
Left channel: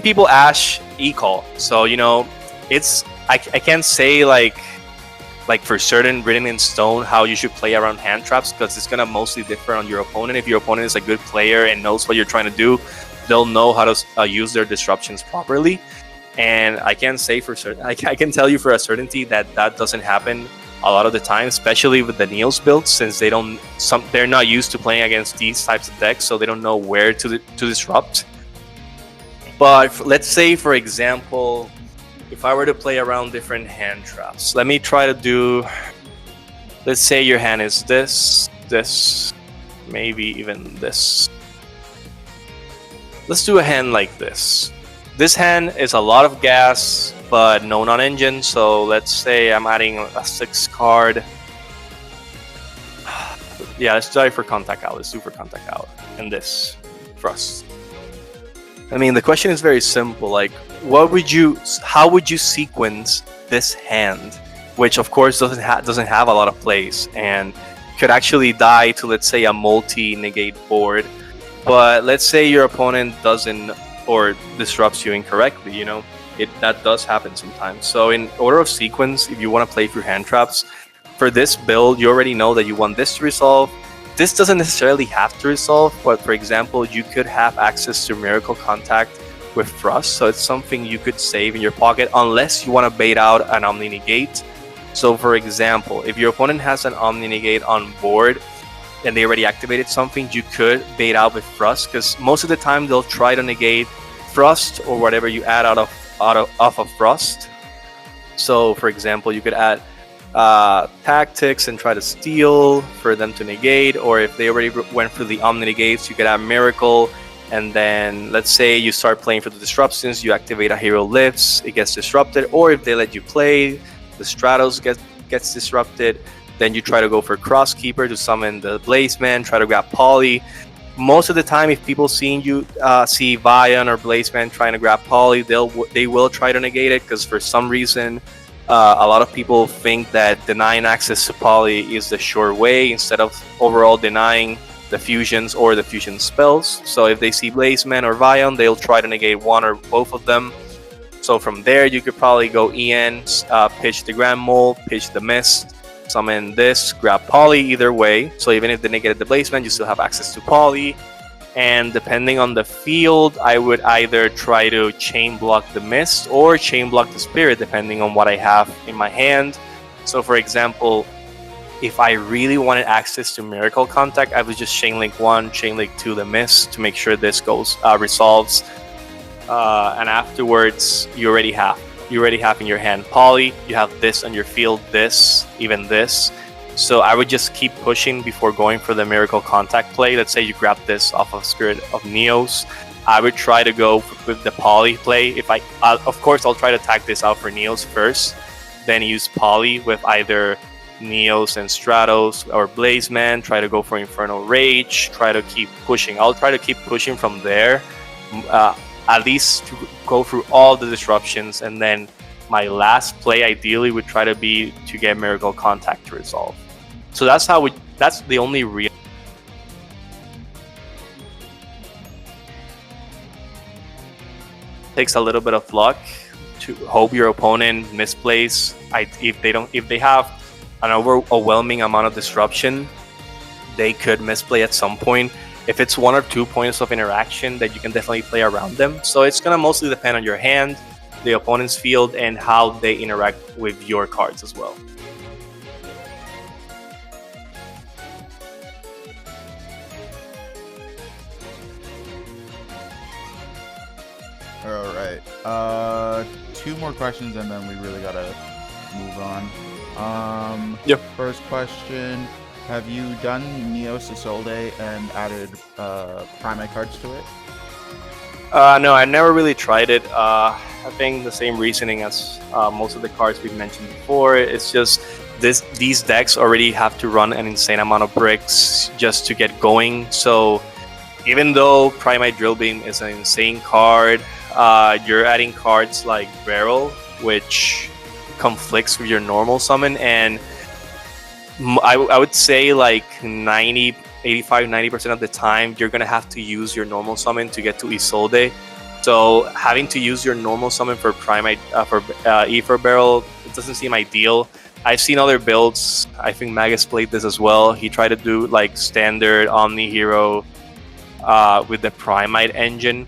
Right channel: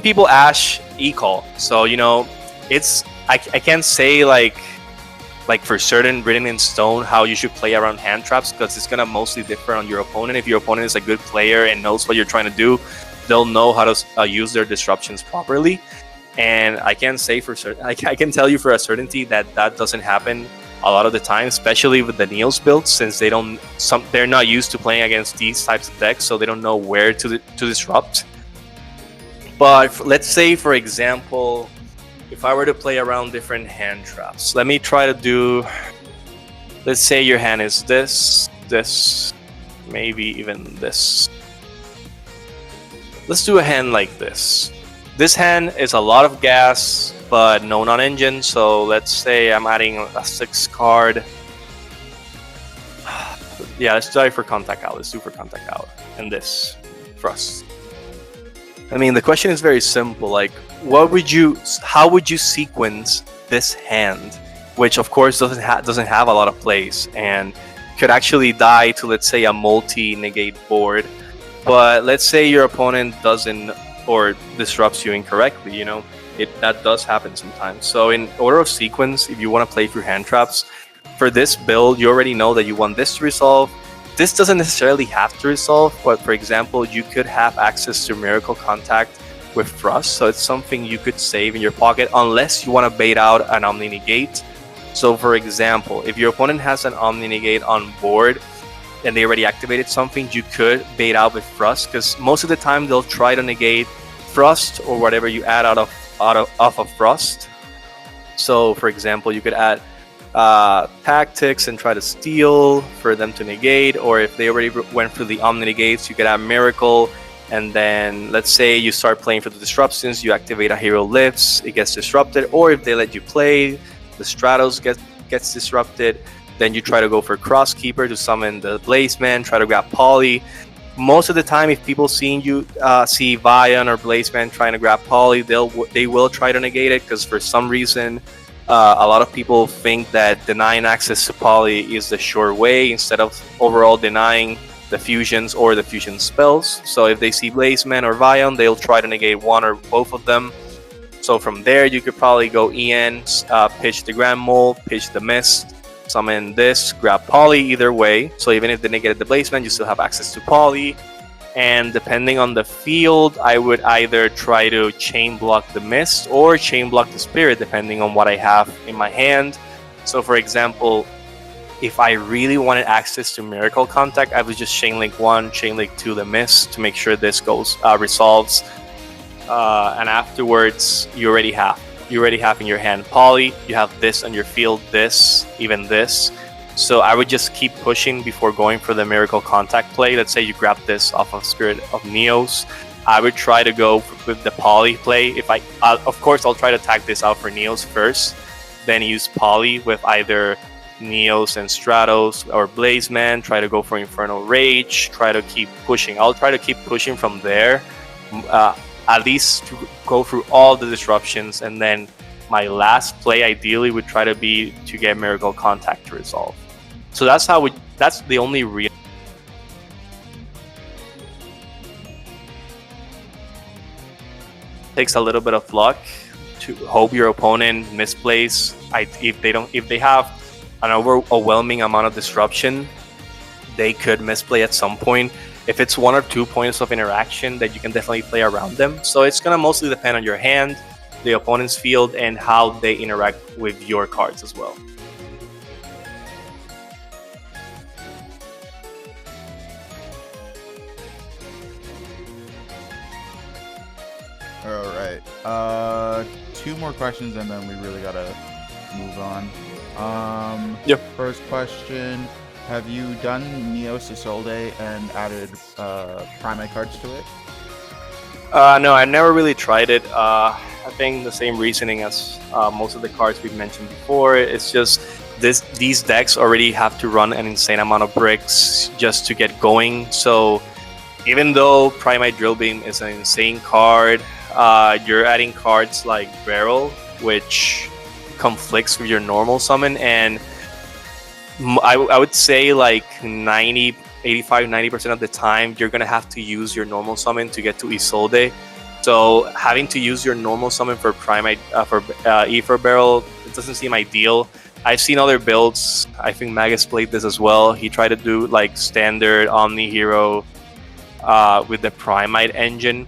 people ash E-Call. So, you know, I can't say like for certain written in stone how you should play around hand traps, because it's gonna mostly differ on your opponent. If your opponent is a good player and knows what you're trying to do, they'll know how to use their disruptions properly. And I can't say for certain. I can tell you for a certainty that doesn't happen a lot of the time, especially with the Neos builds, since they're not used to playing against these types of decks, so they don't know where to disrupt. But let's say, for example, if I were to play around different hand traps, let me try to do. Let's say your hand is this. maybe even this. Let's do a hand like this. This hand is a lot of gas, but no non-engine, so let's say I'm adding a 6 card. Yeah, let's try for contact out. Let's do for contact out. And this. Thrust. I mean, the question is very simple. Like, how would you sequence this hand, which of course doesn't have a lot of plays and could actually die to, let's say, a multi-negate board. But let's say your opponent doesn't or disrupts you incorrectly, you know, that does happen sometimes. So in order of sequence, if you want to play through hand traps, for this build, you already know that you want this to resolve. This doesn't necessarily have to resolve, but for example, you could have access to Miracle Contact with Thrust, so it's something you could save in your pocket unless you want to bait out an Omni Negate. So for example, if your opponent has an Omni Negate on board and they already activated something, you could bait out with Thrust, because most of the time they'll try to negate Thrust or whatever you add off of Thrust. So for example, you could add Tactics and try to steal for them to negate, or if they already went through the Omni Negates, you could add Miracle, and then let's say you start playing for the disruptions, you activate a Hero Lips, it gets disrupted, or if they let you play, the Stratos gets disrupted, then you try to go for Crosskeeper to summon the Blazeman, try to grab Poly. Most of the time, if people see Vion or Blazeman trying to grab Poly, they will try to negate it, because for some reason a lot of people think that denying access to Poly is the sure way instead of overall denying the fusions or the fusion spells. So if they see Blazeman or Vion, they'll try to negate one or both of them. So from there, you could probably go EN, pitch the Grand Mole, pitch the Mist, summon this, grab Poly either way. So even if they negated the Blazeman, you still have access to Poly. And depending on the field, I would either try to chain block the Mist or chain block the Spirit, depending on what I have in my hand. So for example, if I really wanted access to Miracle Contact, I would just chain link 1, chain link 2 the Mist to make sure this resolves. And afterwards, you already have in your hand Poly, you have this on your field, this, even this. So I would just keep pushing before going for the Miracle Contact play. Let's say you grab this off of Spirit of Neos. I would try to go with the Poly play. Of course, I'll try to tag this out for Neos first, then use Poly with either Neos and Stratos or Blazeman. Try to go for Infernal Rage. Try to keep pushing. I'll try to keep pushing from there, at least to go through all the disruptions, and then my last play ideally would try to be to get Miracle Contact to resolve. So that's the only real. Takes a little bit of luck to hope your opponent misplays. If they have an overwhelming amount of disruption, they could misplay at some point. If it's 1 or 2 points of interaction, that you can definitely play around them. So it's gonna mostly depend on your hand, the opponent's field, and how they interact with your cards as well. All right. 2 more questions and then we really gotta move on. Yep. First question: have you done Neos Isolde and added Primate cards to it? No, I never really tried it. I think the same reasoning as most of the cards we've mentioned before. It's just these decks already have to run an insane amount of bricks just to get going. So even though Primate Drill Beam is an insane card, you're adding cards like Barrel, which conflicts with your normal summon, and I would say like 85-90% of the time you're gonna have to use your normal summon to get to Isolde. So having to use your normal summon for Primate for Ether Barrel, it doesn't seem ideal. I've seen other builds. I think Magus played this as well. He tried to do like standard Omni Hero with the Primate engine.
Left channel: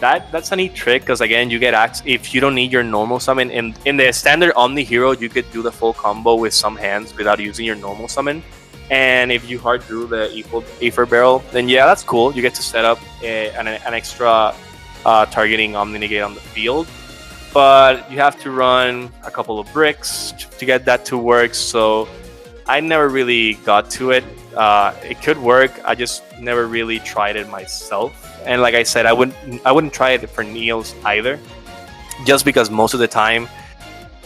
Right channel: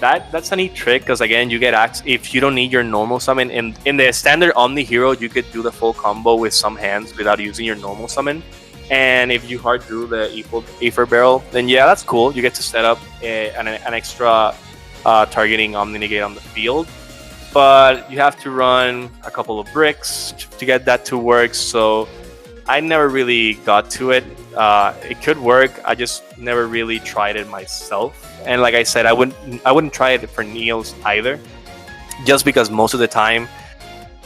That's a neat trick, because again, you get access if you don't need your normal summon. In the standard Omni Hero, you could do the full combo with some hands without using your normal summon. And if you hard drew the Ether Barrel, then yeah, that's cool. You get to set up an extra targeting Omni Negate on the field. But you have to run a couple of bricks to get that to work. So I never really got to it. It could work. I just never really tried it myself. And like I said, I wouldn't try it for Neos either, just because most of the time,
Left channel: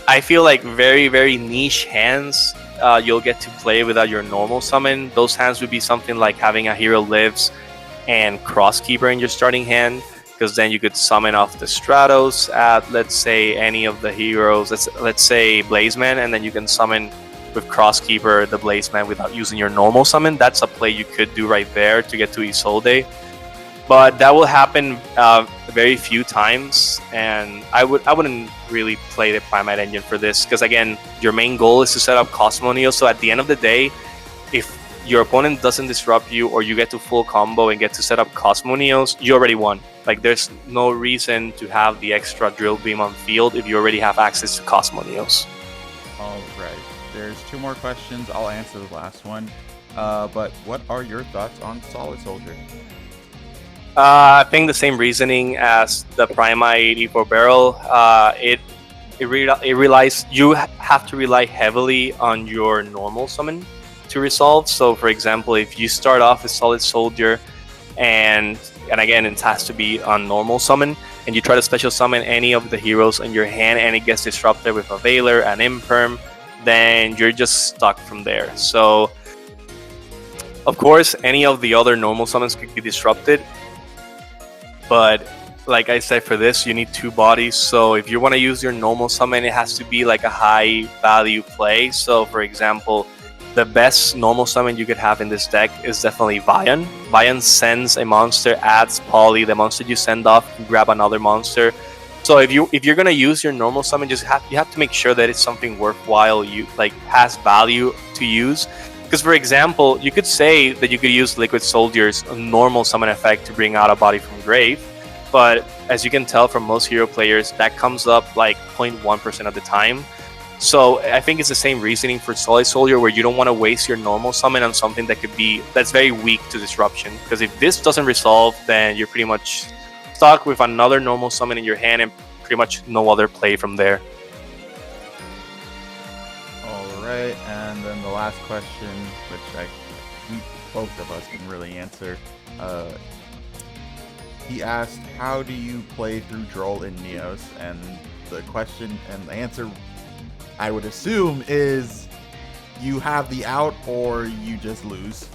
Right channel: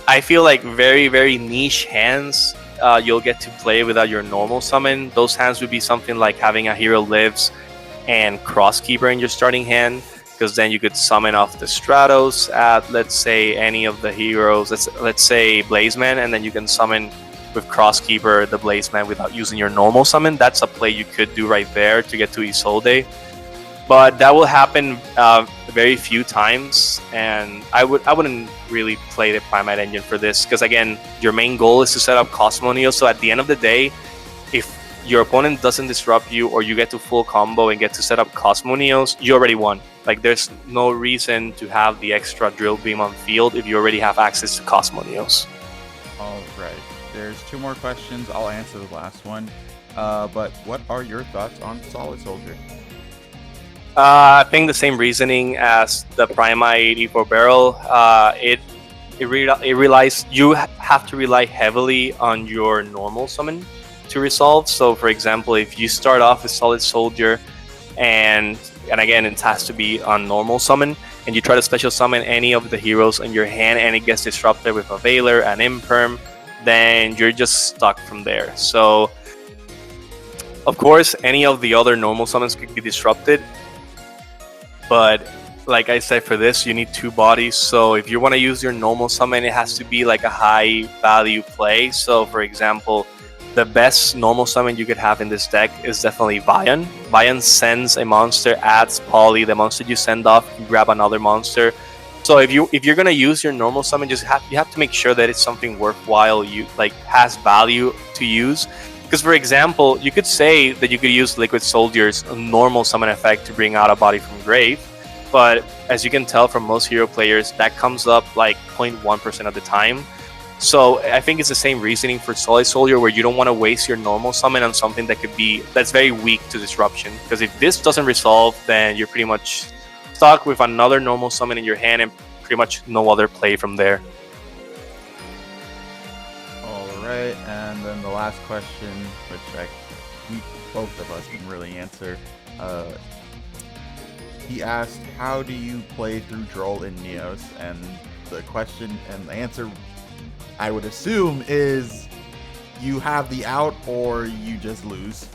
I feel like very, very niche hands you'll get to play without your normal summon. Those hands would be something like having a hero lives and Crosskeeper in your starting hand, because then you could summon off the Stratos at, let's say, any of the heroes. Let's say Blazeman, and then you can summon with Crosskeeper the Blazeman without using your normal summon. That's a play you could do right there to get to Isolde. But that will happen very few times, and I wouldn't really play the Primate Engine for this, because again, your main goal is to set up Cosmo Neo. So at the end of the day, if your opponent doesn't disrupt you, or you get to full combo and get to set up Cosmo Neos, you already won. Like, there's no reason to have the extra Drill Beam on field if you already have access to Cosmo Neos. All right. There's 2 more questions. I'll answer the last one. But what are your thoughts on Solid Soldier? I think the same reasoning as the Primite E4 Barrel. It relies, you have to rely heavily on your normal summon to resolve. So for example, if you start off with Solid Soldier, and again, it has to be on normal summon, and you try to special summon any of the heroes in your hand and it gets disrupted with a Veiler and Imperm, then you're just stuck from there. So of course, any of the other normal summons could be disrupted, but like I said, for this, you need 2 bodies. So if you want to use your normal summon, it has to be like a high value play. So for example, the best normal summon you could have in this deck is definitely Vion. Vion sends a monster, adds Poly. The monster you send off, you grab another monster. So if you're gonna use your normal summon, you have to make sure that it's something worthwhile, you like has value to use. Because for example, you could say that you could use Liquid Soldier's normal summon effect to bring out a body from grave, but as you can tell from most hero players, that comes up like 0.1% of the time. So I think it's the same reasoning for Solid Soldier, where you don't want to waste your normal summon on something that's very weak to disruption. Because if this doesn't resolve, then you're pretty much stuck with another normal summon in your hand and pretty much no other play from there. All right, and then the last question, which both of us can really answer. He asked, how do you play through Droll in Neos? And the question and the answer, I would assume, is you have the out or you just lose.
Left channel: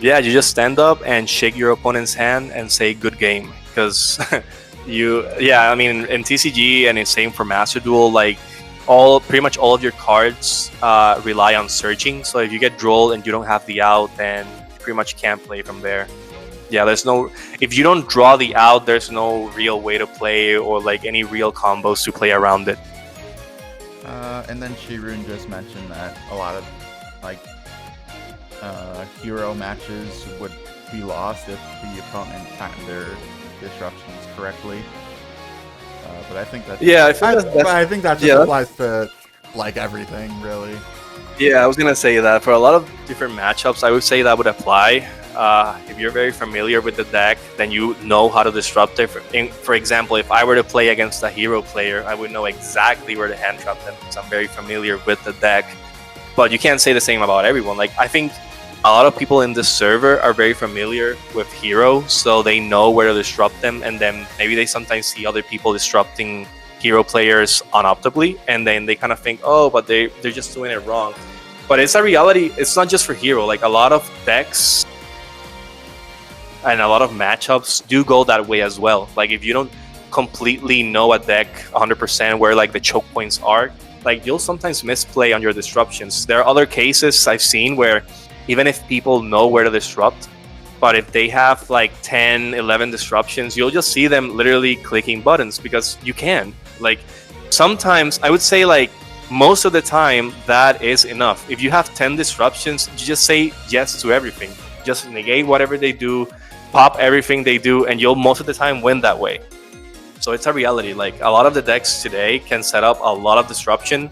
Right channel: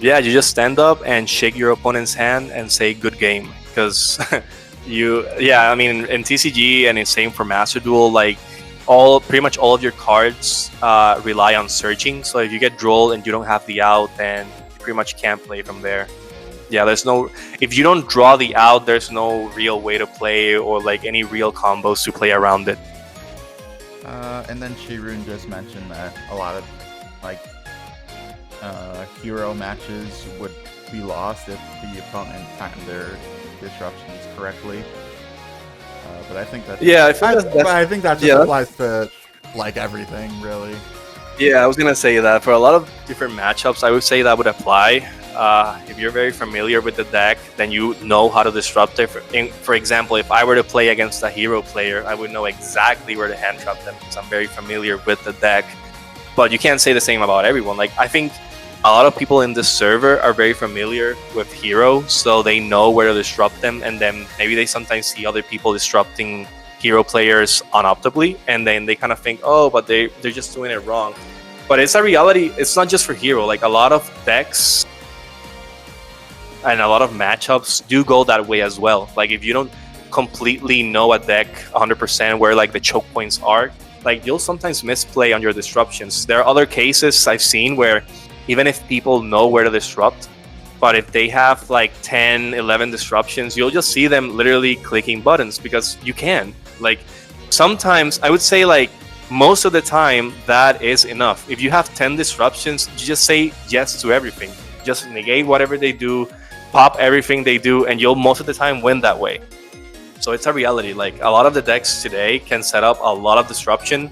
Yeah, you just stand up and shake your opponent's hand and say good game. Because I mean, in TCG and it's same for Master Duel, like pretty much all of your cards rely on searching. So if you get Droll and you don't have the out, then pretty much can't play from there. Yeah, if you don't draw the out, there's no real way to play or like any real combos to play around it. And then Shirun just mentioned that a lot of hero matches would be lost if the opponent timed their disruptions correctly. But I think that I think that just applies to like everything, really. Yeah, I was gonna say that for a lot of different matchups, I would say that would apply. If you're very familiar with the deck, then you know how to disrupt it. For example, if I were to play against a hero player, I would know exactly where to hand trap them because I'm very familiar with the deck. But you can't say the same about everyone. Like, I think a lot of people in this server are very familiar with hero, so they know where to disrupt them, and then maybe they sometimes see other people disrupting hero players unoptimally, and then they kind of think, oh, but they're just doing it wrong. But it's a reality. It's not just for hero. Like, a lot of decks and a lot of matchups do go that way as well. Like, if you don't completely know a deck 100% where like the choke points are, like you'll sometimes misplay on your disruptions. There are other cases I've seen where even if people know where to disrupt, but if they have like 10, 11 disruptions, you'll just see them literally clicking buttons because you can. Like, sometimes I would say like most of the time that is enough. If you have 10 disruptions, you just say yes to everything. Just negate whatever they do, pop everything they do, and you'll most of the time win that way. So it's a reality. Like, a lot of the decks today can set up a lot of disruption,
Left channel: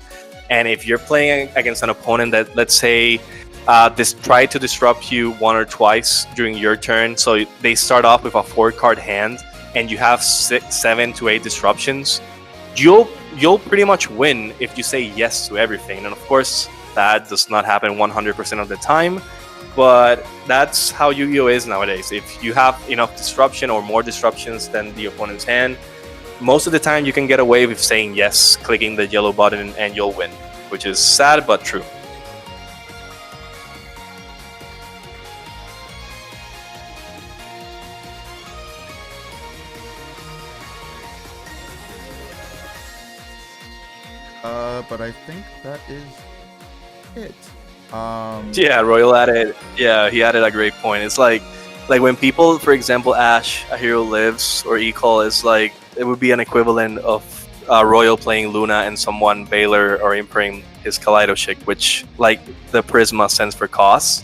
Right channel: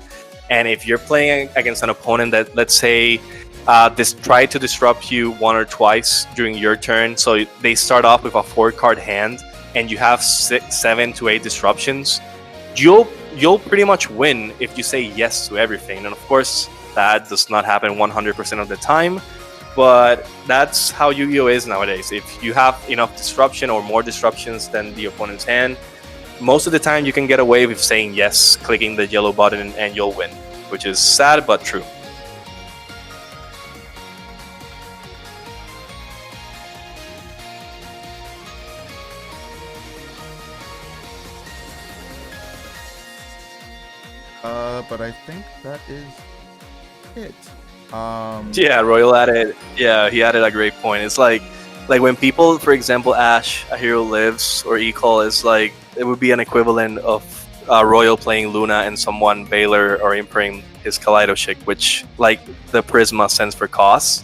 and if you're playing against an opponent that, let's say, try to disrupt you one or twice during your turn, so they start off with a 4-card hand, and you have 6, 7 to 8 disruptions, you'll pretty much win if you say yes to everything. And of course, That does not happen 100% of the time, but that's how Yu-Gi-Oh is nowadays. If you have enough disruption or more disruptions than the opponent's hand, most of the time you can get away with saying yes, clicking the yellow button, and you'll win, which is sad but true. But I think that is it. Yeah, Royal added. Yeah, he added a great point. It's like when people, for example, Ash, A Hero Lives, or Ecall is like, it would be an equivalent of Royal playing Luna and someone Baylor or imprinting his Kaleidoshik, which like the Prisma stands for costs.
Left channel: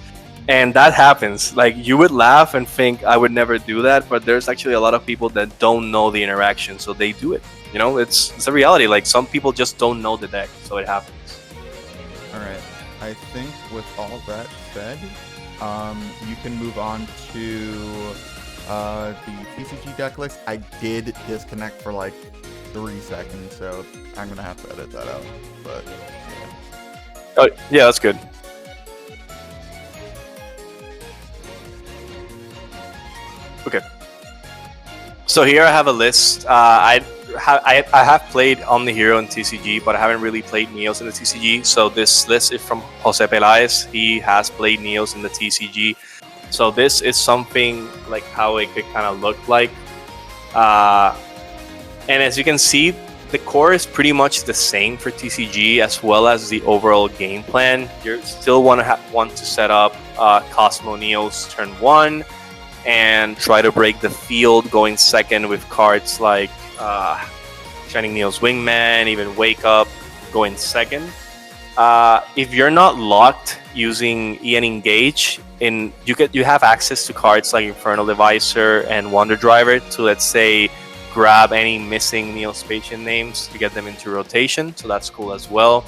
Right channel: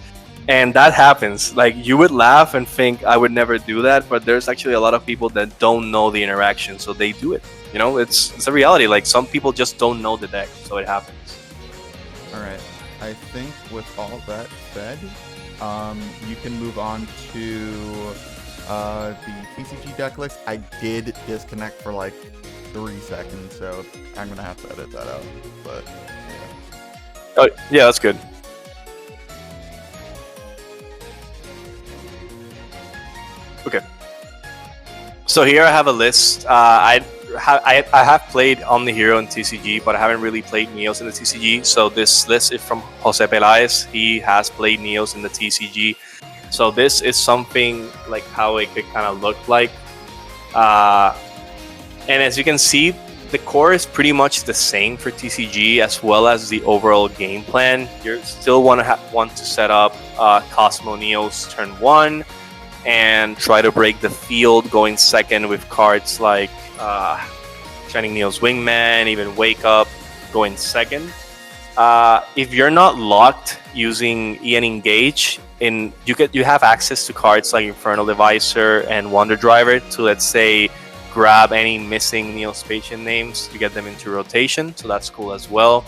And that happens. Like, you would laugh and think I would never do that, but there's actually a lot of people that don't know the interaction, so they do it. You know, it's a reality. Like, some people just don't know the deck, so it happens. All right. I think with all that said, you can move on to the TCG Decklist. I did disconnect for like 3 seconds, so I'm gonna have to edit that out. But yeah. Oh, yeah, that's good. Okay. So here I have a list. I have played OmniHero in TCG, but I haven't really played Neos in the TCG. So this list is from Jose Pelaez. He has played Neos in the TCG. So this is something like how it could kind of look like. And as you can see, the core is pretty much the same for TCG, as well as the overall game plan. You still want to set up Cosmo Neos turn 1 and try to break the field going second with cards like Shining Neo's Wingman, even Wake Up going second. If you're not locked using EN Engage, you have access to cards like Infernal Devicer and Wonder Driver to, let's say, grab any missing Neospatian names to get them into rotation, so that's cool as well.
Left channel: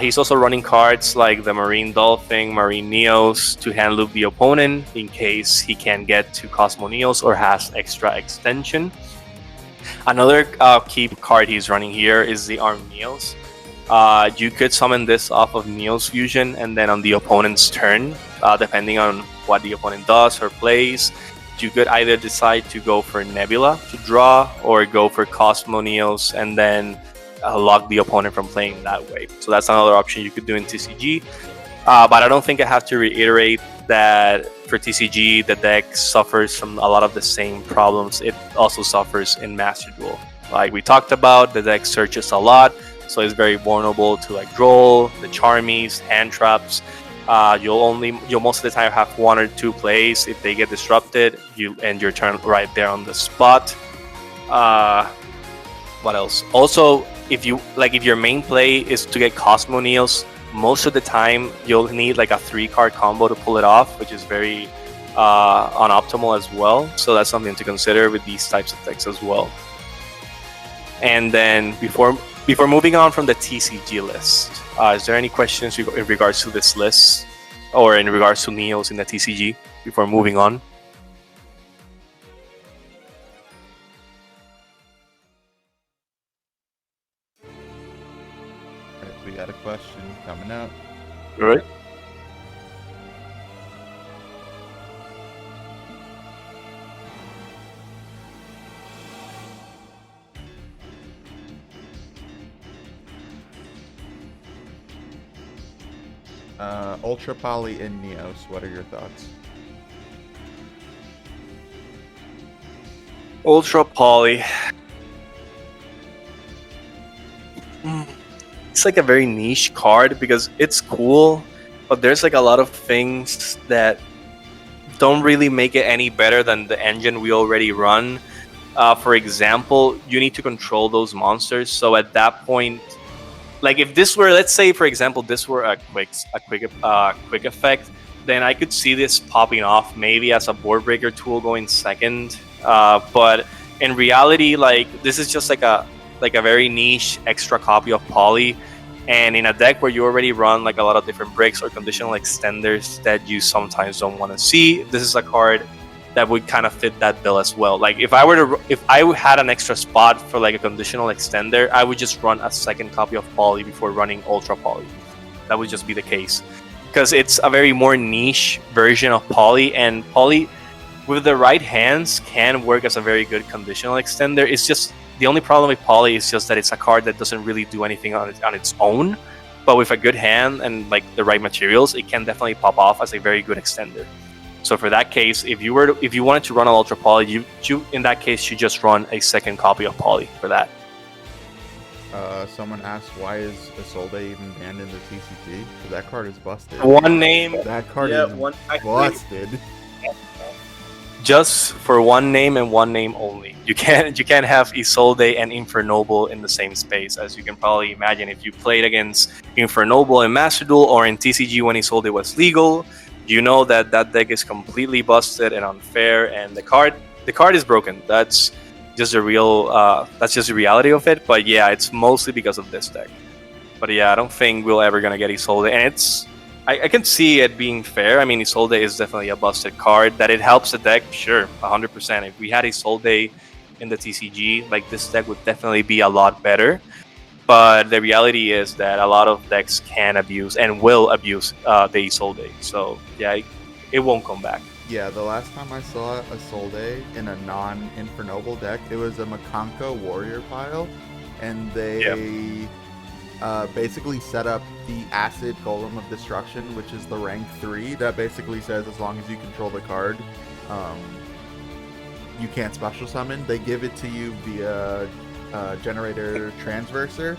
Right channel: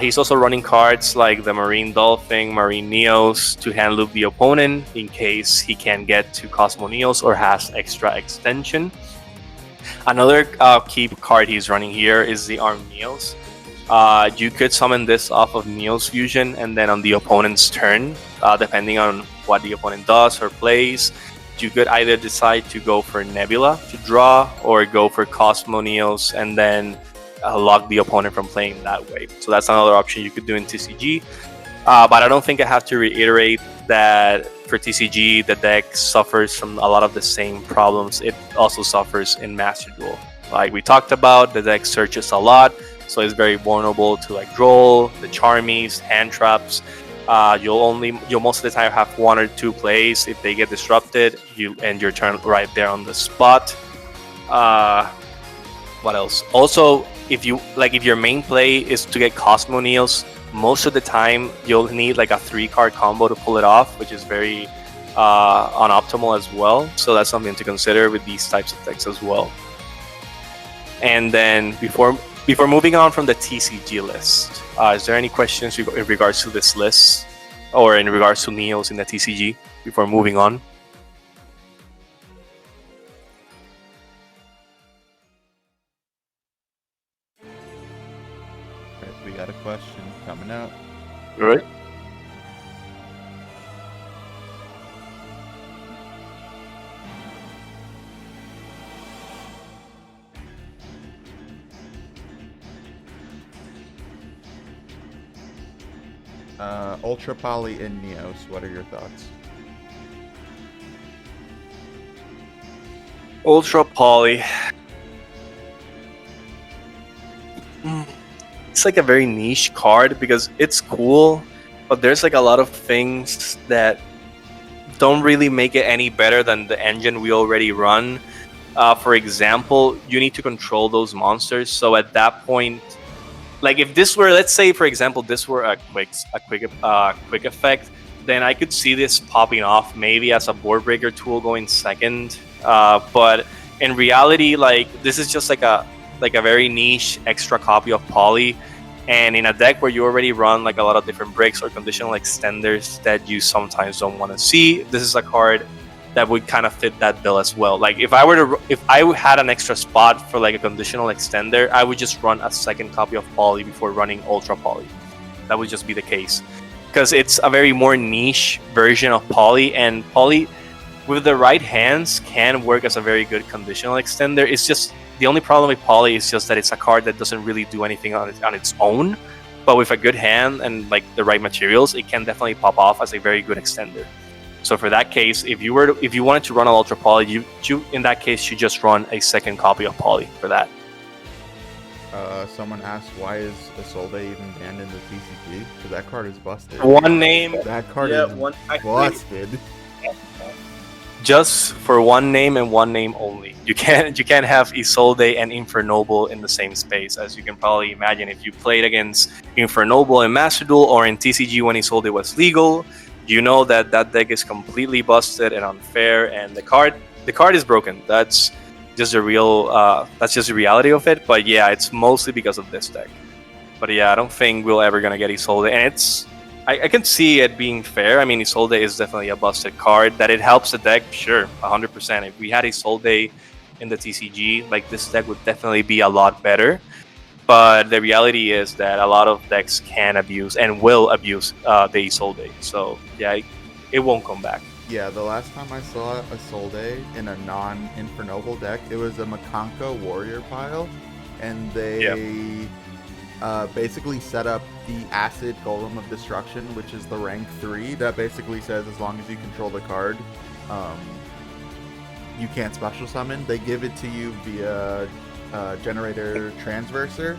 He's also running cards like the Marine Dolphin, Marine Neos to hand loop the opponent in case he can get to Cosmo Neos or has extra extension. Another key card he's running here is the Arm Neos. You could summon this off of Neos Fusion, and then on the opponent's turn, depending on what the opponent does or plays, you could either decide to go for Nebula to draw or go for Cosmo Neos and then lock the opponent from playing that way. So that's another option you could do in TCG. But I don't think I have to reiterate that for TCG, the deck suffers from a lot of the same problems it also suffers in Master Duel. Like we talked about, the deck searches a lot, so it's very vulnerable to like Droll, the Charmies, hand traps. You'll most of the time have 1 or 2 plays. If they get disrupted, you end your turn right there on the spot. What else? Also, if your main play is to get Cosmo Neos, most of the time you'll need like a 3-card combo to pull it off, which is very unoptimal as well. So that's something to consider with these types of decks as well. And then before moving on from the TCG list, is there any questions in regards to this list or in regards to Neos in the TCG before moving on? All right, we got a question coming up. All right. Ultra Poly in Neos, what are your thoughts? Ultra Poly. It's like a very niche card because it's cool, but there's like a lot of things that don't really make it any better than the engine we already run. For example, you need to control those monsters. So at that point, like if this were, let's say for example, this were a quick effect, then I could see this popping off maybe as a board breaker tool going second. But in reality, like this is just like a very niche extra copy of Poly, and in a deck where you already run like a lot of different breaks or conditional extenders that you sometimes don't want to see, this is a card that would kind of fit that bill as well. Like if I had an extra spot for like a conditional extender, I would just run a second copy of Poly before running Ultra Poly. that would just be the case, because it's a very more niche version of Poly, and Poly with the right hands can work as a very good conditional extender. It's just the only problem with Poly is just that it's a card that doesn't really do anything on its own, but with a good hand and like the right materials, it can definitely pop off as a very good extender. So for that case, if you wanted to run an Ultra Poly, you in that case should just run a second copy of Poly for that. Someone asked, why is Isolde even banned in the TCG? Because that card is busted. One name. That card is busted. Just for one name and one name only. You can't have Isolde and Infernoble in the same space. As you can probably imagine, if you played against Infernoble in Master Duel or in TCG when Isolde was legal, you know that deck is completely busted and unfair, and the card is broken. That's just the reality of it. But yeah, it's mostly because of this deck. But yeah, I don't think we're ever gonna get Isolde, and I can see it being fair. I mean, Isolde is definitely a busted card. That it helps the deck, sure, 100%. If we had Isolde in the TCG, like, this deck would definitely be a lot better. But the reality is that a lot of decks can abuse and will abuse the Isolde. So yeah, it won't come back. Yeah, the last time I saw Isolde in a non-Infernoble deck, it was a Makanka Warrior pile, and they basically set up the Acid Golem of Destruction, which is the rank 3, that basically says as long as you control the card, you can't special summon. They give it to you via Generator Transverser,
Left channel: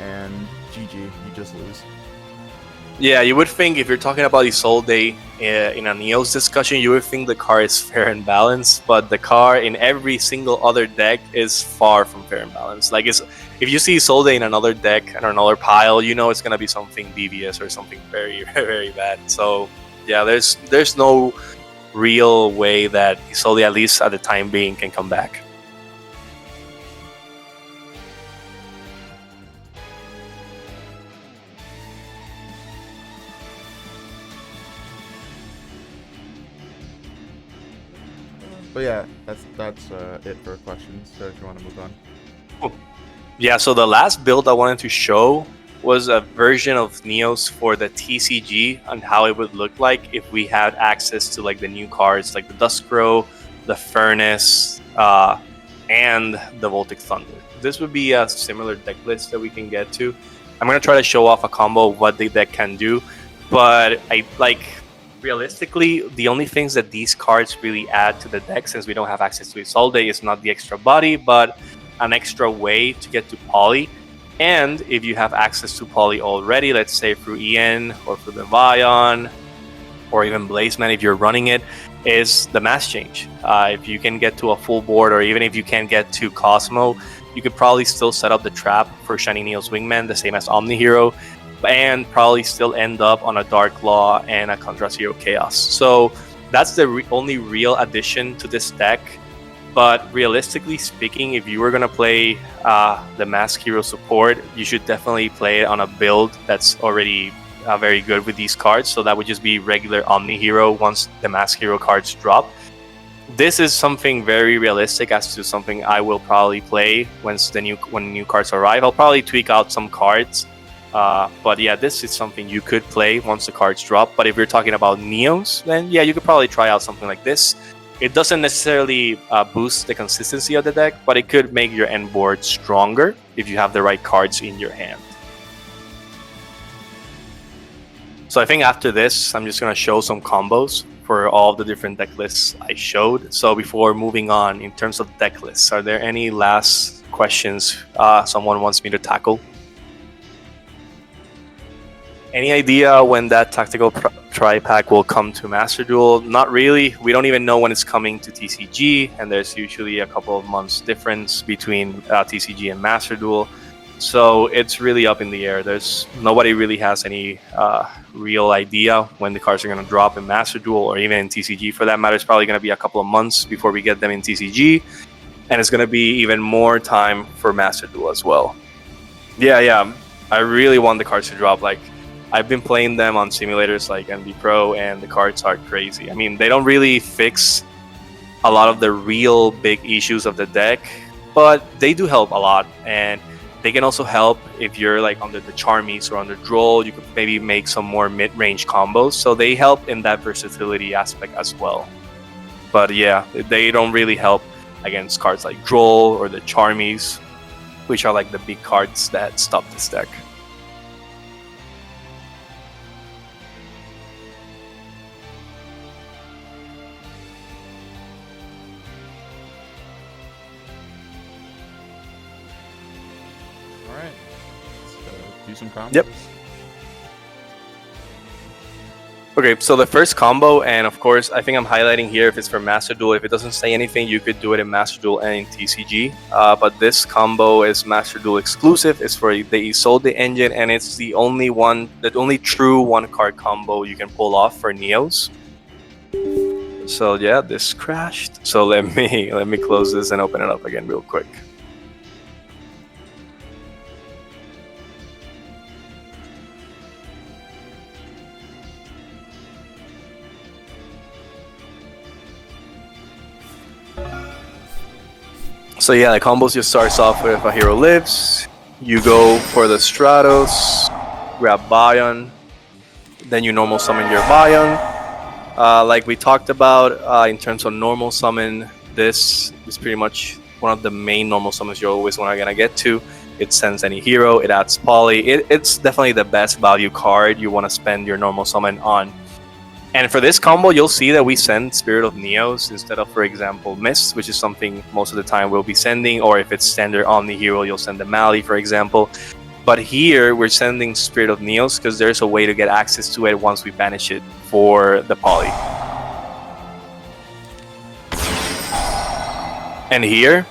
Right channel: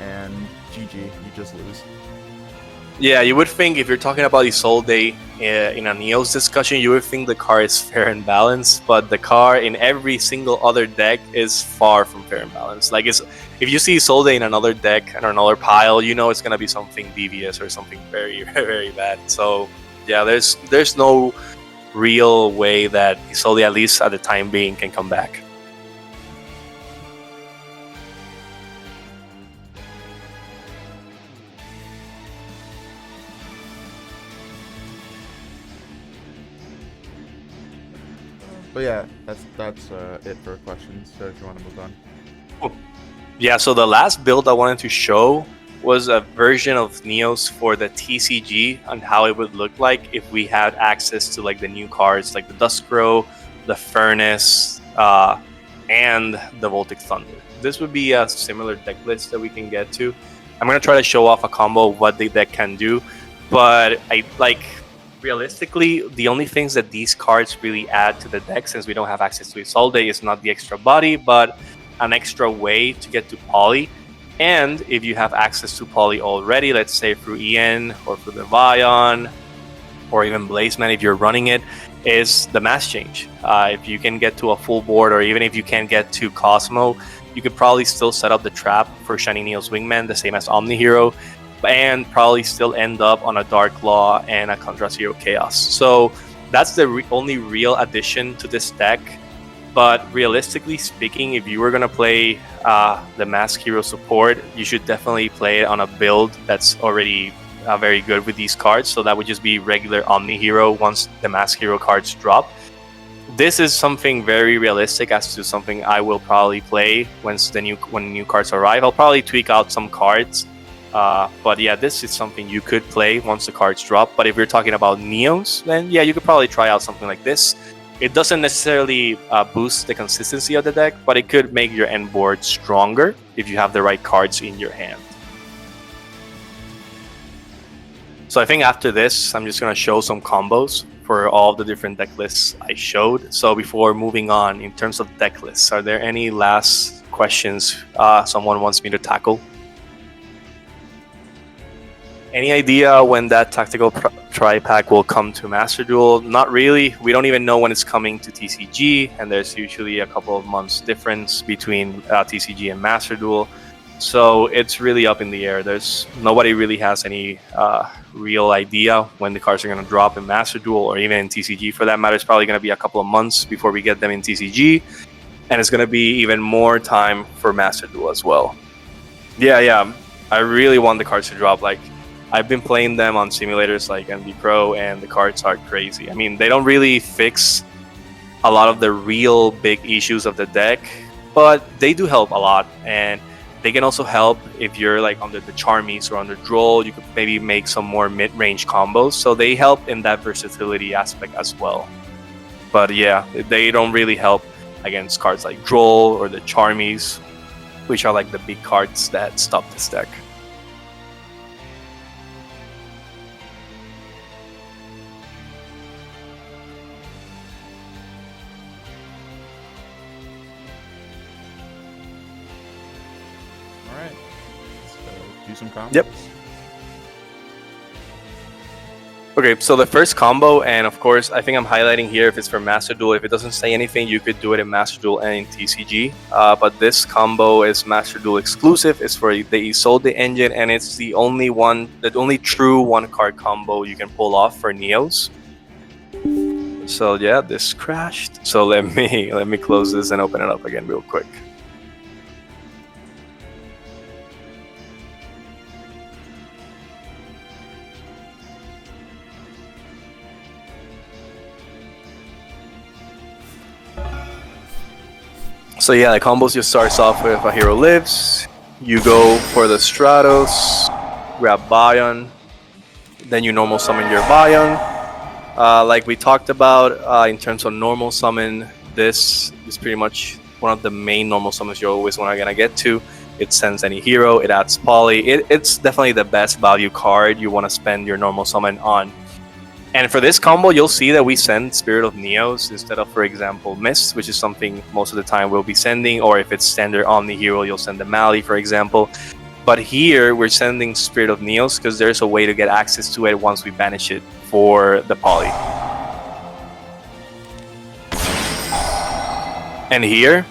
and GG, you just lose. Yeah, you would think if you're talking about Isolde in a Neos discussion, you would think the card is fair and balanced, but the card in every single other deck is far from fair and balanced. Like, if you see Isolde in another deck or another pile, you know it's gonna be something devious or something very, very bad. So yeah, there's no real way that Isolde, at least at the time being, can come back. But yeah, that's it for questions. So if you want to move on. Cool. Yeah, so the last build I wanted to show was a version of Neos for the TCG and how it would look like if we had access to like the new cards like the Duskrow, the Furnace, and the Voltic Thunder. This would be a similar deck list that we can get to. I'm gonna try to show off a combo of what the deck can do, but realistically, the only things that these cards really add to the deck, since we don't have access to Isolde, is not the extra body, but an extra way to get to Poly. And if you have access to Poly already, let's say through EN or through the Vion or even Blazeman, if you're running it, is the Mass Change. If you can get to a full board, or even if you can get to Cosmo, you could probably still set up the trap for Shiny Neos Wingman, the same as OmniHero, and probably still end up on a Dark Law and a Contrast Hero Chaos. So that's the only real addition to this deck. But realistically speaking, if you were going to play the Mask Hero support, you should definitely play it on a build that's already very good with these cards. So that would just be regular Omni Hero once the Mask Hero cards drop. This is something very realistic as to something I will probably play when the new cards arrive. I'll probably tweak out some cards. But yeah, this is something you could play once the cards drop. But if you're talking about Neos, then yeah, you could probably try out something like this. It doesn't necessarily boost the consistency of the deck, but it could make your end board stronger if you have the right cards in your hand. So I think after this, I'm just going to show some combos for all the different deck lists I showed. So before moving on, in terms of deck lists, are there any last questions someone wants me to tackle? Any idea when that tactical tri-pack will come to Master Duel? Not really. We don't even know when it's coming to TCG, and there's usually a couple of months difference between TCG and Master Duel. So it's really up in the air. Nobody really has any real idea when the cards are going to drop in Master Duel, or even in TCG for that matter. It's probably going to be a couple of months before we get them in TCG, and it's going to be even more time for Master Duel as well. Yeah. I really want the cards to drop. Like, I've been playing them on simulators like NB Pro, and the cards are crazy. I mean, they don't really fix a lot of the real big issues of the deck, but they do help a lot. And They can also help if you're like under the Charmies or under Duel. You could maybe make some more mid-range combos. So they help in that versatility aspect as well. But yeah, they don't really help against cards like Duel or the Charmies, which are like the big cards that stop this deck. All right, let's do some combos. Yep. Okay, so the first combo, and of course, I think I'm highlighting here if it's for Master Duel. If it doesn't say anything, you could do it in Master Duel and in TCG. But this combo is Master Duel exclusive. It's for the Isolde engine, and it's the only true one-card combo you can pull off for Neos. So yeah, this crashed. So let me close this and open it up again real quick. So yeah, the combos just starts off with a hero lives. You go for the Stratos, grab Bion, then you normal summon your Bion. Like we talked about in terms of normal summon, this is pretty much one of the main normal summons you're always gonna get to. It sends any hero, it adds poly. It's definitely the best value card you want to spend your normal summon on. And for this combo, you'll see that we send Spirit of Neos instead of, for example, Mist, which is something most of the time we'll be sending, or if it's standard Omni hero, you'll send the Mali, for example. But here, we're sending Spirit of Neos because there's a way to get access to it once we banish it for the poly. And here,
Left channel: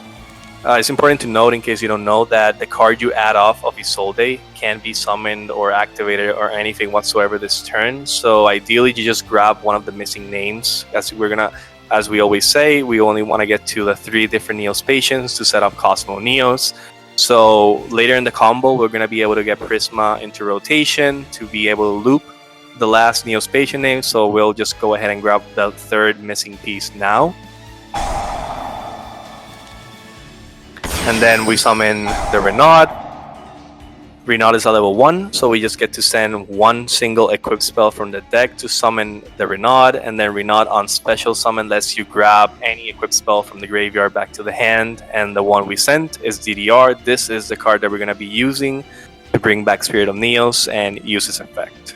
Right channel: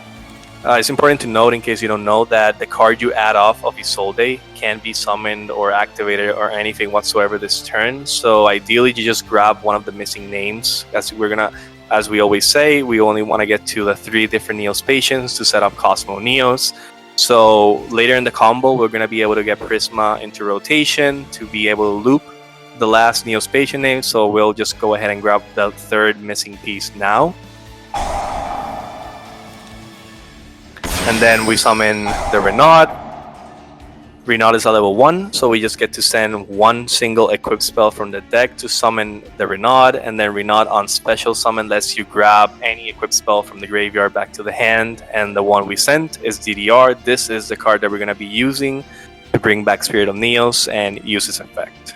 it's important to note, in case you don't know, that the card you add off of Isolde can be summoned or activated or anything whatsoever this turn. So ideally, you just grab one of the missing names. As we always say, we only want to get to the 3 different Neos patients to set up Cosmo Neos. So later in the combo, we're going to be able to get Prisma into rotation to be able to loop the last Neos patient name. So we'll just go ahead and grab the 3rd missing piece now. And then we summon the Renaud. Renaud is a level 1, so we just get to send one single equipped spell from the deck to summon the Renaud, and then Renaud on special summon lets you grab any equipped spell from the graveyard back to the hand, and the one we sent is DDR. This is the card that we're going to be using to bring back Spirit of Neos and use its effect.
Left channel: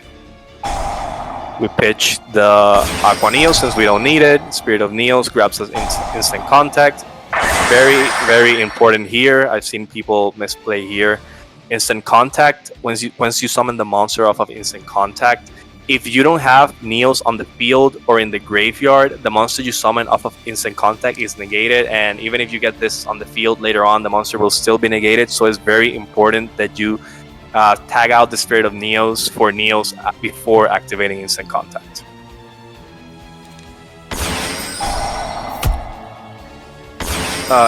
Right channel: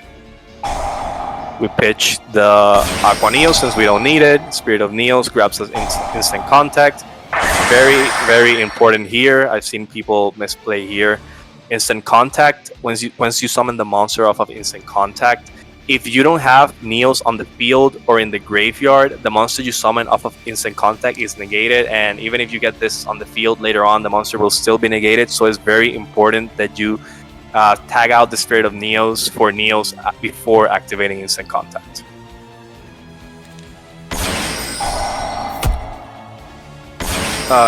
We pitch the Aqua Neos since we don't need it. Spirit of Neos grabs us instant contact. Very, very important here. I've seen people misplay here. Instant contact, once you summon the monster off of instant contact, if you don't have Neos on the field or in the graveyard, the monster you summon off of instant contact is negated, and even if you get this on the field later on, the monster will still be negated. So it's very important that you tag out the Spirit of Neos for Neos before activating instant contact.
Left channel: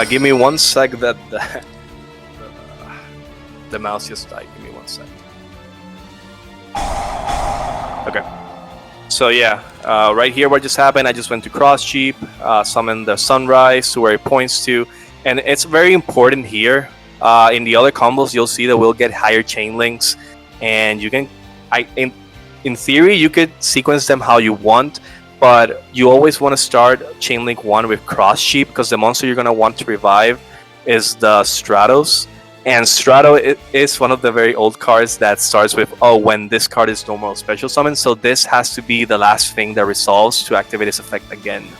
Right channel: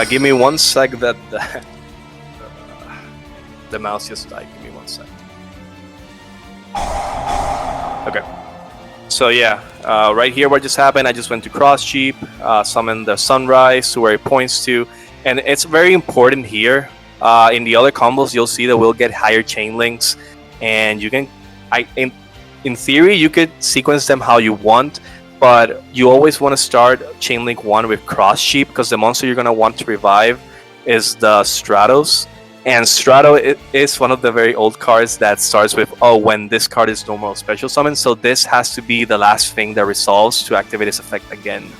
Give me 1 sec that the mouse just died. Give me 1 sec. Okay. So yeah, right here what just happened, I just went to cross cheap, summoned the Sunrise to where it points to, and it's very important here. In the other combos, you'll see that we'll get higher chain links, and you can, in theory, you could sequence them how you want, but you always want to start chain link 1 with cross cheap because the monster you're going to want to revive is the Stratos. And Strato is one of the very old cards that starts with, when this card is normal special summon. So this has to be the last thing that resolves to activate its effect again.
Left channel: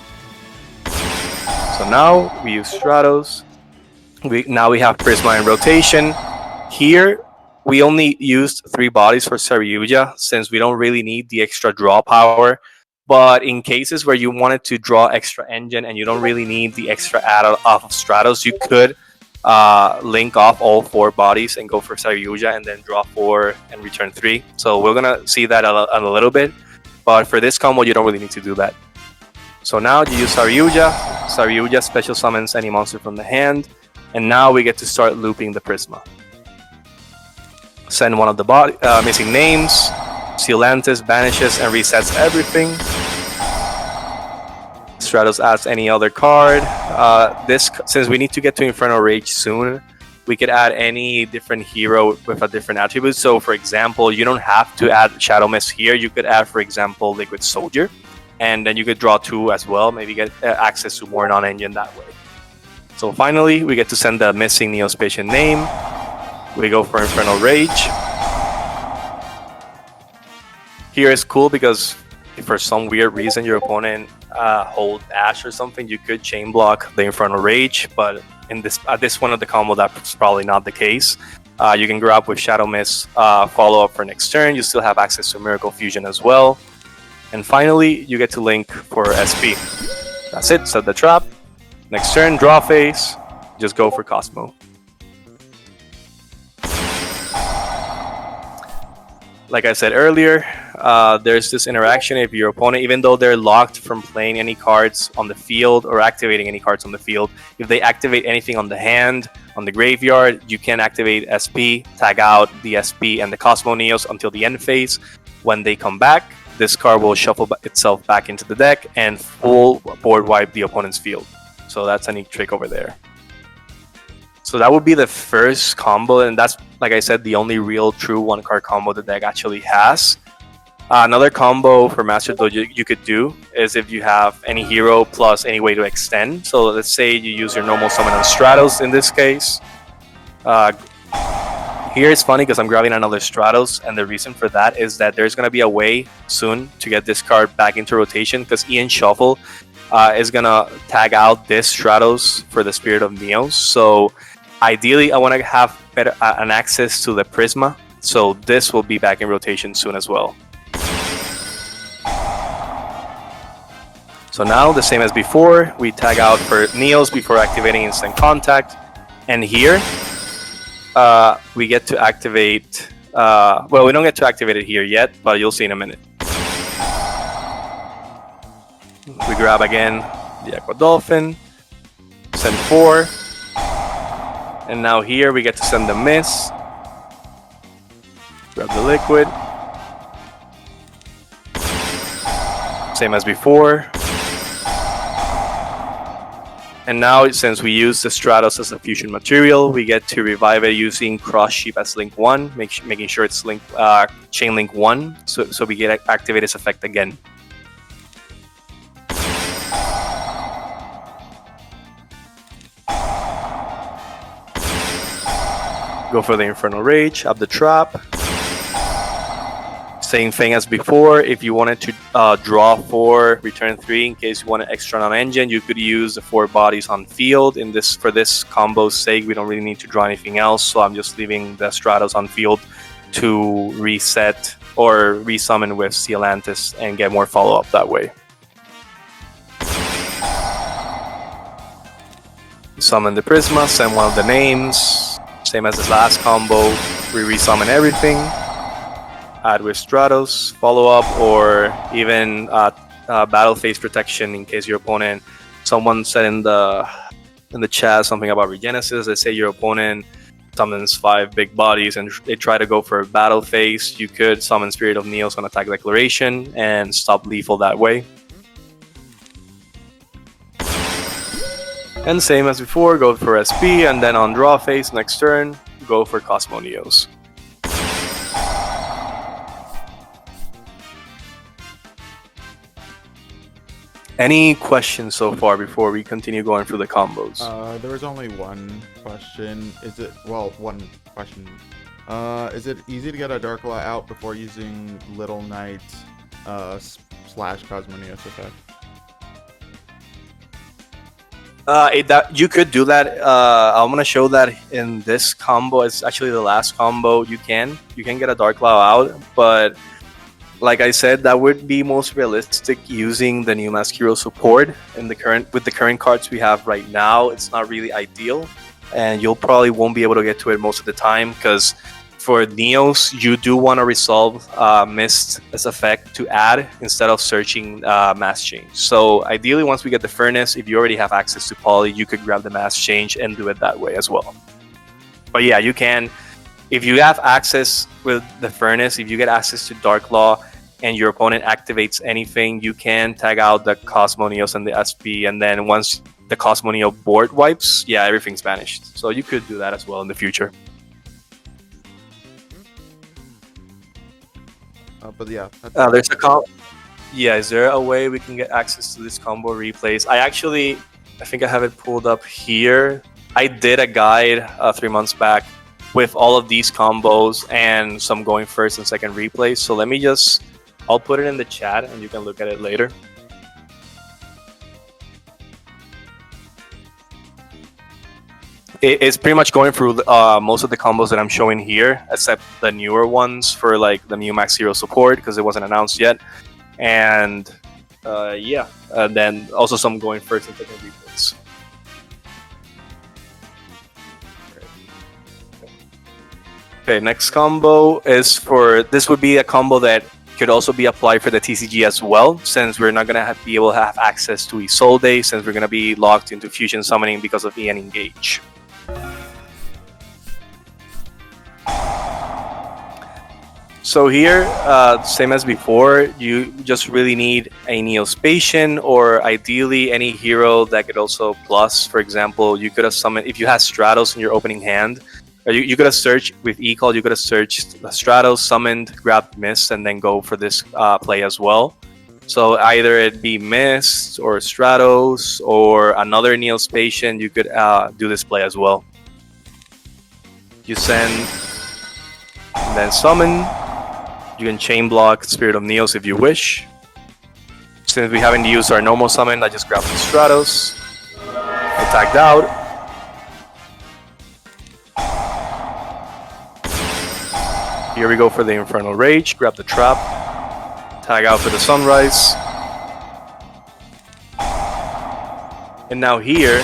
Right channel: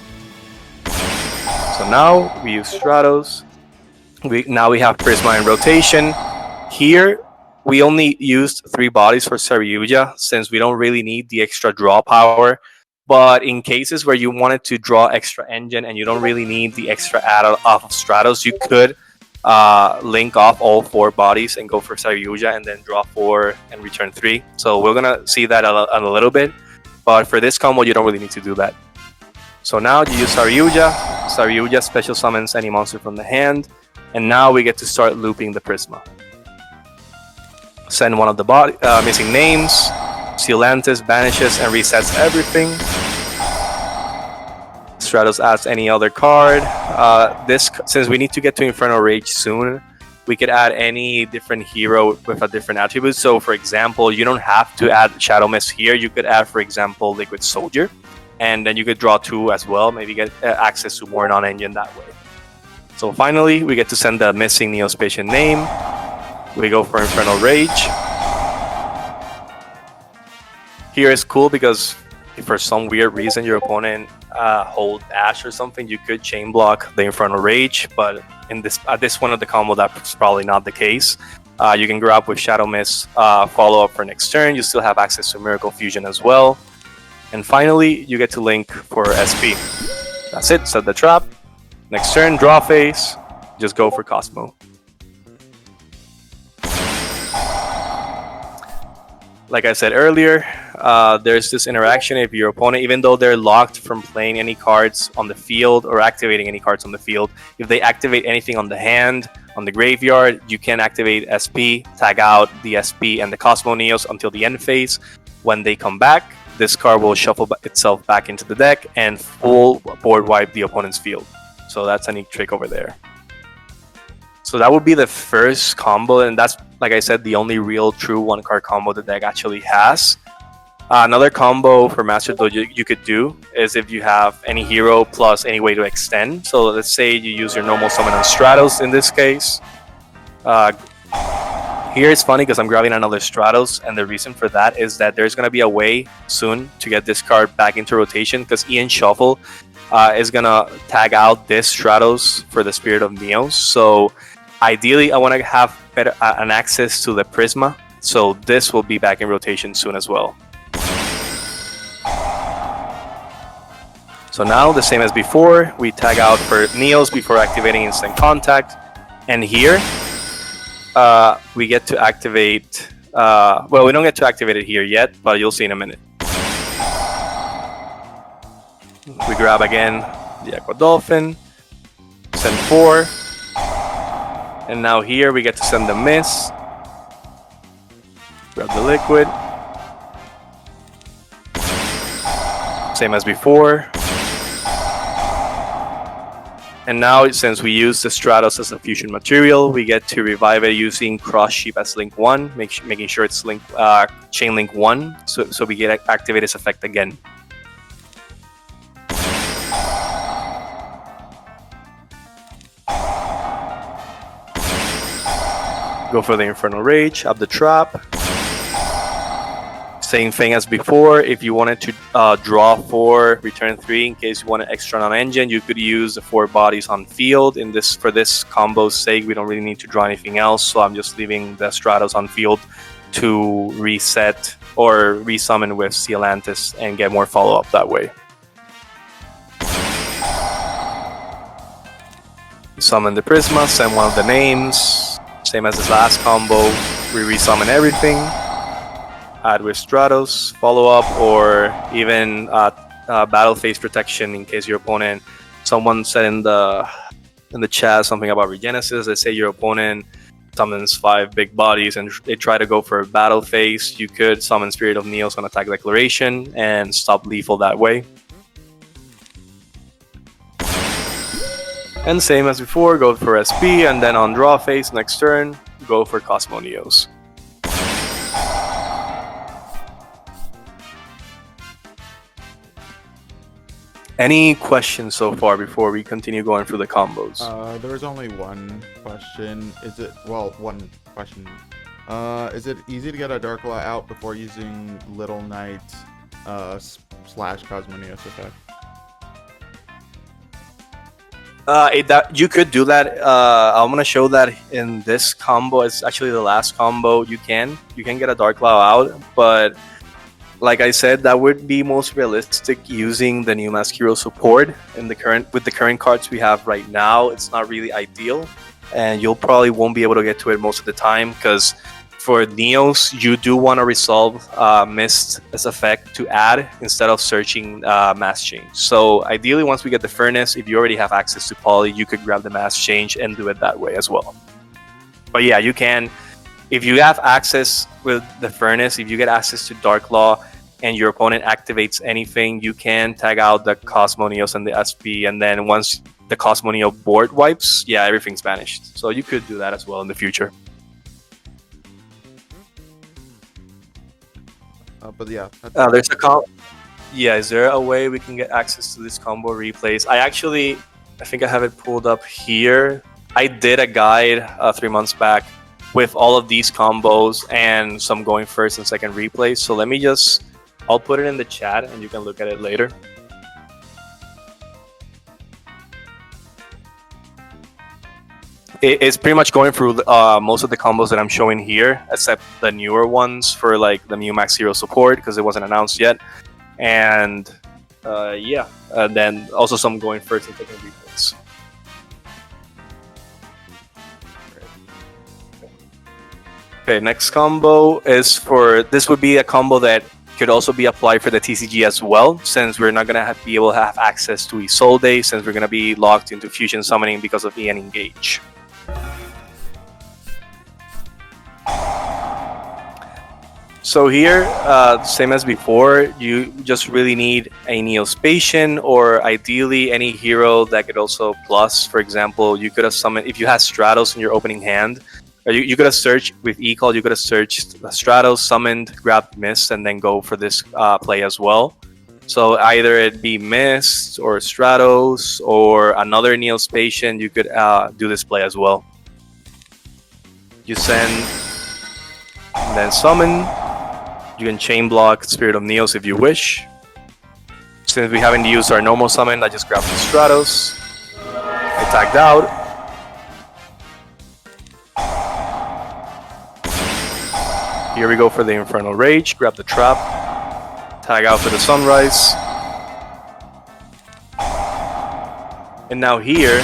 So now we use Stratos. Now we have Prisma in rotation. Here, we only used 3 bodies for Saryuja since we don't really need the extra draw power. But in cases where you wanted to draw extra engine and you don't really need the extra add off of Stratos, you could link off all 4 bodies and go for Saryuja and then draw 4 and return 3. So we're gonna see that a little bit, but for this combo you don't really need to do that. So now you use Saryuja. Saryuja special summons any monster from the hand, and now we get to start looping the Prisma. Send one of the missing names. Sealantis banishes and resets everything. Stratos adds any other card. Since we need to get to Infernal Rage soon, we could add any different hero with a different attribute. So, for example, you don't have to add Shadow Mist here. You could add, for example, Liquid Soldier, and then you could draw 2 as well. Maybe get access to more non-engine that way. So finally, we get to send the missing Neospatian name. We go for Infernal Rage. Here is cool because if for some weird reason your opponent hold Ash or something, you could chain block the Infernal Rage, but at this point of the combo, that's probably not the case. You can grab with Shadow Mist, follow up for next turn. You still have access to Miracle Fusion as well. And finally, you get to link for SP. That's it, set the trap. Next turn, draw phase, just go for Cosmo. Like I said earlier, there's this interaction if your opponent, even though they're locked from playing any cards on the field or activating any cards on the field, if they activate anything on the hand, on the graveyard, you can activate SP, tag out the SP and the Cosmo Neos until the end phase. When they come back, this card will shuffle itself back into the deck and full board wipe the opponent's field. So that's a neat trick over there. So that would be the first combo, and that's, like I said, the only real true 1-card combo the deck actually has. Another combo for Master Duel you could do is if you have any hero plus any way to extend. So let's say you use your normal summon on Stratos in this case. Here it's funny because I'm grabbing another Stratos, and the reason for that is that there's going to be a way soon to get this card back into rotation because Ian Shuffle is going to tag out this Stratos for the Spirit of Neos. So ideally, I want to have better an access to the Prisma, so this will be back in rotation soon as well. So now, the same as before, we tag out for Neos before activating Instant Contact, and here we get to activate, well, we don't get to activate it here yet, but you'll see in a minute. We grab again the Aqua Dolphin, send 4, and now here we get to send the Mist, grab the Liquid, same as before. And now, since we use the Stratos as a fusion material, we get to revive it using Cross Sheep as link 1, making sure it's link, chain link 1, so we get activate its effect again. Go for the Infernal Rage, up the trap. Same thing as before. If you wanted to draw 4, return 3 in case you want an extra non-engine, you could use the 4 bodies on field. For this combo's sake, we don't really need to draw anything else, so I'm just leaving the Stratos on field to reset or resummon with Sealantis and get more follow-up that way. Summon the Prisma, send one of the names. Same as this last combo, we resummon everything. Add with Stratos, follow up, or even battle phase protection in case your opponent. Someone said in the chat something about Regenesis. They say your opponent summons 5 big bodies and they try to go for a battle phase. You could summon Spirit of Neos on Attack Declaration and stop lethal that way. And same as before, go for SP, and then on draw phase next turn, go for Cosmo Neos. Any questions so far before we continue going through the combos? There was only one question. Is it easy to get a Dark Law out before using Little Knight / Cosmo Neos effect? You could do that. I'm gonna show that in this combo. It's actually the last combo. You can get a Dark Law out, but like I said, that would be most realistic using the new Mask Hero support. With the current cards we have right now, it's not really ideal, and you'll probably won't be able to get to it most of the time because for Neos, you do want to resolve Mist as effect to add instead of searching Mass Change. So ideally, once we get the Furnace, if you already have access to Poly, you could grab the Mass Change and do it that way as well. But yeah, you can. If you have access with the Furnace, if you get access to Dark Law and your opponent activates anything, you can tag out the Cosmo Neos and the SP, and then once the Cosmoneo board wipes, yeah, everything's banished. So you could do that as well in the future. But yeah, There's a yeah, is there a way we can get access to this combo replays? I think I have it pulled up here. I did a guide 3 months back with all of these combos and some going first and second replays. So I'll put it in the chat and you can look at it later. It's pretty much going through most of the combos that I'm showing here, except the newer ones for like the new Max Zero support because it wasn't announced yet. And then also some going first and second replays. Okay, next combo is this would be a combo that could also be applied for the TCG as well, since we're not going to be able to have access to Isolde, since we're going to be locked into Fusion Summoning because of EN Engage. So here, same as before, you just really need a Neospatian or ideally any hero that could also plus. For example, you could have summoned, if you had Stratos in your opening hand, or you could have searched with E-Call, you could have searched Stratos, summoned, grabbed Mist, and then go for this play as well. So either it be Mist or Stratos or another Neospatian, you could do this play as well. You send, and then summon. You can chain block Spirit of Neos if you wish. Since we haven't used our normal summon, I just grabbed the Stratos. I tagged out. Here we go for the Infernal Rage. Grab the Trap. Tag out for the Sunrise. And now here,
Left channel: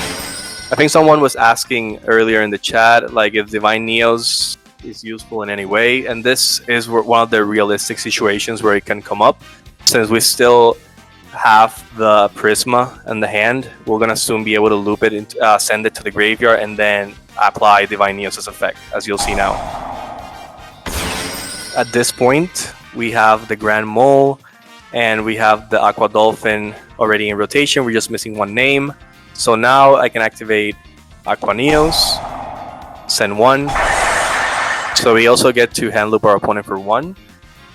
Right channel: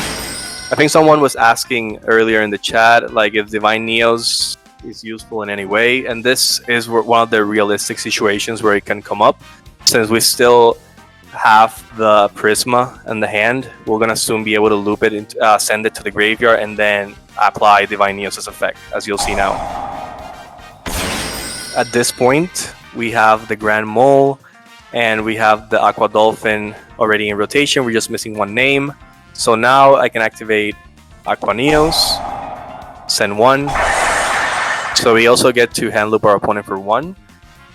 I think someone was asking earlier in the chat, like if Divine Neos is useful in any way, and this is one of the realistic situations where it can come up. Since we still have the Prisma in the hand, we're gonna soon be able to loop it and send it to the graveyard and then apply Divine Neos' effect, as you'll see now. At this point, we have the Grand Mole and we have the Aqua Dolphin already in rotation. We're just missing one name. So now I can activate Aqua Neos, send one. So we also get to hand loop our opponent for one.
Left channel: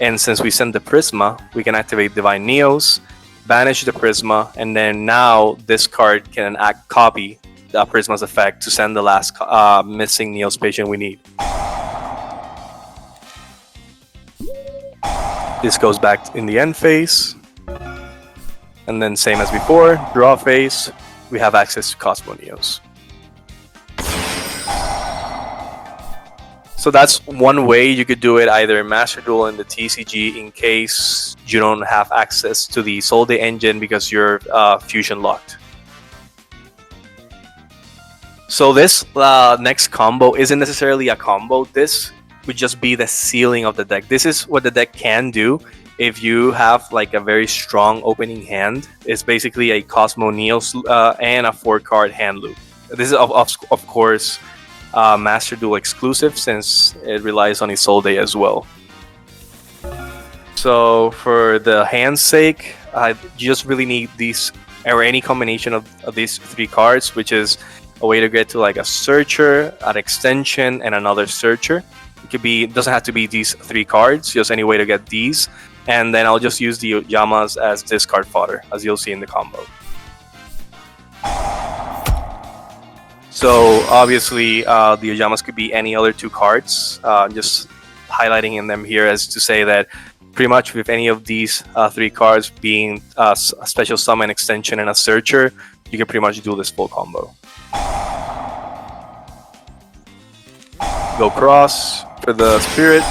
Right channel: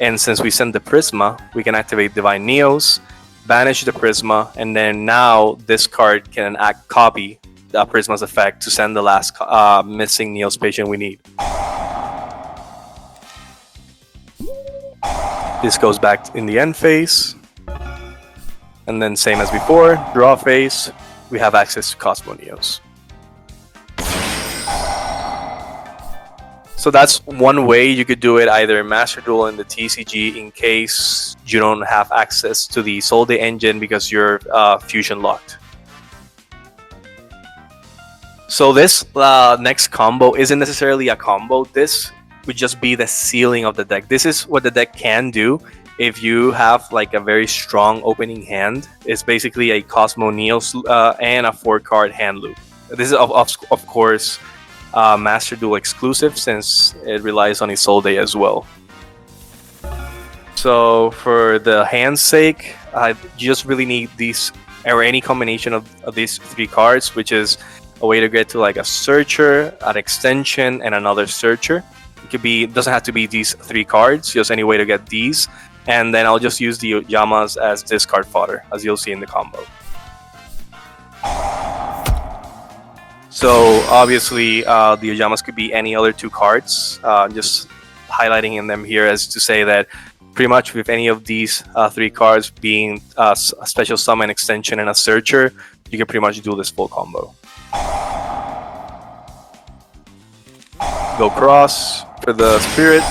And since we send the Prisma, we can activate Divine Neos, banish the Prisma, and then now this card can copy the Prisma's effect to send the last missing Neospatian we need. This goes back in the end phase. And then same as before, draw phase, we have access to Cosmo Neos. So that's one way you could do it, either Master Duel in the TCG in case you don't have access to the Isolde engine because you're fusion locked. So this next combo isn't necessarily a combo. This would just be the ceiling of the deck. This is what the deck can do if you have like a very strong opening hand. It's basically a Cosmo Neos and a 4-card hand loop. This is of course Master Duel exclusive, since it relies on Isolde as well. So for the hand's sake, you just really need these, or any combination of these 3 cards, which is a way to get to like a Searcher, an Extension, and another Searcher. It could be, doesn't have to be these 3 cards, just any way to get these. And then I'll just use the Yamas as discard fodder, as you'll see in the combo. So obviously the Ojamas could be any other 2 cards, just highlighting in them here as to say that pretty much with any of these 3 cards being a special summon, extension, and a searcher, you can pretty much do this full combo. Go cross for the Spirit.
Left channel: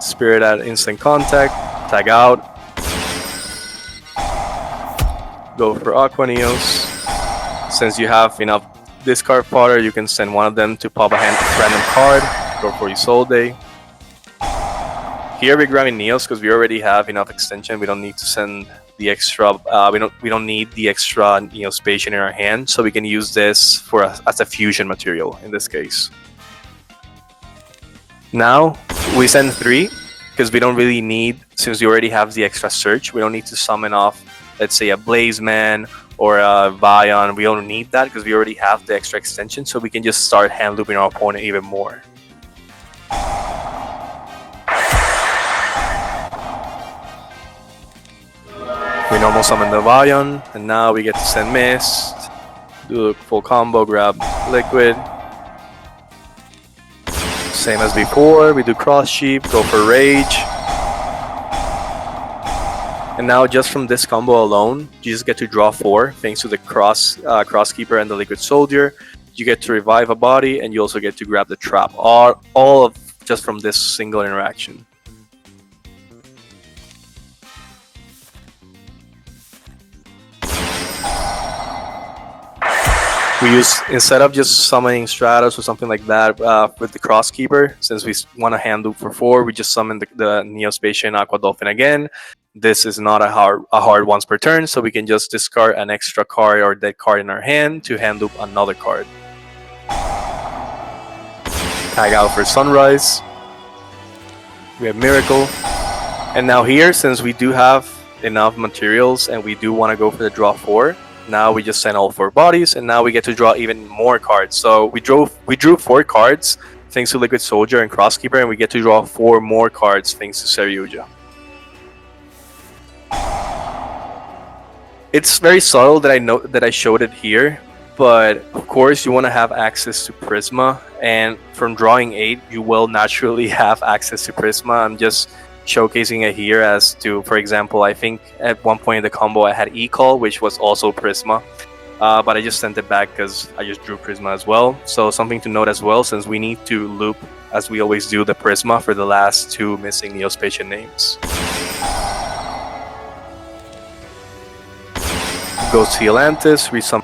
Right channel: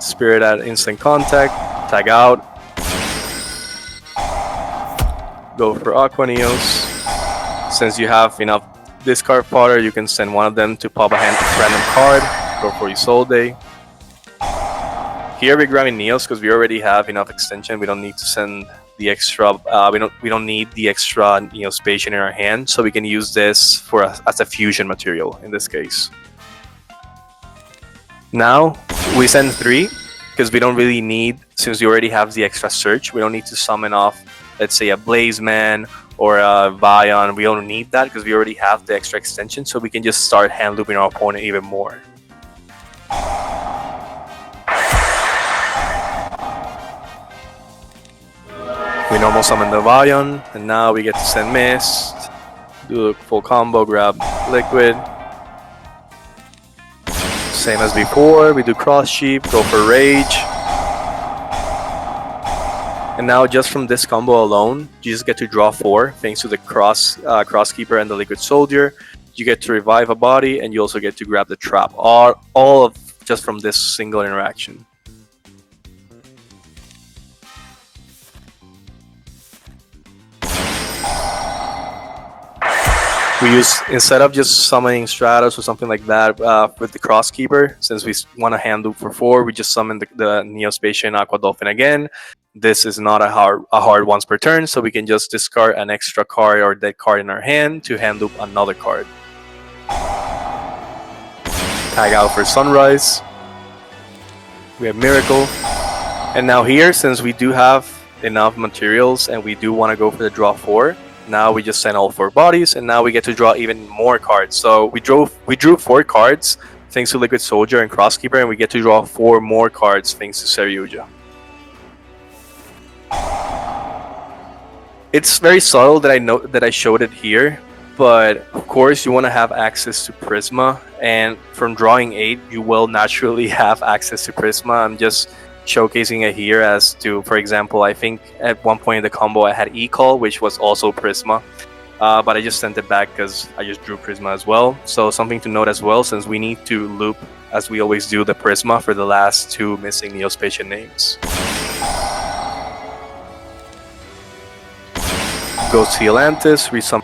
Spirit at instant contact, tag out. Go for Aqua Neos. Since you have enough discard fodder, you can send one of them to pop a random card. Go for Isolde. Here we're grabbing Neos because we already have enough extension. We don't need to send the extra. We don't need the extra Neospatian in our hand, so we can use this as a fusion material in this case. Now we send 3 because we don't really need, since we already have the extra search. We don't need to summon off, let's say, a Blaze Man or Vion. We don't need that because we already have the extra extension, so we can just start hand looping our opponent even more. We normal summon the Vion, and now we get to send Mist, do a full combo, grab Liquid. Same as before, we do Cross Sheep, go for Rage. And now just from this combo alone, you just get to draw 4, thanks to the Crosskeeper and the Liquid Soldier. You get to revive a body, and you also get to grab the Trap, all of just from this single interaction. We use, instead of just summoning Stratos or something like that with the Crosskeeper, since we want to hand loop for 4, we just summon the Neospatial and Aqua Dolphin again. This is not a hard once per turn, so we can just discard an extra card or dead card in our hand to hand loop another card. Tag out for Sunrise. We have Miracle. And now here, since we do have enough materials and we do want to go for the draw 4, now we just send all 4 bodies, and now we get to draw even more cards. So we drew 4 cards thanks to Liquid Soldier and Crosskeeper, and we get to draw 4 more cards thanks to Seryuja. It's very subtle that I showed it here, but of course you want to have access to Prisma, and from drawing 8 you will naturally have access to Prisma. I'm just showcasing it here as to, for example, I think at one point in the combo I had E-Call, which was also Prisma, but I just sent it back because I just drew Prisma as well. So something to note as well, since we need to loop, as we always do, the Prisma for the last 2 missing Neospatial names. Go to Atlantis, resummon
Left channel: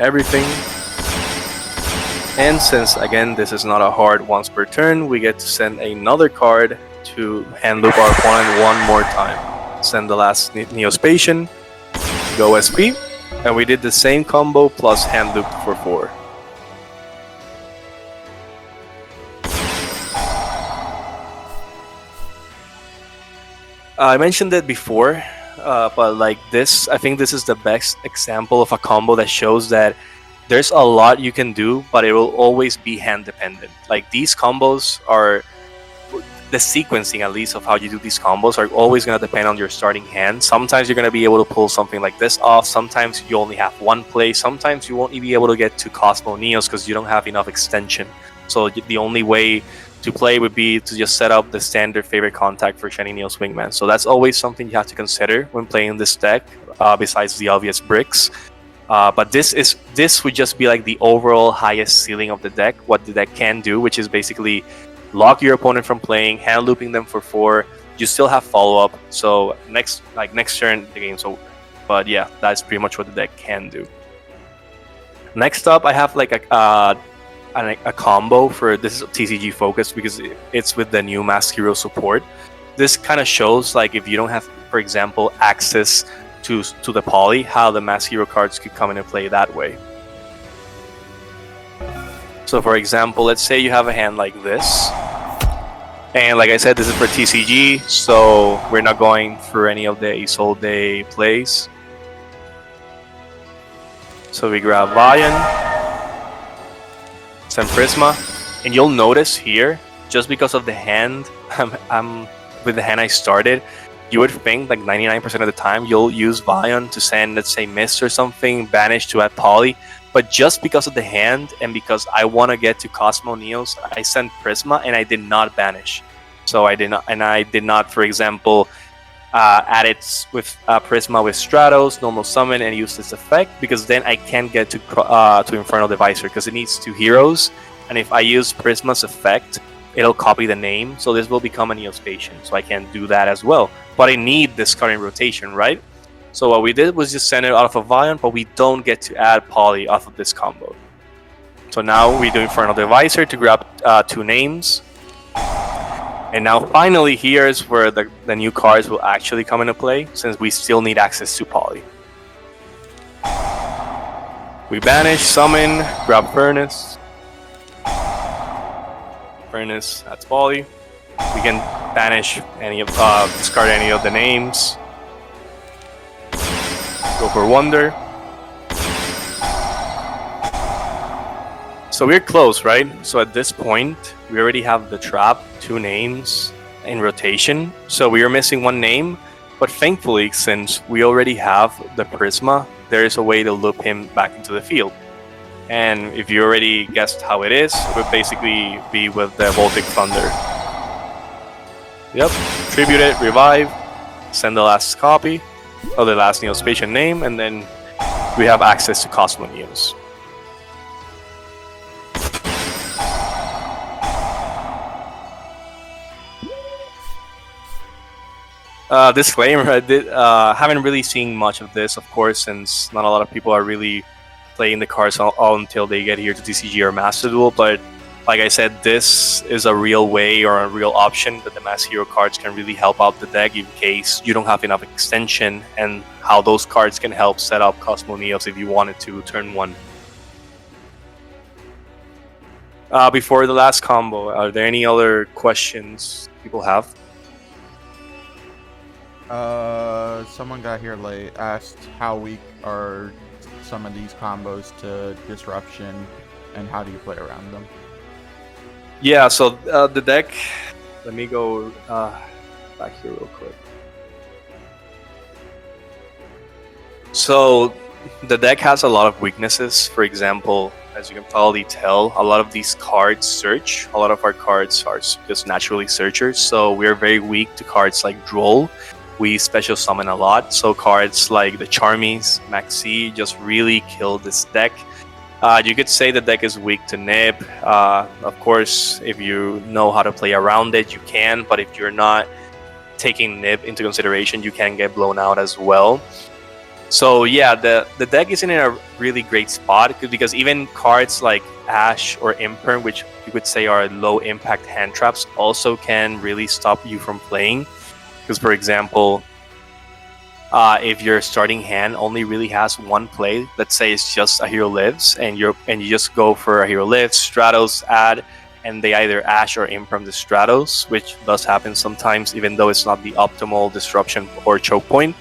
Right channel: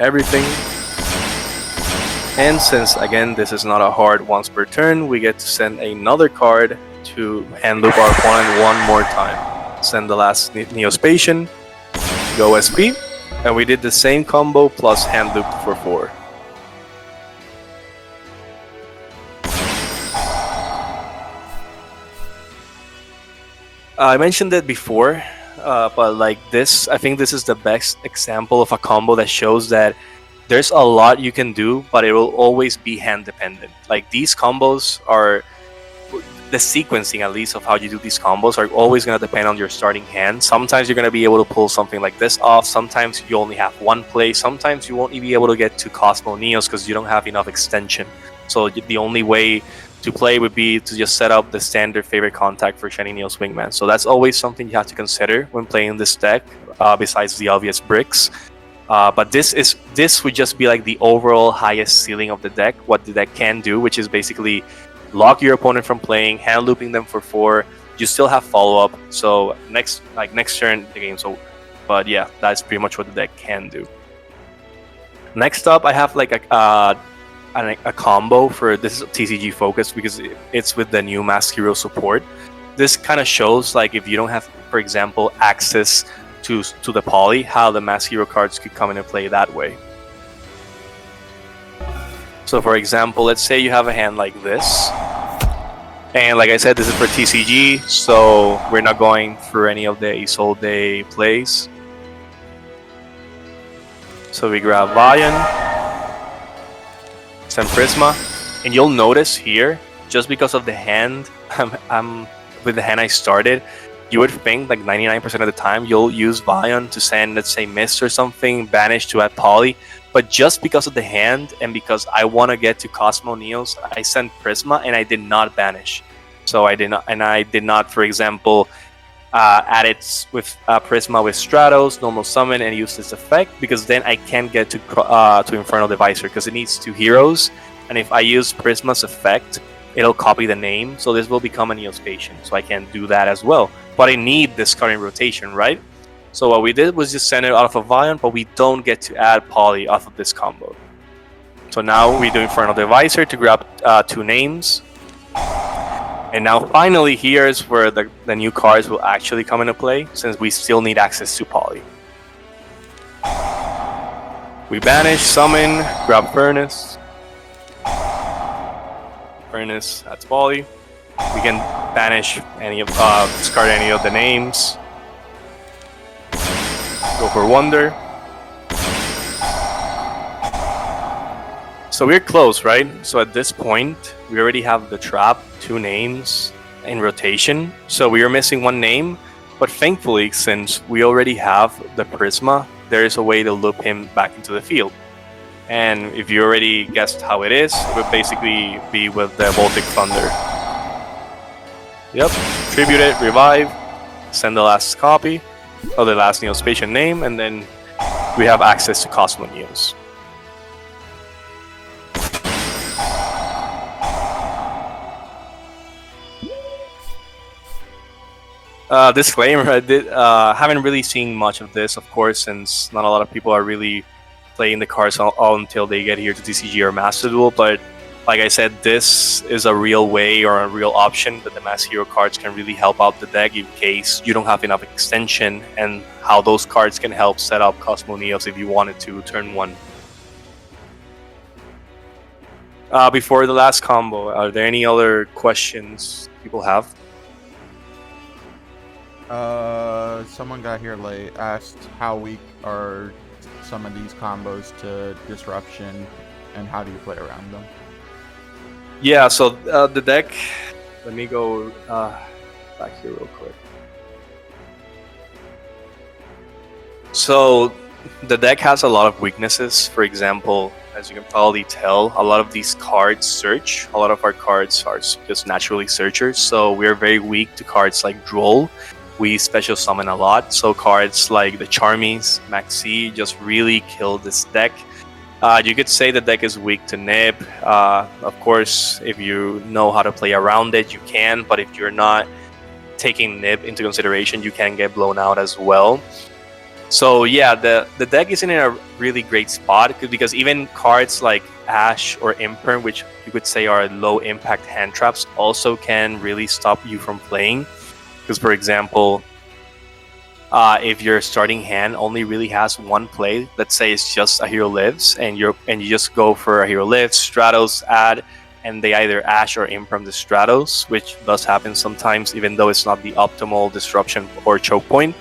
everything. And since, again, this is not a hard once per turn, we get to send another card to hand loop our opponent one more time. Send the last Neospatial, go SP, and we did the same combo plus hand loop for 4. I mentioned it before, but like this, I think this is the best example of a combo that shows that there's a lot you can do, but it will always be hand dependent. Like these combos are, the sequencing at least of how you do these combos are always going to depend on your starting hand. Sometimes you're going to be able to pull something like this off, sometimes you only have one play, sometimes you won't be able to get to Cosmo Neos because you don't have enough extension. So the only way to play would be to just set up the standard favorite contact for Shiny Neos Wingman. So that's always something you have to consider when playing this deck, besides the obvious bricks. But this would just be like the overall highest ceiling of the deck, what the deck can do, which is basically lock your opponent from playing, hand looping them for 4. You still have follow up, so next turn the game's over. But yeah, that's pretty much what the deck can do. Next up, I have like a combo for this is TCG focused because it's with the new Mask Hero support. This kind of shows like if you don't have, for example, access to the poly, how the Mask Hero cards could come into play that way. So for example, let's say you have a hand like this, and like I said, this is for TCG, so we're not going for any of the Isolde plays. So we grab Vion, send Prisma, and you'll notice here, just because of the hand, with the hand I started, you would think like 99% of the time you'll use Vion to send, let's say, Mist or something, Banish to add Poly. But just because of the hand and because I want to get to Cosmo Neos, I sent Prisma and I did not Banish. So I did not, for example, add it with Prisma with Stratos, normal summon, and use this effect, because then I can't get to Infernal Divisor because it needs 2 heroes. And if I use Prisma's effect, it'll copy the name, so this will become a Neospatial. So I can't do that as well. But I need this current rotation, right? So what we did was just send it off of Vion, but we don't get to add Poly off of this combo. So now we do Infernal Divisor to grab 2 names. And now finally here's where the new cards will actually come into play, since we still need access to Poly. We Banish, Summon, grab Furnace. Furnace, that's Poly. We can banish any of, discard any of the names. Go for Wonder. So we're close, right? So at this point, we already have the trap, 2 names in rotation. So we are missing 1 name, but thankfully, since we already have the Prisma, there is a way to loop him back into the field. And if you already guessed how it is, it would basically be with the Voltic Thunder. Yep, tribute it, revive, send the last copy of the last Neospatial name, and then we have access to Cosmo News. Disclaimer, I haven't really seen much of this, of course, since not a lot of people are really playing the cards all until they get here to TCG or Master Duel, but like I said, this is a real way or a real option that the Mass Hero cards can really help out the deck in case you don't have enough extension, and how those cards can help set up Cosmo Neos if you wanted to turn 1. Before the last combo, are there any other questions people have? Someone got here late, asked how weak are some of these combos to disruption, and how do you play around them? Yeah, so the deck, let me go back here real quick. So the deck has a lot of weaknesses. For example, as you can probably tell, a lot of these cards search. A lot of our cards are just naturally searchers, so we're very weak to cards like Duel. We special summon a lot, so cards like the Charmies, Maxi just really kill this deck. You could say the deck is weak to Nib. Of course, if you know how to play around it, you can, but if you're not taking Nib into consideration, you can get blown out as well. So yeah, the deck isn't in a really great spot, because even cards like Ash or Imperm, which you could say are low impact hand traps, also can really stop you from playing. Because, for example, if your starting hand only really has 1 play, let's say it's just a Hero Lives, and you just go for a Hero Lives, Stratos, add, and they either Ash or Imperm the Stratos, which does happen sometimes, even though it's not the optimal disruption or choke point.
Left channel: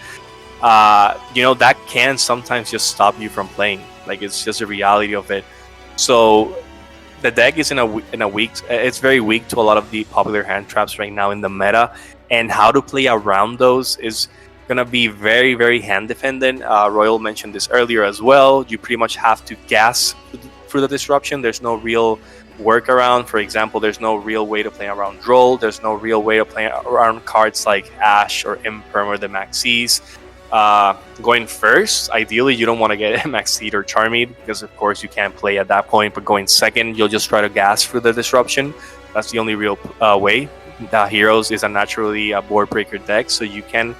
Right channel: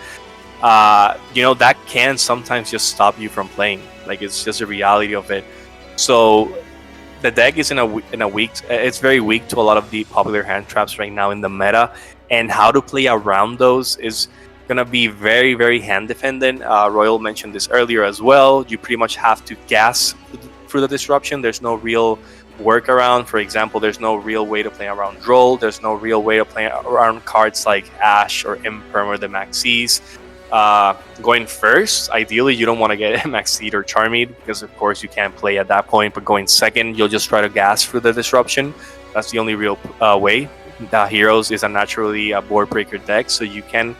That can sometimes just stop you from playing. Like, it's just a reality of it. So the deck is in a weak. It's very weak to a lot of the popular hand traps right now in the meta. And how to play around those is going to be very, very hand dependent. Royal mentioned this earlier as well. You pretty much have to gas for the disruption. There's no real workaround. For example, there's no real way to play around Droll. There's no real way to play around cards like Ash or Imperm or the Maxis. Going first, ideally, you don't want to get Maxied or Charmied, because of course you can't play at that point. But going second, you'll just try to gas for the disruption. That's the only real way. The Heroes is a naturally a board breaker deck, so you can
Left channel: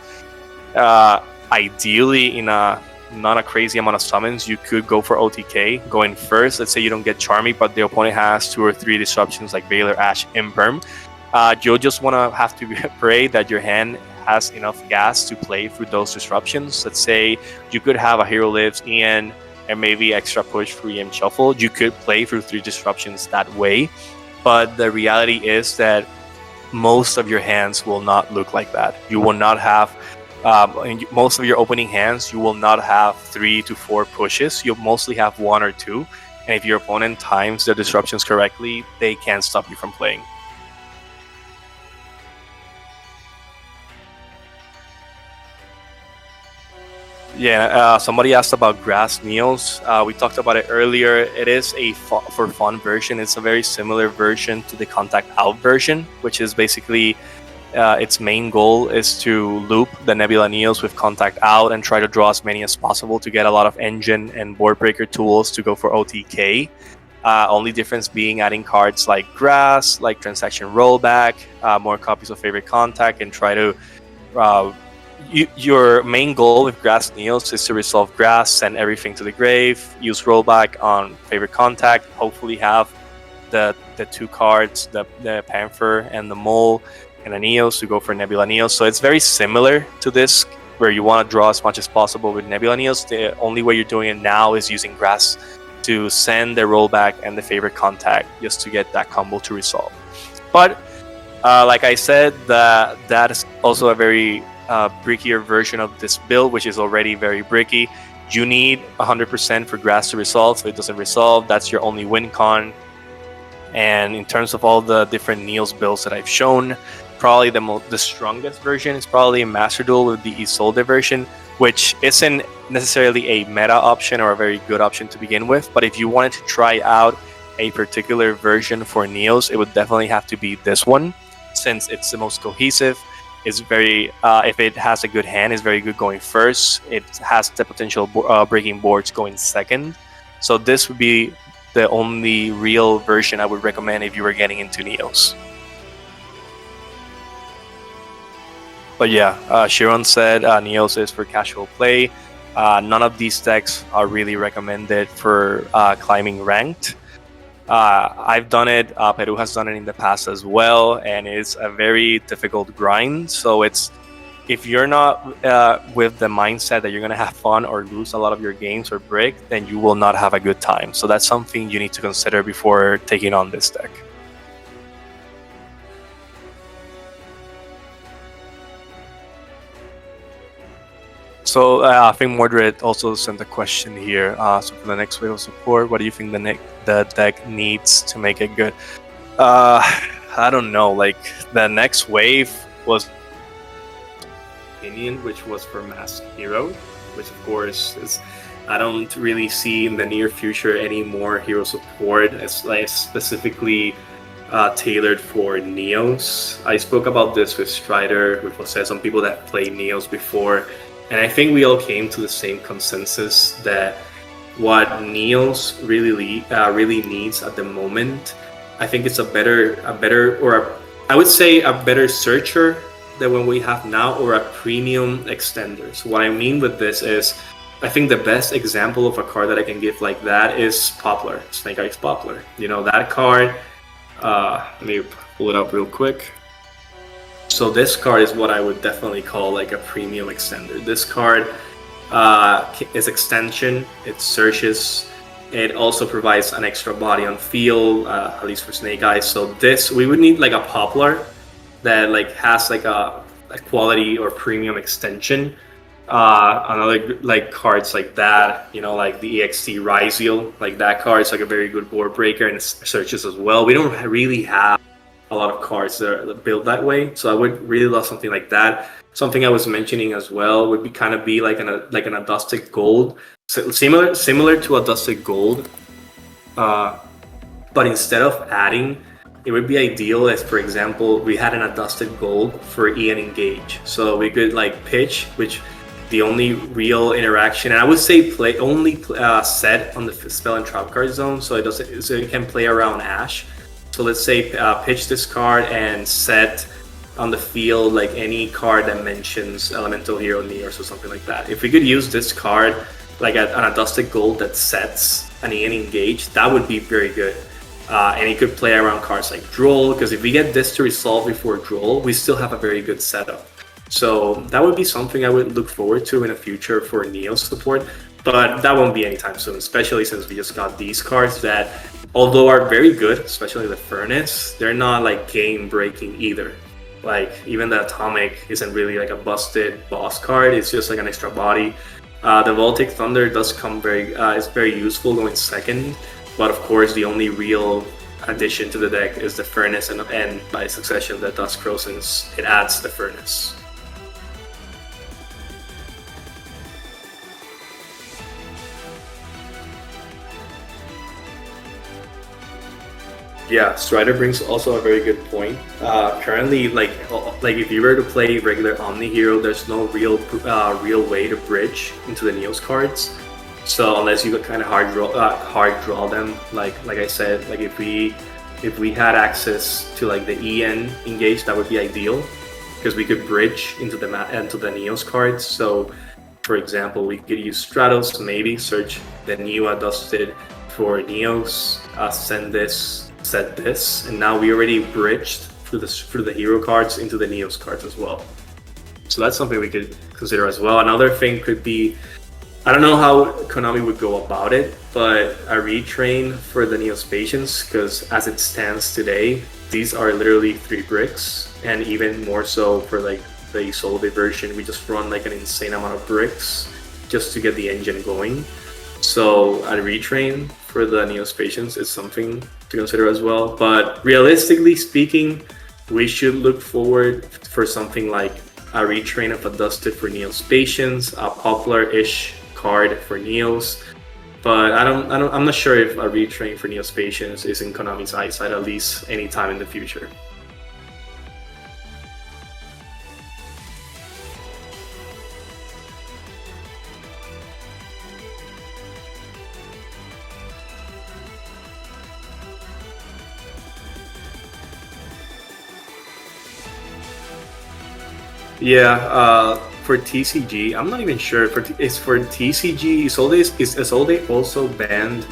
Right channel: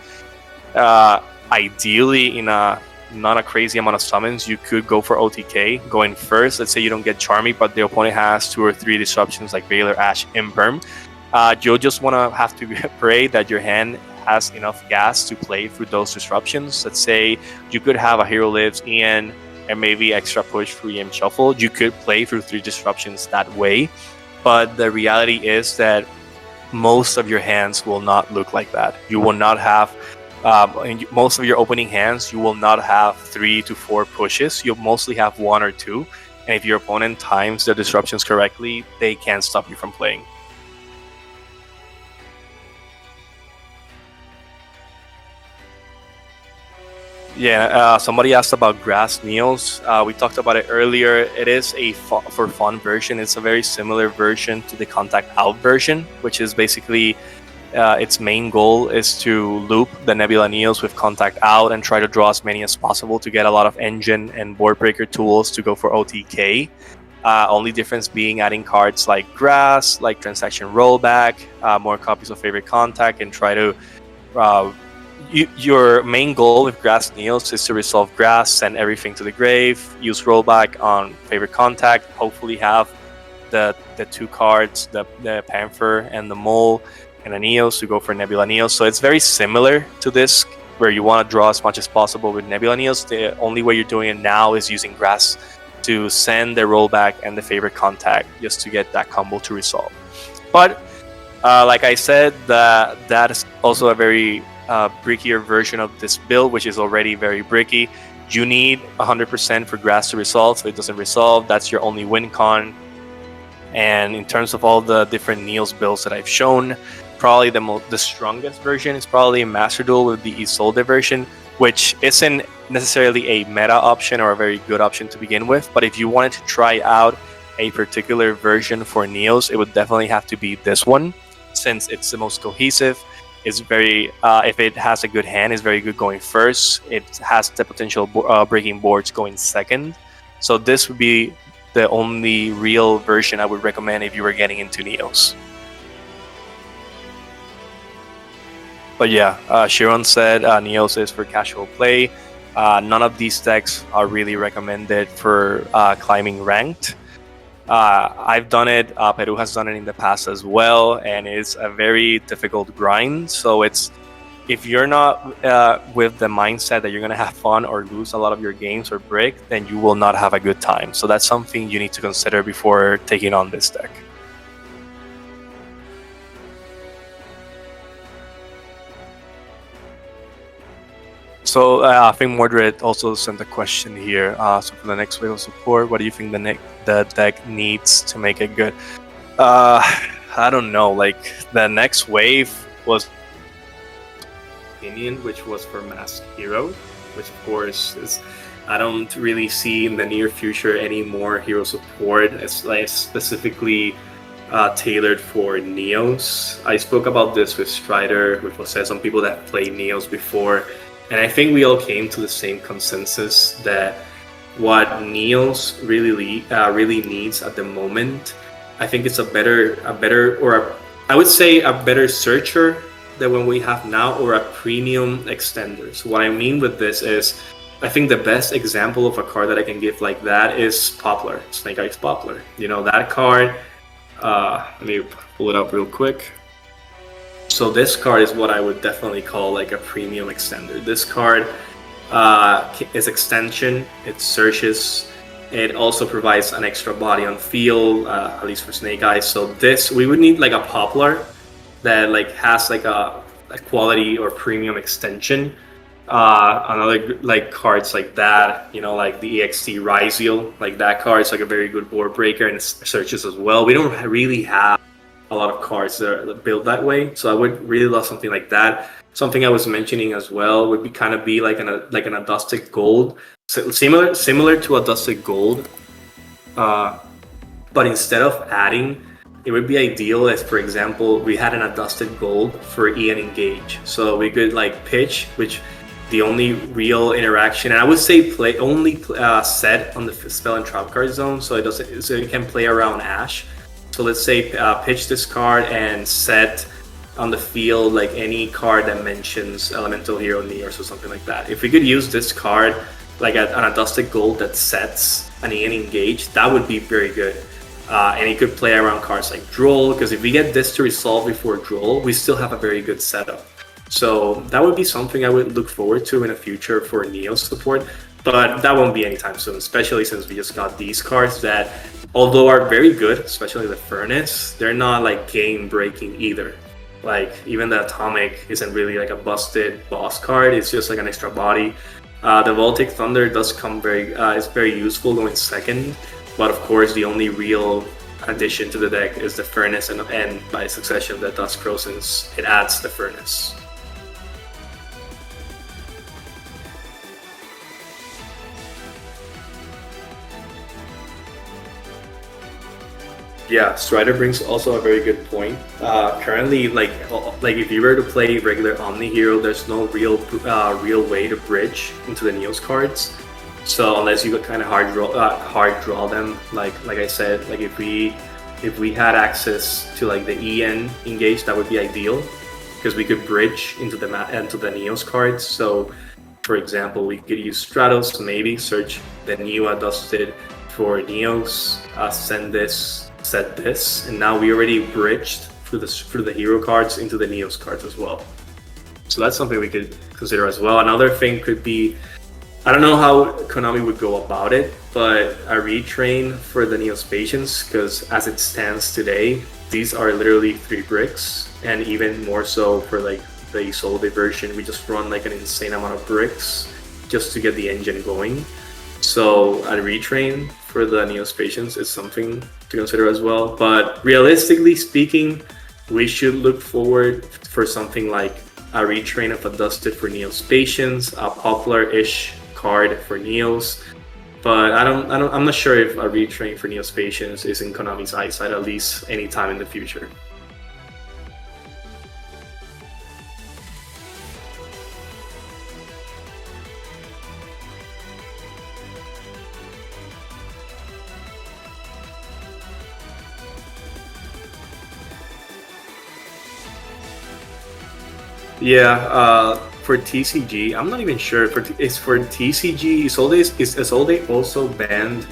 ideally, in not a crazy amount of summons, you could go for OTK going first. Let's say you don't get Charmy, but the opponent has 2 or 3 disruptions like Veiler, Ash, Imperm. You'll just want to have to pray that your hand has enough gas to play through those disruptions. Let's say you could have a Hero Lives, Ian, and maybe extra push for EM Shuffle. You could play through 3 disruptions that way, but the reality is that most of your hands will not look like that. You will not have, in most of your opening hands, you will not have 3 to 4 pushes. You'll mostly have 1 or 2. And if your opponent times the disruptions correctly, they can't stop you from playing. Yeah, somebody asked about Grass Neos. We talked about it earlier. It is a for fun version. It's a very similar version to the Contact Out version, which is basically its main goal is to loop the Nebula Neos with Contact Out and try to draw as many as possible to get a lot of engine and board breaker tools to go for OTK. Only difference being adding cards like Grass, like Transaction Rollback, more copies of Favorite Contact, and try to your main goal with Grass Neos is to resolve Grass, send everything to the grave, use Rollback on Favorite Contact, hopefully have the 2 cards, the Panther and the Mole and a Neos to go for Nebula Neos. So it's very similar to this, where you want to draw as much as possible with Nebula Neos. The only way you're doing it now is using Grass to send the Rollback and the Favorite Contact just to get that combo to resolve. But like I said, that is also a very brickier version of this build, which is already very bricky, you need 100% for grass to resolve. So if it doesn't resolve, that's your only win con. And in terms of all the different Neos builds that I've shown, probably the strongest version is probably a Master Duel with the Isolde version, which isn't necessarily a meta option or a very good option to begin with. But if you wanted to try out a particular version for Neos, it would definitely have to be this one, since it's the most cohesive. It's very, if it has a good hand, it's very good going first. It has the potential breaking boards going second. So this would be the only real version I would recommend if you were getting into Neos. But yeah, Sharon said Neos is for casual play. None of these decks are really recommended for climbing ranked. I've done it, Peru has done it in the past as well, and it's a very difficult grind. So if you're not with the mindset that you're going to have fun or lose a lot of your games or break, then you will not have a good time. So that's something you need to consider before taking on this deck. So I think Mordred also sent a question here. So for the next wave of support, what do you think the deck needs to make it good? I don't know. Like the next wave was opinion, which was for Masked Hero, which of course is, I don't really see in the near future any more hero support. It's like specifically tailored for Neos. I spoke about this with Strider, which was said some people that played Neos before. And I think we all came to the same consensus that what Neos really needs at the moment, I think it's a better searcher than what we have now, or a premium extender. So what I mean with this is, I think the best example of a card that I can give like that is Poplar, Snake Eyes Poplar. You know, that card, let me pull it up real quick. So this card is what I would definitely call like a premium extender. This card is extension, it searches, it also provides an extra body on field, at least for Snake Eyes. So this, we would need like a Poplar that like has like a quality or premium extension. Another like cards like that, you know, like the EXT Ryziel, like that card is like a very good board breaker and it searches as well. We don't really have a lot of cards that are built that way, so I would really love something like that. Something I was mentioning as well would be kind of be like an Adusted Gold, so similar to Adusted Gold, but instead of adding, it would be ideal if, for example, we had an Adusted Gold for Ian Engage, so we could like pitch, which the only real interaction, and I would say set on the spell and trap card zone, so it can play around Ash. So let's say pitch this card and set on the field like any card that mentions Elemental Hero Neos or something like that. If we could use this card like an Adusted Gold that sets an Ian Engage, that would be very good. And it could play around cards like Duel, because if we get this to resolve before Duel, we still have a very good setup. So that would be something I would look forward to in the future for Neos support. But that won't be anytime soon, especially since we just got these cards that, although are very good, especially the Furnace, they're not like game breaking either. Like even the Atomic isn't really like a busted boss card, it's just like an extra body. The Voltic Thunder does come is very useful going second, but of course the only real addition to the deck is the Furnace, and by succession the Dusk Crow, since it adds the Furnace. Yeah, Strider brings also a very good point. Currently, like if you were to play regular Omni Hero, there's no real way to bridge into the Neos cards. So unless you kind of hard draw them, like I said, like if we had access to like the EN Engage, that would be ideal, because we could bridge into the Neos cards. So, for example, we could use Stratos, maybe search the new Adusted for Neos, set this, and now we already bridged through the hero cards into the Neos cards as well. So that's something we could consider as well. Another thing could be, I don't know how Konami would go about it, but a retrain for the Neos Patience, because as it stands today, these are literally 3 bricks, and even more so for like the Isolde version, we just run like an insane amount of bricks just to get the engine going. So a retrain for the Neospatians is something to consider as well. But realistically speaking, we should look forward for something like a retrain of a Dusted for Neospatians, a popular-ish card for Neos. But I'm not sure if a retrain for Neospatians is in Konami's eyesight, at least anytime in the future. Yeah, for TCG, I'm not even sure. It's for TCG. Is Isolde also banned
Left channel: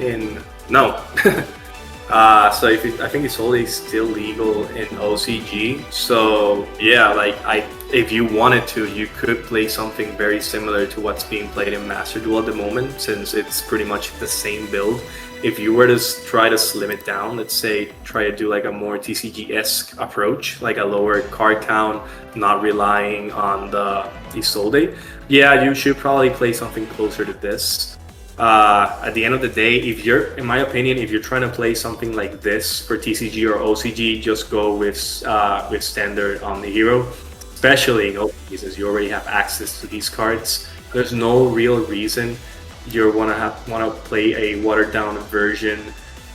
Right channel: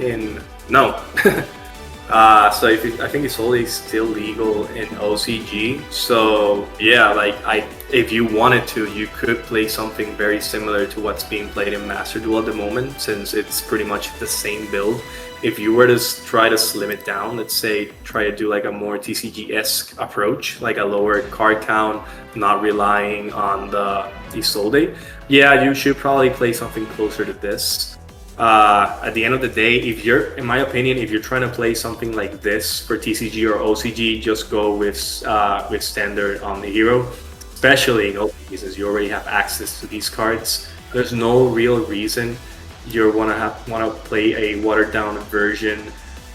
in? No. So I think Isolde is still legal in OCG. So yeah, like if you wanted to, you could play something very similar to what's being played in Master Duel at the moment, since it's pretty much the same build. If you were to try to slim it down, let's say try to do like a more TCG-esque approach, like a lower card count, not relying on the Isolde, yeah, you should probably play something closer to this. At the end of the day, in my opinion, if you're trying to play something like this for TCG or OCG, just go with standard OmniHero, especially in OCG, since you already have access to these cards. There's no real reason you want to play a watered down version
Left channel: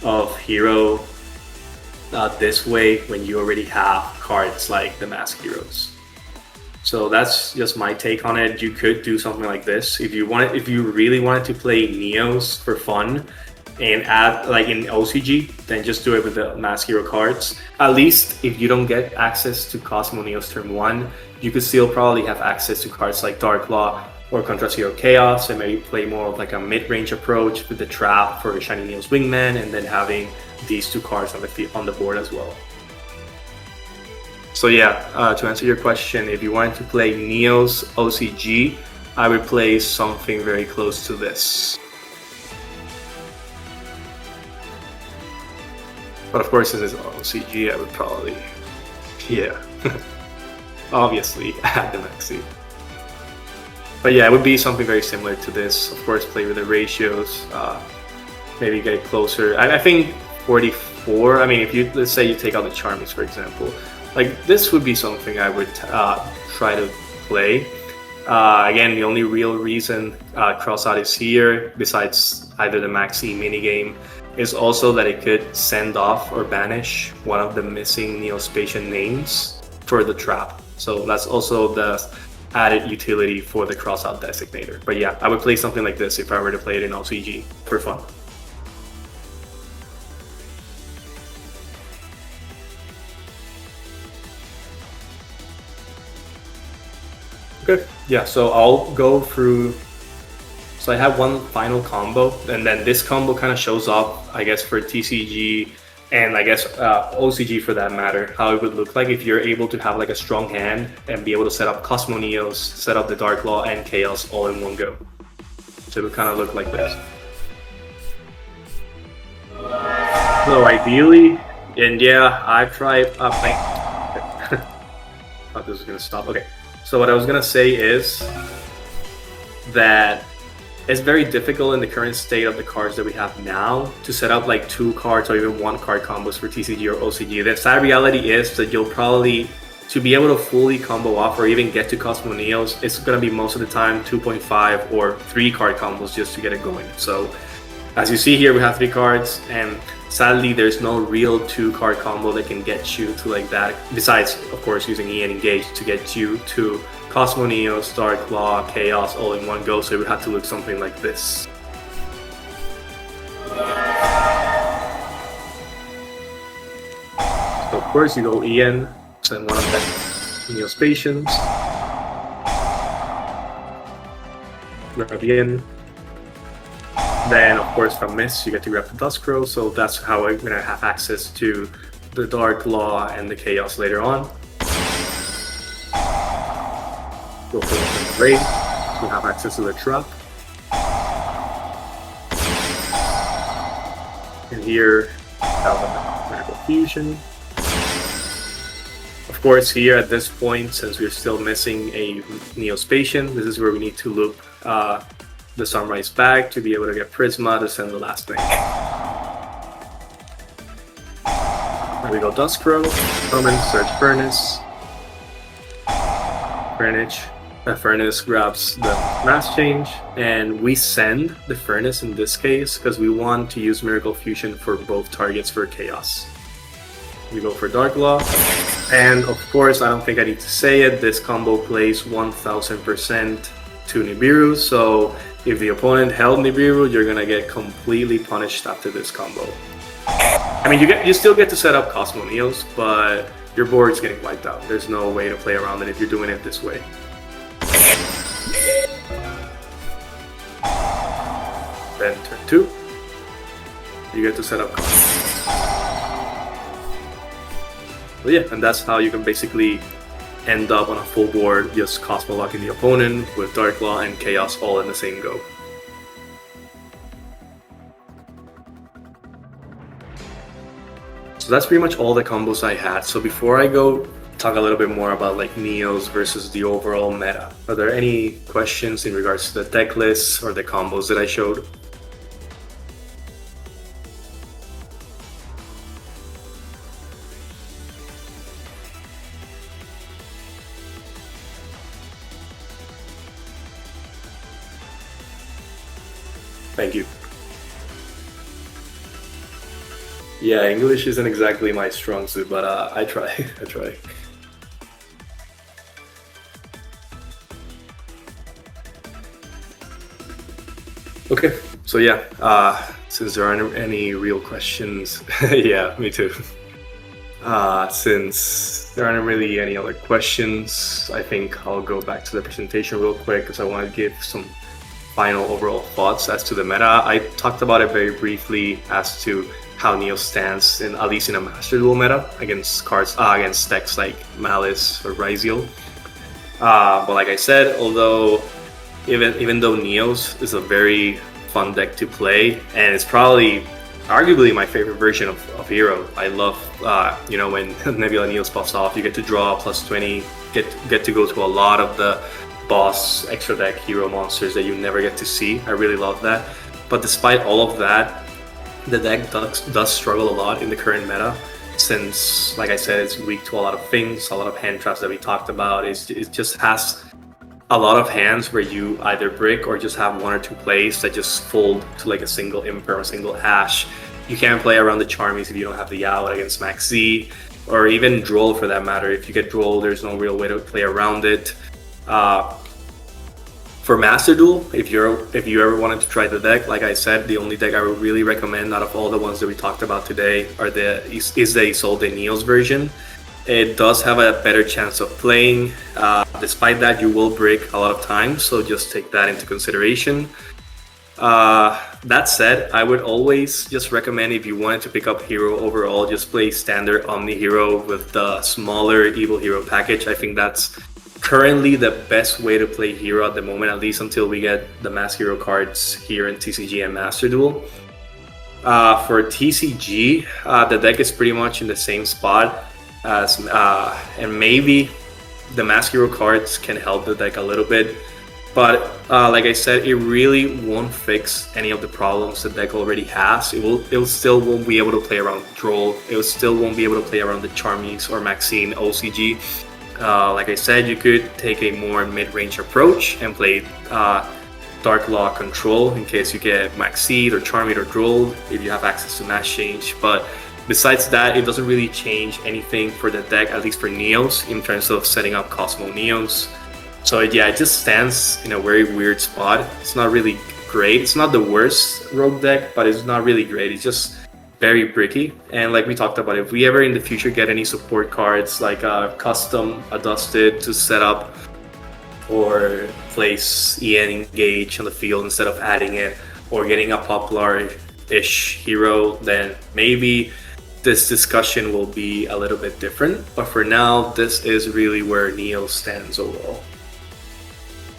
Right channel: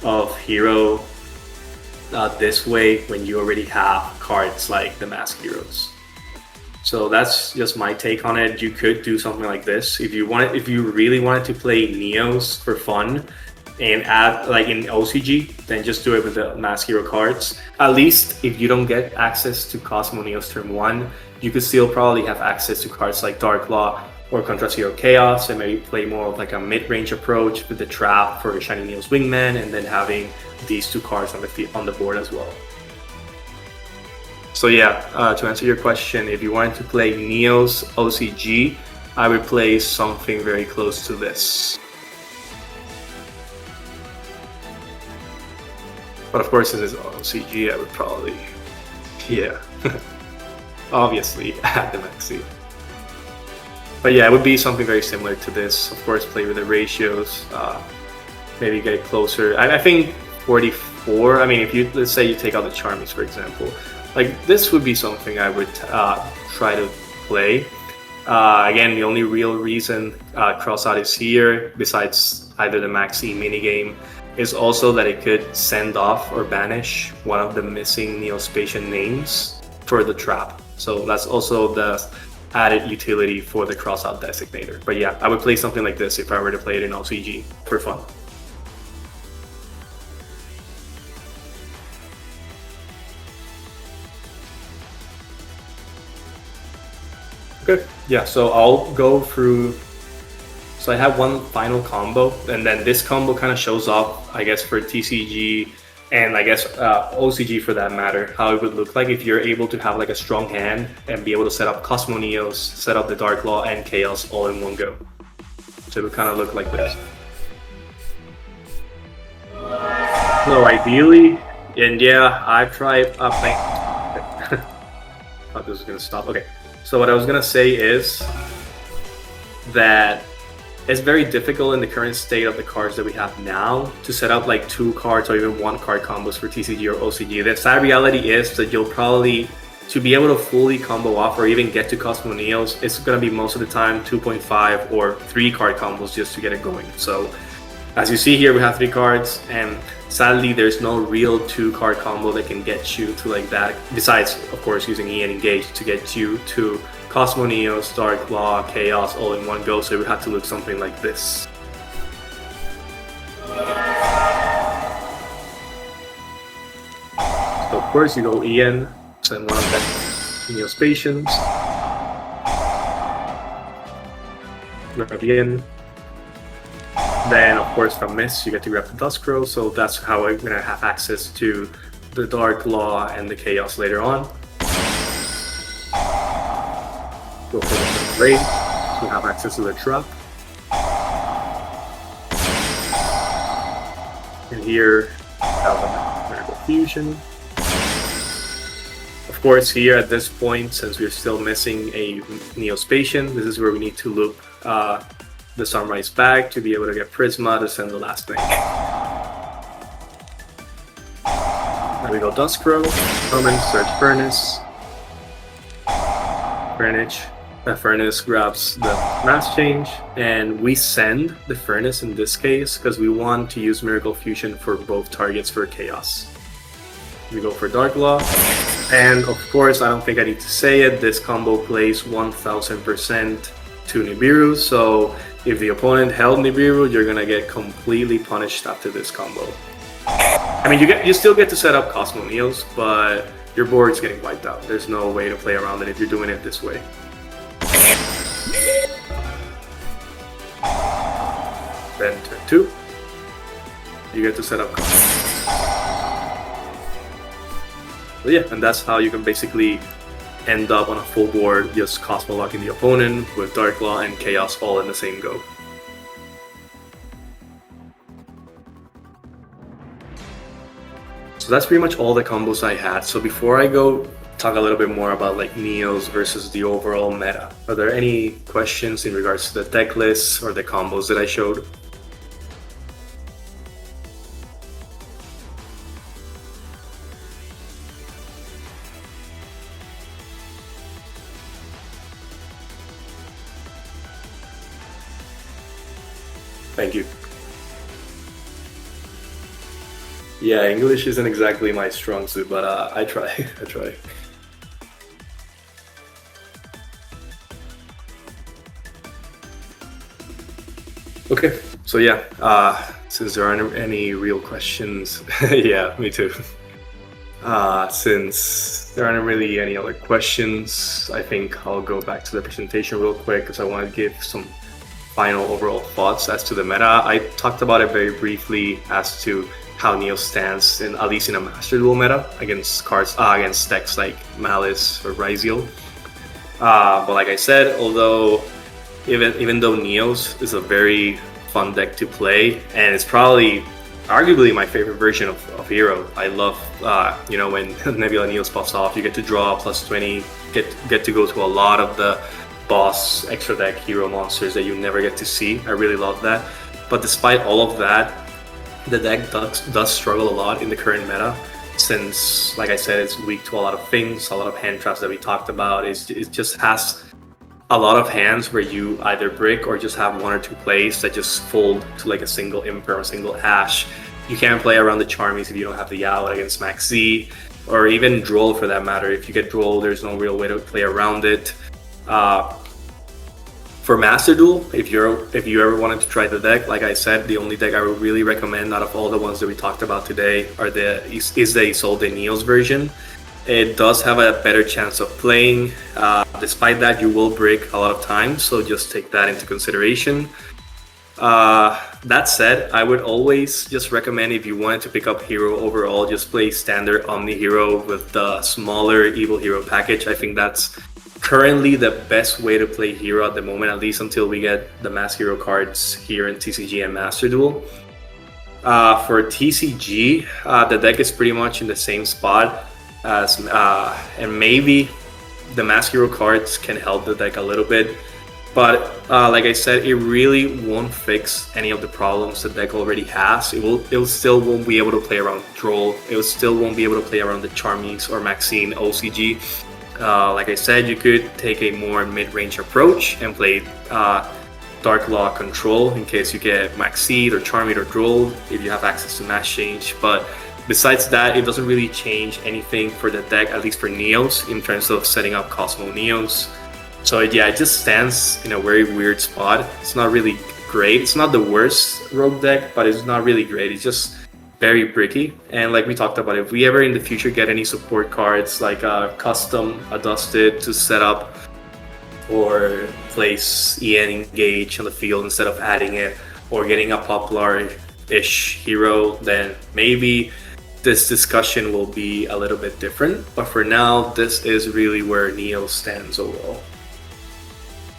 of Hero this way when you already have cards like the Mask Heroes. So that's just my take on it. You could do something like this if you really wanted to play Neos for fun and add like in OCG, then just do it with the Mask Hero cards. At least if you don't get access to Cosmo Neos Turn 1, you could still probably have access to cards like Dark Law or Contra Zero Chaos, and maybe play more of like a mid-range approach with the Trap for Shiny Neos Wingman, and then having these two cards on the board as well. So yeah, to answer your question, if you wanted to play Neos OCG, I would play something very close to this. But of course, since it's OCG, I would probably, yeah, obviously add the Maxi. But yeah, it would be something very similar to this. Of course, play with the ratios, maybe get closer. I think 44, I mean, if let's say you take out the Charmers, for example, like this would be something I would try to play. Again, the only real reason Crossout is here, besides either the Maxi minigame, is also that it could send off or banish one of the missing Neospatian names for the Trap. So that's also the added utility for the Crossout Designator. But yeah, I would play something like this if I were to play it in OCG for fun. Okay, yeah, so I'll go through. So I have one final combo, and then this combo kind of shows off, I guess, for TCG and I guess OCG for that matter, how it would look like if you're able to have like a strong hand and be able to set up Cosmo Neos, set up the Dark Law and Chaos all in one go. So it would kind of look like this. So ideally, and yeah, I've tried playing. Oh, this is gonna stop. Okay. So what I was gonna say is that it's very difficult in the current state of the cards that we have now to set up like 2 cards or even 1 card combos for TCG or OCG. The sad reality is that you'll probably, to be able to fully combo off or even get to Cosmo Neos, it's going to be most of the time 2.5 or 3 card combos just to get it going. So as you see here, we have 3 cards, and sadly there's no real 2 card combo that can get you to like that, besides of course using E and Engage to get you to Cosmo Neos, Dark Law, Chaos all in one go, so it would have to look something like this. So of course you go Ian, send one of the Neospatians, grab Ian, then of course from Miss you get to grab the Duskrow, so that's how I'm going to have access to the Dark Law and the Chaos later on. Go for the raid, so we have access to the Trap. And here, we have Magical Fusion. Of Of course, here at this point, since we're still missing a Neos patient, this is where we need to loop the Sunrise back to be able to get Prisma to send the last thing. There we go, Duskrow, Summon, Search Furnace. Furnace grabs the Grass Change, and we send the Furnace in this case because we want to use Miracle Fusion for both targets for Chaos. We go for Dark Law, and of course, I don't think I need to say it, this combo plays 1000% to Nibiru, so if the opponent held Nibiru, you're gonna get completely punished after this combo. I mean, you still get to set up Cosmo Neos, but your board's getting wiped out. There's no way to play around it if you're doing it this way. Then turn 2, you get to set up Cosmo. But yeah, and that's how you can basically end up on a full board, just Cosmo locking the opponent with Dark Law and Chaos all in the same go. So that's pretty much all the combos I had. So before I go talk a little bit more about like Neos versus the overall meta, are there any questions in regards to the deck lists or the combos that I showed? Thank you. Yeah, English isn't exactly my strong suit, but I try. I try. Okay, so yeah, since there aren't any real questions, yeah, me too. Since there aren't really any other questions, I think I'll go back to the presentation real quick because I want to give some final overall thoughts as to the meta. I talked about it very briefly as to how Neo stands in at least in a Master Duel meta against cards against decks like Malice or Ryziel. But like I said, although even though Neos is a very fun deck to play, and it's probably arguably my favorite version of Hero. I love when Nebula Neos pops off, you get to draw plus 20, get to go to a lot of the boss extra deck hero monsters that you never get to see. I really love that. But despite all of that, the deck does struggle a lot in the current meta, since, like I said, it's weak to a lot of things, a lot of hand traps that we talked about. It just has a lot of hands where you either brick or just have one or two plays that just fold to like a single imp or a single hash. You can't play around the Charmies if you don't have the Yowl against Max Z, or even Droll for that matter. If you get Droll, there's no real way to play around it. For Master Duel, if you ever wanted to try the deck, like I said, the only deck I would really recommend out of all the ones that we talked about today is the Isolde Neos version. It does have a better chance of playing. Despite that, you will break a lot of times, so just take that into consideration. That said, I would always just recommend, if you wanted to pick up Hero overall, just play standard Omni Hero with the smaller Evil Hero package. I think that's currently the best way to play Hero at the moment, at least until we get the Mass Hero cards here in TCG and Master Duel. For TCG, the deck is pretty much in the same spot as, and maybe the Mass Hero cards can help the deck a little bit. But like I said, it really won't fix any of the problems the deck already has. It still won't be able to play around Droll. It still won't be able to play around the Charmies or Maxine OCG. Like I said, you could take a more mid-range approach and play Dark Law Control in case you get Maxine or Charming or Droll if you have access to Mass Change. But besides that, it doesn't really change anything for the deck, at least for Neos, in terms of setting up Cosmo Neos. So yeah, it just stands in a very weird spot. It's not really great. It's not the worst rogue deck, but it's not really great. It's just very bricky. And like we talked about, if we ever in the future get any support cards like a custom Adusted to set up or place EN Engage on the field instead of adding it, or getting a popular-ish hero, then maybe this discussion will be a little bit different. But for now, this is really where Neo stands overall.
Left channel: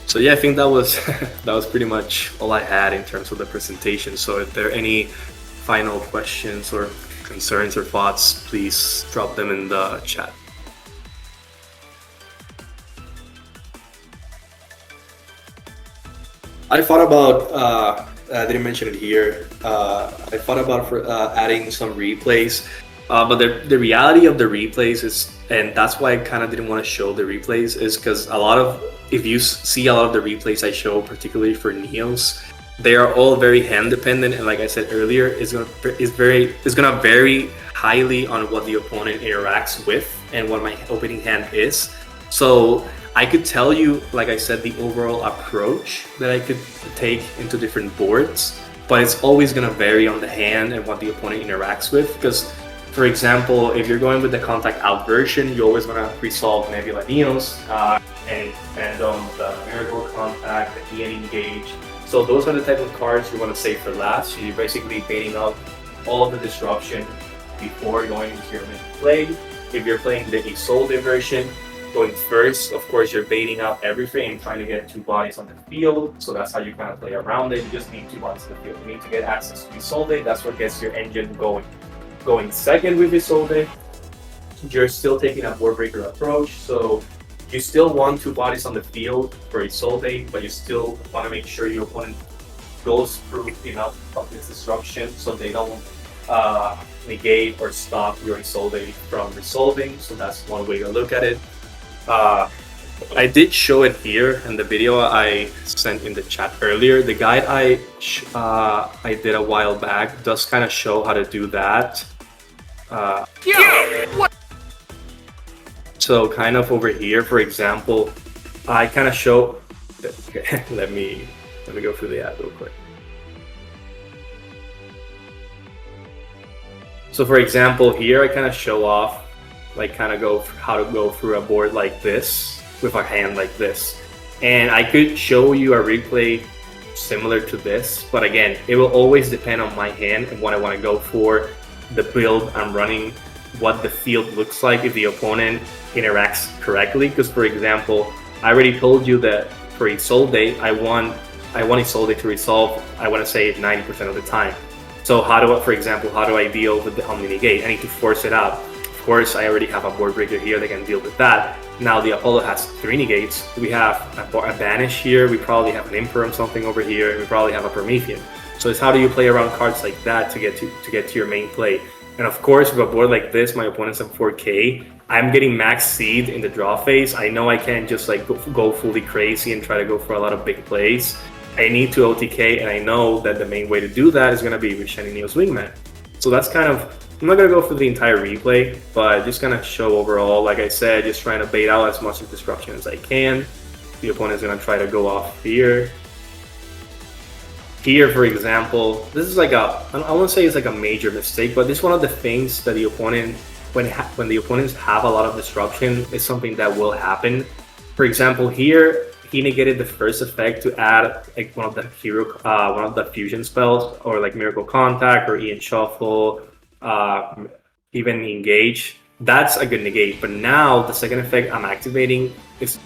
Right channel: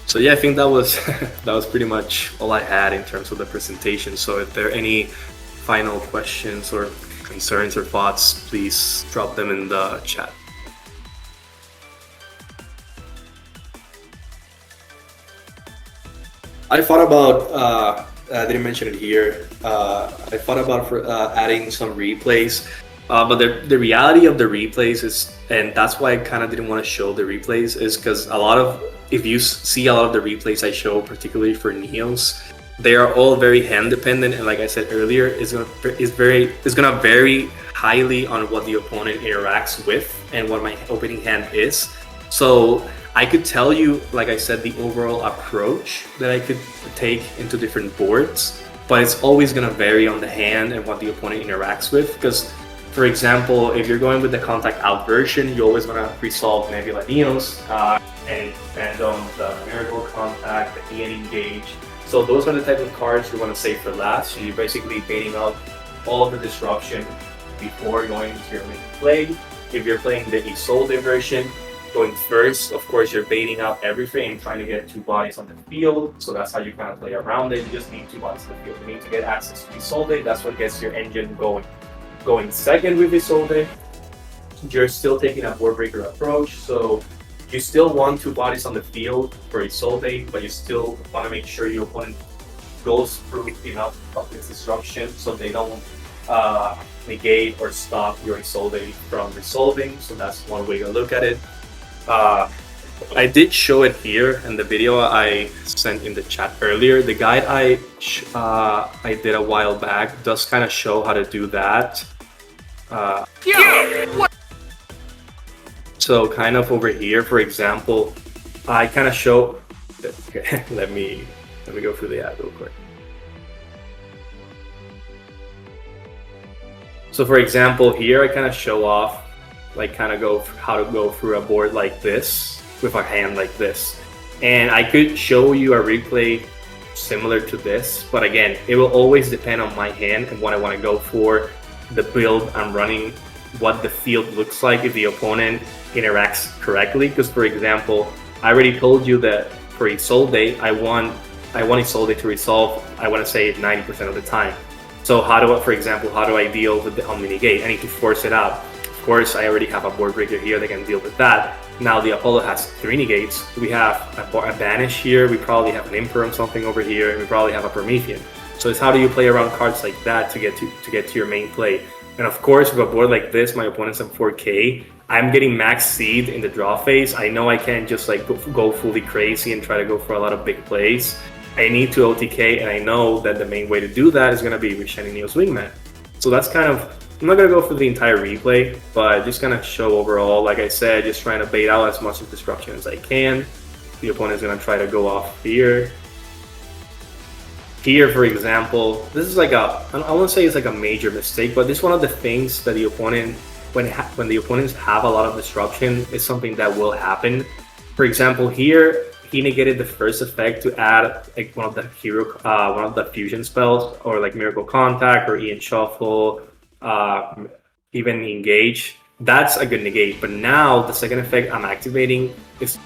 So yeah, I think that was that was pretty much all I had in terms of the presentation. So if there are any final questions or concerns or thoughts, please drop them in the chat. I thought about, I didn't mention it here, I thought about adding some replays, but the reality of the replays is, and that's why I kind of didn't want to show the replays, is because if you see a lot of the replays I show, particularly for Neos, they are all very hand dependent, and like I said earlier, it's gonna vary highly on what the opponent interacts with and what my opening hand is. So I could tell you, like I said, the overall approach that I could take into different boards, but it's always going to vary on the hand and what the opponent interacts with. Because, for example, if you're going with the contact out version, you're always going to resolve Nebula Neos and Phantoms, the Miracle Contact, the EN Engage. So those are the type of cards you want to save for last. So you're basically baiting out all the disruption before going into your main play. If you're playing the Isolde version, going first, of course, you're baiting out everything and trying to get 2 bodies on the field. So that's how you kind of play around it. You just need 2 bodies on the field. You need to get access to Isolde. That's what gets your engine going. Going second with Isolde, you're still taking a board breaker approach. So you still want 2 bodies on the field for Isolde, but you still want to make sure your opponent goes through enough of its disruption so they don't negate or stop your Isolde from resolving. So that's one way to look at it. I did show it here in the video I sent in the chat earlier. The guide I did a while back does kind of show how to do that. So kind of over here, for example, I kind of show. Okay, let me go through the app real quick. So for example, here I kind of show off, like kind of how to go through a board like this with a hand like this. And I could show you a replay similar to this, but again, it will always depend on my hand and what I want to go for, the build I'm running, what the field looks like if the opponent interacts correctly. Because for example, I already told you that for Isolde, I want Isolde to resolve, I want to say 90% of the time. So how do I deal with the OmniReborn? I need to force it out. Of course, I already have a board breaker here that can deal with that. Now the Apollo has 3 negates. We have a Banish here. We probably have an Imperm something over here. And we probably have a Promethean. So it's how do you play around cards like that to get to your main play. And of course, with a board like this, my opponent's at 4K. I'm getting max seed in the draw phase. I know I can't just like go fully crazy and try to go for a lot of big plays. I need to OTK, and I know that the main way to do that is going to be with Shiny Neo's Wingman. So that's kind of, I'm not going to go for the entire replay, but just going to show overall, like I said, just trying to bait out as much of disruption as I can. The opponent's going to try to go off here. Here, for example, this is like I won't say it's like a major mistake, but this is one of the things that the opponent, when the opponents have a lot of disruption, is something that will happen. For example, here, he negated the first effect to add like one of the fusion spells, or like Miracle Contact or Ian Shuffle, even Engage. That's a good negate. But now the second effect I'm activating is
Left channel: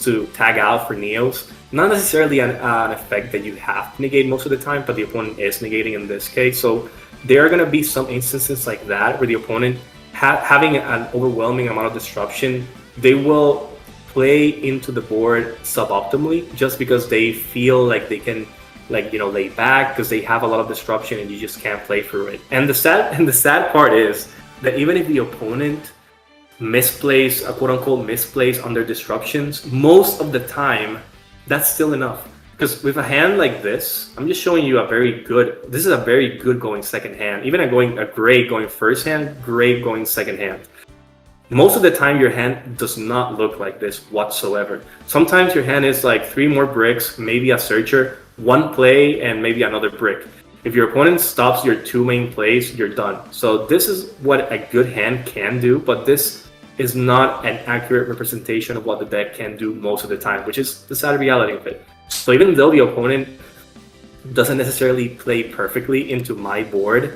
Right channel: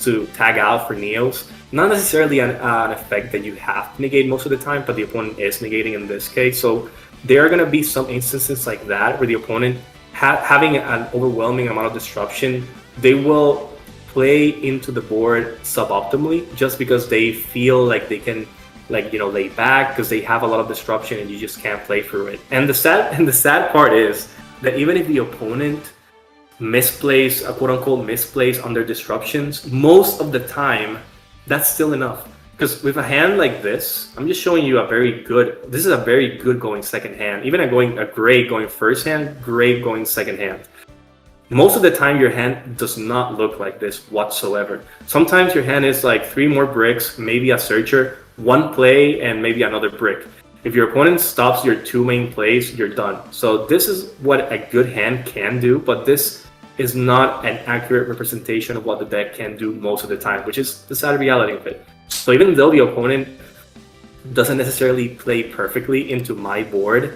to tag out for Neos. Not necessarily an effect that you have to negate most of the time, but the opponent is negating in this case. So there are going to be some instances like that where the opponent having an overwhelming amount of disruption, they will play into the board suboptimally just because they feel like they can, like, you know, lay back because they have a lot of disruption and you just can't play through it. And the sad part is that even if the opponent misplays, quote unquote misplays on their disruptions, most of the time that's still enough. Because with a hand like this, I'm just showing you this is a very good going second hand. Even a great going first hand, great going second hand. Most of the time your hand does not look like this whatsoever. Sometimes your hand is like 3 more bricks, maybe a searcher, 1 play, and maybe another brick. If your opponent stops your 2 main plays, you're done. So this is what a good hand can do, but this is not an accurate representation of what the deck can do most of the time, which is the sad reality of it. So even though the opponent doesn't necessarily play perfectly into my board,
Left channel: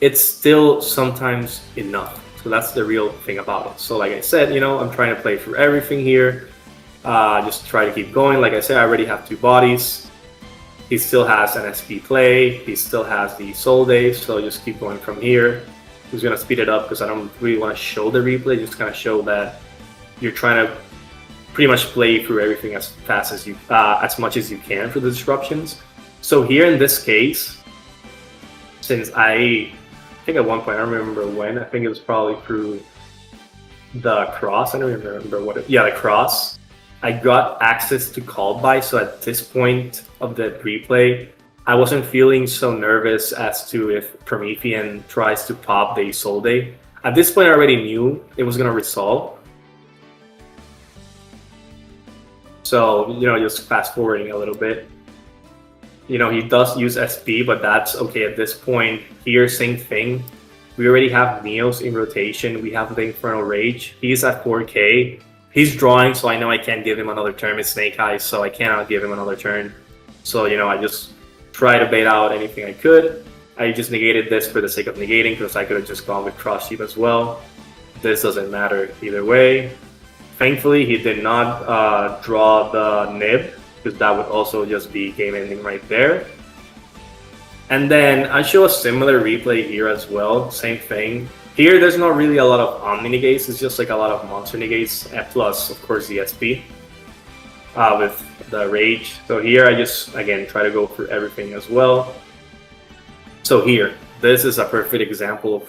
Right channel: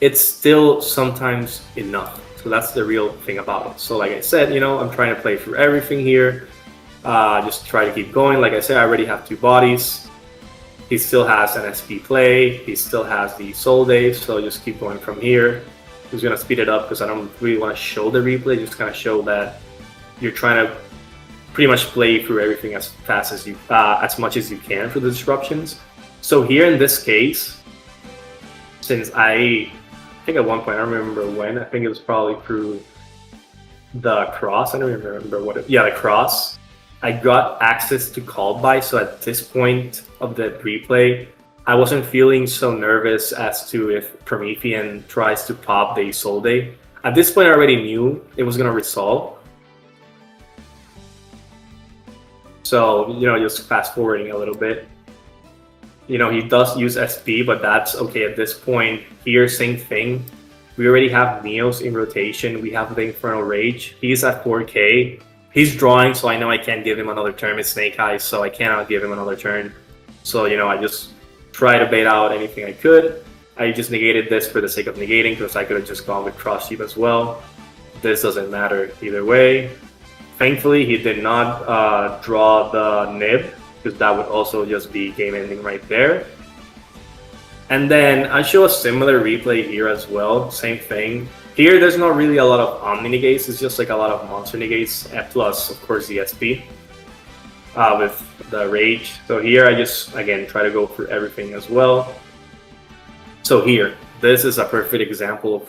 it's still sometimes enough. So that's the real thing about it. So like I said, you know, I'm trying to play through everything here. Just try to keep going. Like I said, I already have 2 bodies. He still has an SP play. He still has the Isolde. So just keep going from here. He's going to speed it up because I don't really want to show the replay. Just kind of show that you're trying to pretty much play through everything as fast as as much as you can for the disruptions. So here in this case, since I think at one point, I don't remember when, I think it was probably through the cross, I don't even remember what the cross, I got access to call by, so at this point of the replay, I wasn't feeling so nervous as to if Promethean tries to pop the Isolde. At this point, I already knew it was going to resolve. So, just fast forwarding a little bit. He does use SP, but that's okay at this point. Here, same thing. We already have Neos in rotation. We have the Infernal Rage. He's at 4k. He's drawing, so I know I can't give him another turn. It's Snake Eyes, so I cannot give him another turn. So, I just try to bait out anything I could. I just negated this for the sake of negating, because I could have just gone with Cross Sheep as well. This doesn't matter either way. Thankfully, he did not draw the Nib, because that would also just be game ending right there. And then I show a similar replay here as well, same thing. Here, there's not really a lot of Omni negates, it's just like a lot of monster negates, plus, of course, the SP with the Rage. So here, I just, again, try to go for everything as well. So here, this is a perfect example of,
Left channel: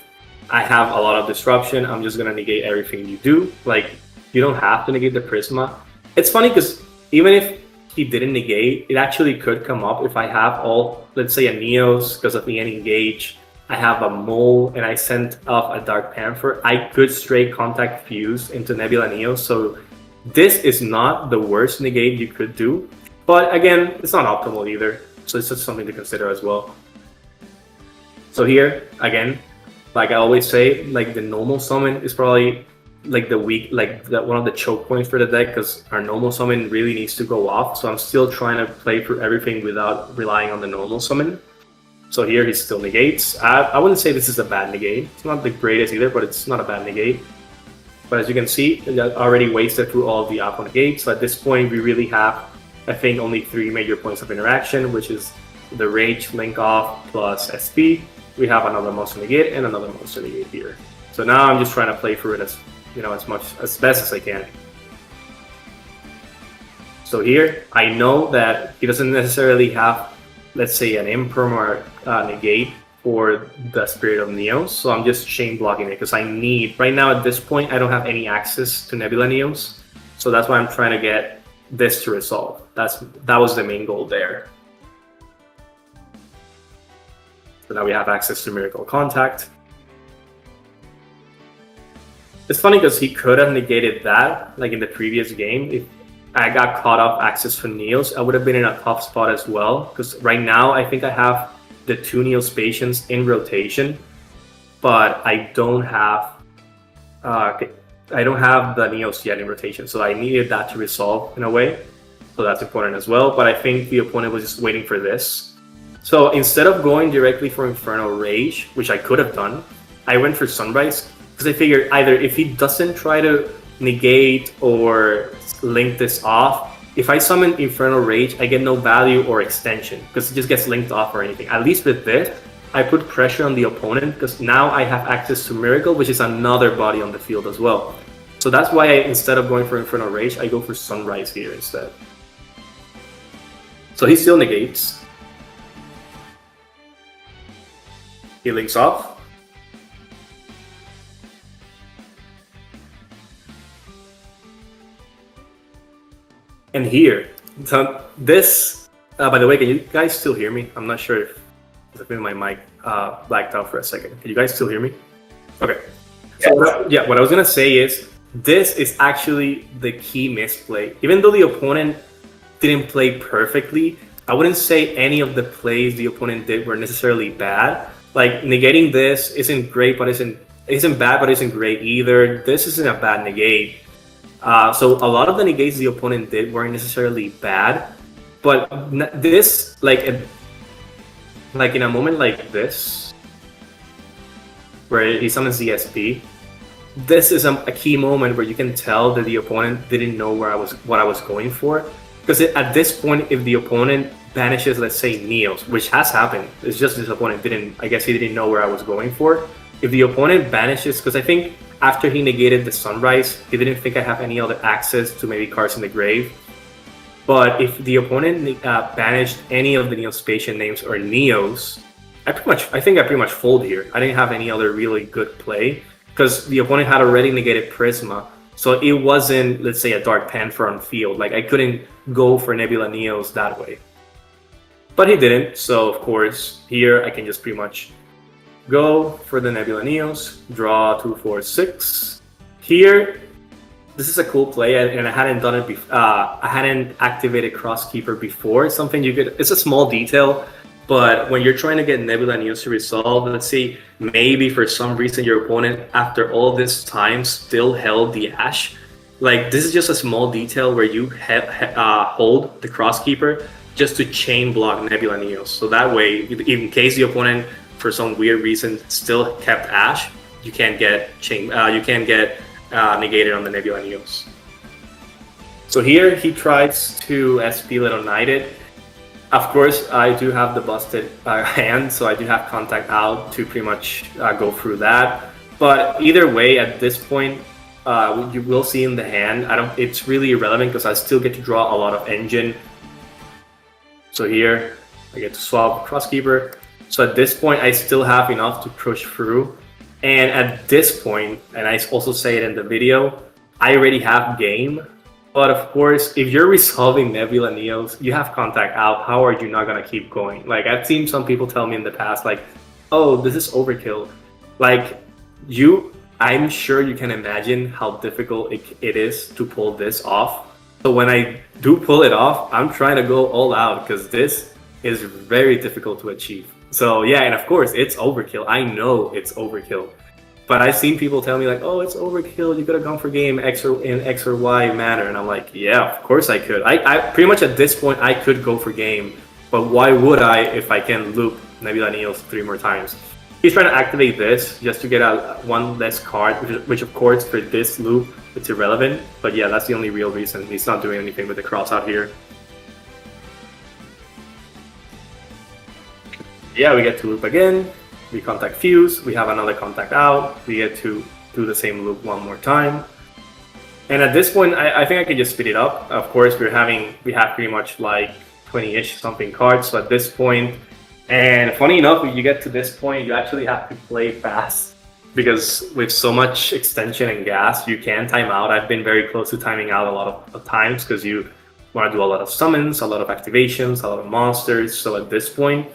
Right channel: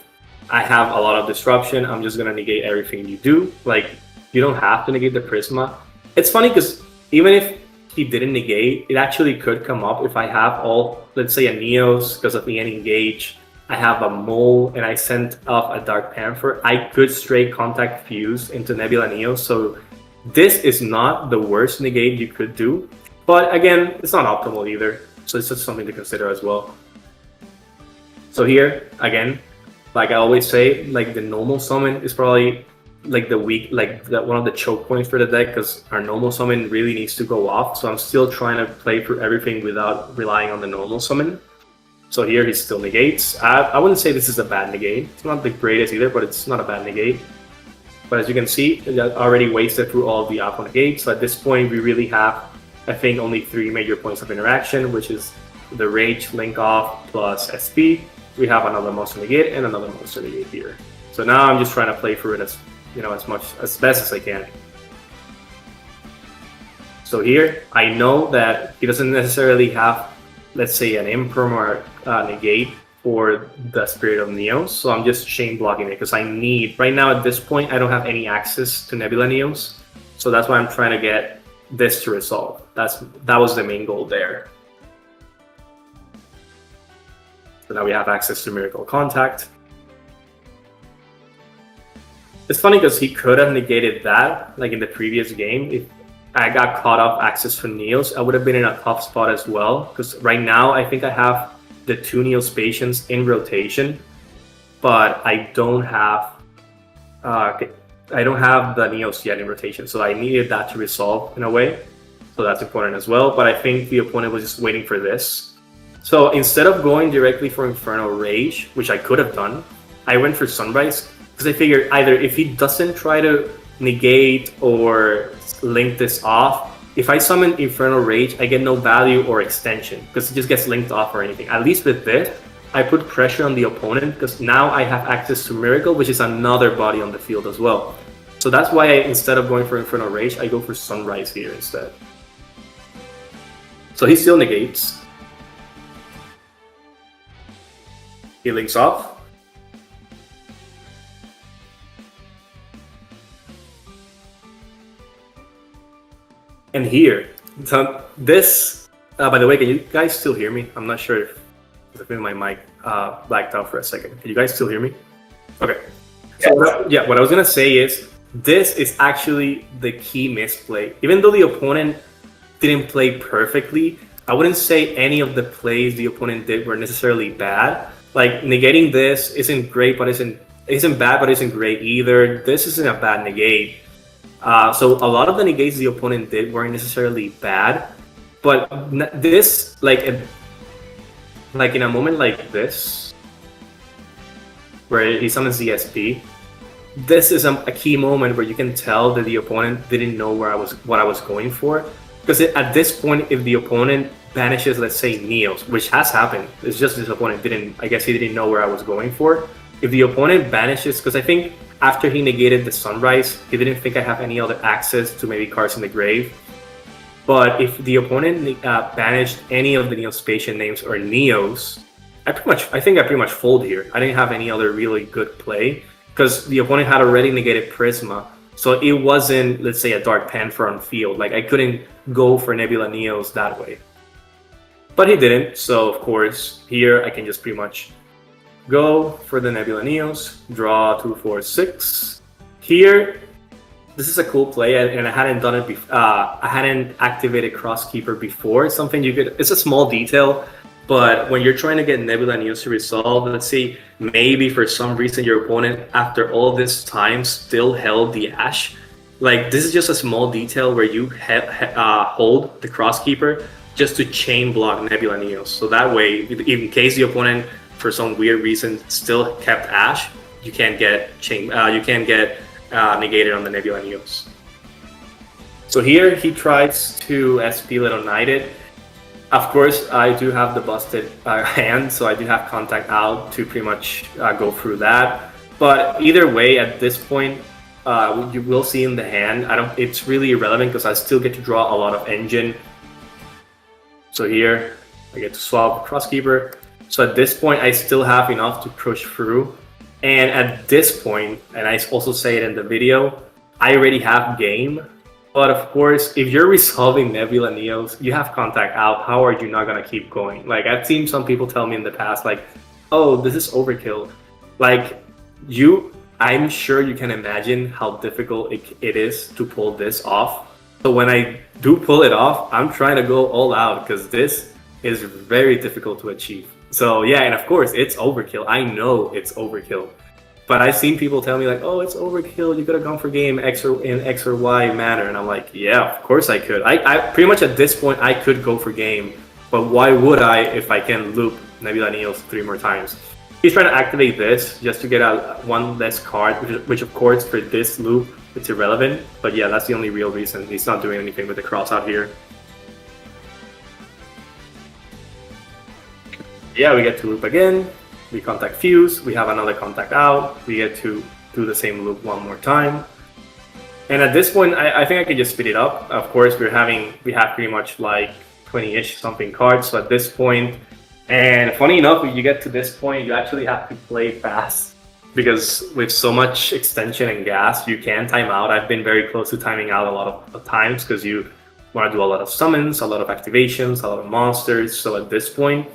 I have a lot of disruption, I'm just gonna negate everything you do. Like, you don't have to negate the Prisma. It's funny because even if he didn't negate, it actually could come up if I have all, let's say a Neos, because of the Engage, I have a Mole, and I sent off a Dark Panther, I could straight contact Fuse into Nebula Neos, so this is not the worst negate you could do, but again, it's not optimal either, so it's just something to consider as well. So here, again, like I always say, like the normal summon is probably like the weak, like one of the choke points for the deck, because our normal summon really needs to go off, so I'm still trying to play for everything without relying on the normal summon. So here he still negates. I wouldn't say this is a bad negate. It's not the greatest either, but it's not a bad negate. But as you can see, I already wasted through all of the Aqua negates. So at this point, we really have, I think, only 3 major points of interaction, which is the Rage, Link Off, plus SP. We have another monster negate and another monster negate here. So now I'm just trying to play through it as best as I can. So here, I know that he doesn't necessarily have, let's say, an Imperm or negate for the Spirit of Neos, so I'm just chain blocking it because I need, right now at this point, I don't have any access to Nebula Neos, so that's why I'm trying to get this to resolve. That was the main goal there. So now we have access to Miracle Contact. It's funny because he could have negated that, like in the previous game. If I got caught off access from Neos, I would have been in a tough spot as well. Because right now, I think I have the 2 Neos Patients in rotation, but I don't have the Neos yet in rotation. So I needed that to resolve in a way. So that's important as well. But I think the opponent was just waiting for this. So instead of going directly for Infernal Rage, which I could have done, I went for Sunrise. Because I figured either if he doesn't try to negate or link this off, if I summon Infernal Rage, I get no value or extension because it just gets linked off or anything. At least with this, I put pressure on the opponent because now I have access to Miracle, which is another body on the field as well. So that's why instead of going for Infernal Rage, I go for Sunrise here instead. So he still negates. He links off. And here, so this, by the way, can you guys still hear me? I'm not sure if I think my mic blacked out for a second. Can you guys still hear me? Okay. So what I was gonna say is, this is actually the key misplay. Even though the opponent didn't play perfectly, I wouldn't say any of the plays the opponent did were necessarily bad. Like negating this isn't great, but isn't bad, but isn't great either. This isn't a bad negate. So a lot of the negates the opponent did weren't necessarily bad, but this, like in a moment like this, where he summons the SP, this is a key moment where you can tell that the opponent didn't know what I was going for. Because at this point, if the opponent banishes, let's say, Neos, which has happened, it's just his opponent didn't, I guess he didn't know where I was going for. If the opponent banishes, because I think after he negated the Sunrise, he didn't think I have any other access to maybe cards in the grave. But if the opponent banished any of the Neospatian names or Neos, I think I pretty much fold here. I didn't have any other really good play because the opponent had already negated Prisma. So it wasn't, let's say, a Dark Panther on field. Like, I couldn't go for Nebula Neos that way. But he didn't, so of course, here I can just pretty much go for the Nebula Neos, draw 2, 4, 6. Here, this is a cool play, and I hadn't done it before. I hadn't activated Crosskeeper before. Something you could, it's a small detail, but when you're trying to get Nebula Neos to resolve, let's say maybe for some reason your opponent, after all this time, still held the Ash. Like, this is just a small detail where you hold the Crosskeeper just to chain block Nebula Neos. So that way, in case the opponent, for some weird reason, still kept Ash, you can't get negated on the Nebula Neos. So here he tries to SP Little Knighted. Of course, I do have the busted hand, so I do have contact out to pretty much go through that. But either way, at this point, you will see in the hand. It's really irrelevant because I still get to draw a lot of engine. So here, I get to swap Crosskeeper. So at this point, I still have enough to push through. And at this point, and I also say it in the video, I already have game. But of course, if you're resolving Nebula Neos, you have contact out. How are you not going to keep going? Like, I've seen some people tell me in the past, like, oh, this is overkill. Like, I'm sure you can imagine how difficult it is to pull this off. So when I do pull it off, I'm trying to go all out because this is very difficult to achieve. So yeah, and of course, it's overkill. I know it's overkill. But I've seen people tell me like, oh, it's overkill. You could have gone for game in X or Y manner. And I'm like, yeah, of course I could. I pretty much at this point, I could go for game. But why would I if I can loop Nebula Neos 3 more times? He's trying to activate this just to get out one less card, which of course for this loop, it's irrelevant. But yeah, that's the only real reason. He's not doing anything with the cross out here. Yeah, we get to loop again. We contact Fuse. We have another contact out. We get to do the same loop one more time. And at this point, I think I can just speed it up. Of course, we have pretty much like 20-ish something cards. So at this point, and funny enough, when you get to this point, you actually have to play fast because with so much extension and gas, you can time out. I've been very close to timing out a lot of times because you want to do a lot of summons, a lot of activations, a lot of monsters. So at this point,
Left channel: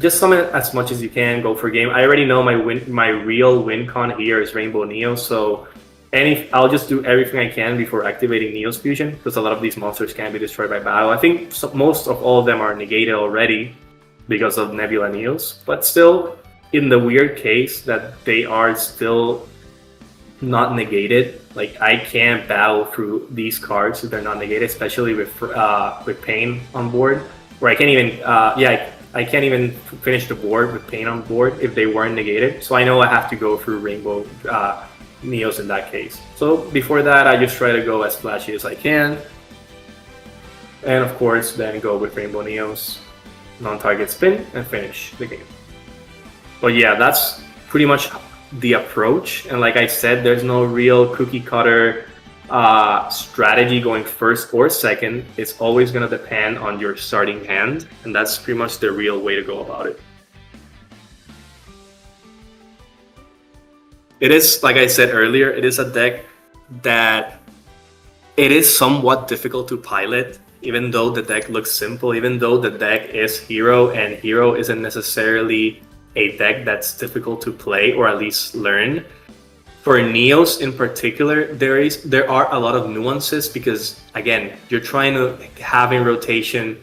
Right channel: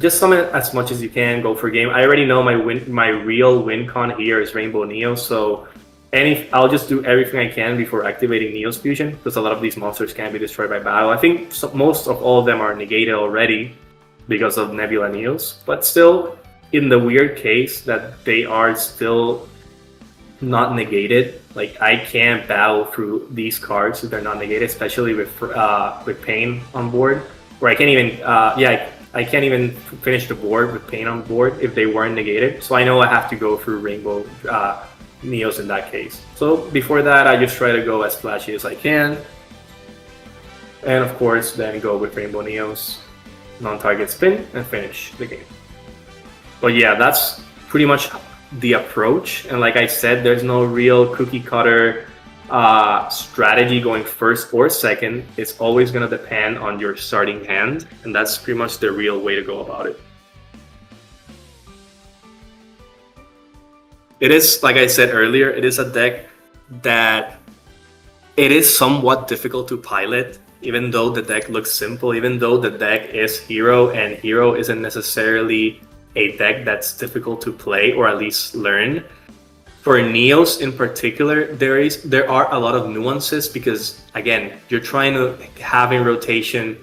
just summon as much as you can, go for game. I already know my real win con here is Rainbow Neo, so I'll just do everything I can before activating Neo's Fusion because a lot of these monsters can be destroyed by battle. I think most of all of them are negated already because of Nebula Neos, but still, in the weird case that they are still not negated, like I can't battle through these cards if they're not negated, especially with Pain on board, where I can't even I can't even finish the board with Pain on board if they weren't negated. So I know I have to go through Rainbow Neos in that case. So before that, I just try to go as flashy as I can, and of course then go with Rainbow Neos, non-target spin, and finish the game. But yeah, that's pretty much the approach. And like I said, there's no real cookie cutter strategy going first or second. It's always going to depend on your starting hand, and that's pretty much the real way to go about it. It is, like I said earlier, it is a deck that it is somewhat difficult to pilot. Even though the deck looks simple, even though the deck is Hero, and Hero isn't necessarily a deck that's difficult to play or at least learn. For Neos in particular, there are a lot of nuances because, again, you're trying to have in rotation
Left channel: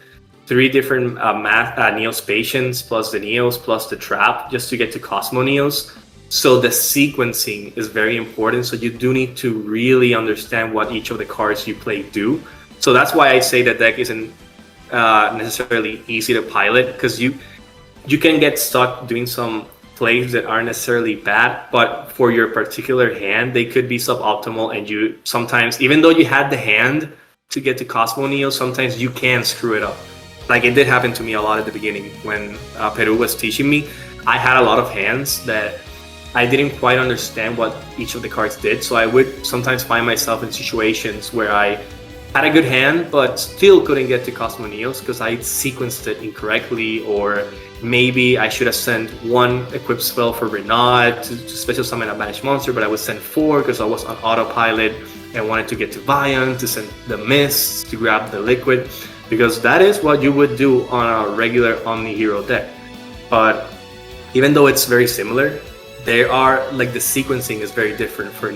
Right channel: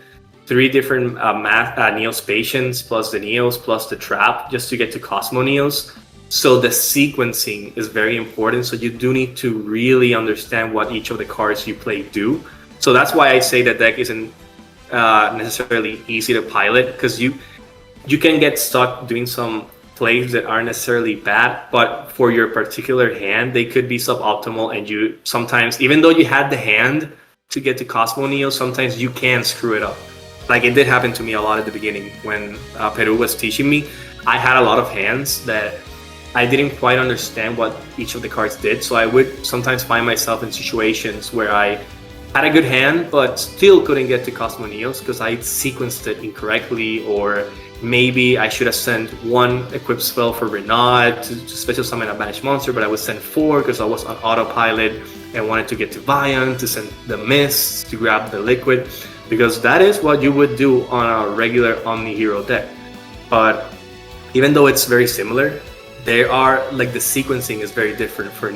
3 different Neospatians plus the Neos plus the Trap just to get to Cosmo Neos. So the sequencing is very important, so you do need to really understand what each of the cards you play do. So that's why I say the deck isn't necessarily easy to pilot, because you can get stuck doing some plays that aren't necessarily bad, but for your particular hand, they could be suboptimal, and you sometimes, even though you had the hand to get to Cosmo Neo, sometimes you can screw it up. Like it did happen to me a lot at the beginning when Peru was teaching me. I had a lot of hands that I didn't quite understand what each of the cards did. So I would sometimes find myself in situations where I had a good hand, but still couldn't get to Cosmo Neos because I sequenced it incorrectly, or maybe I should have sent one equip spell for Renaud to special summon a banished monster, but I would send 4 because I was on autopilot and wanted to get to Vion to send the Mist to grab the Liquid, because that is what you would do on a regular Omni Hero deck. But even though it's very similar, there are like the sequencing is very different for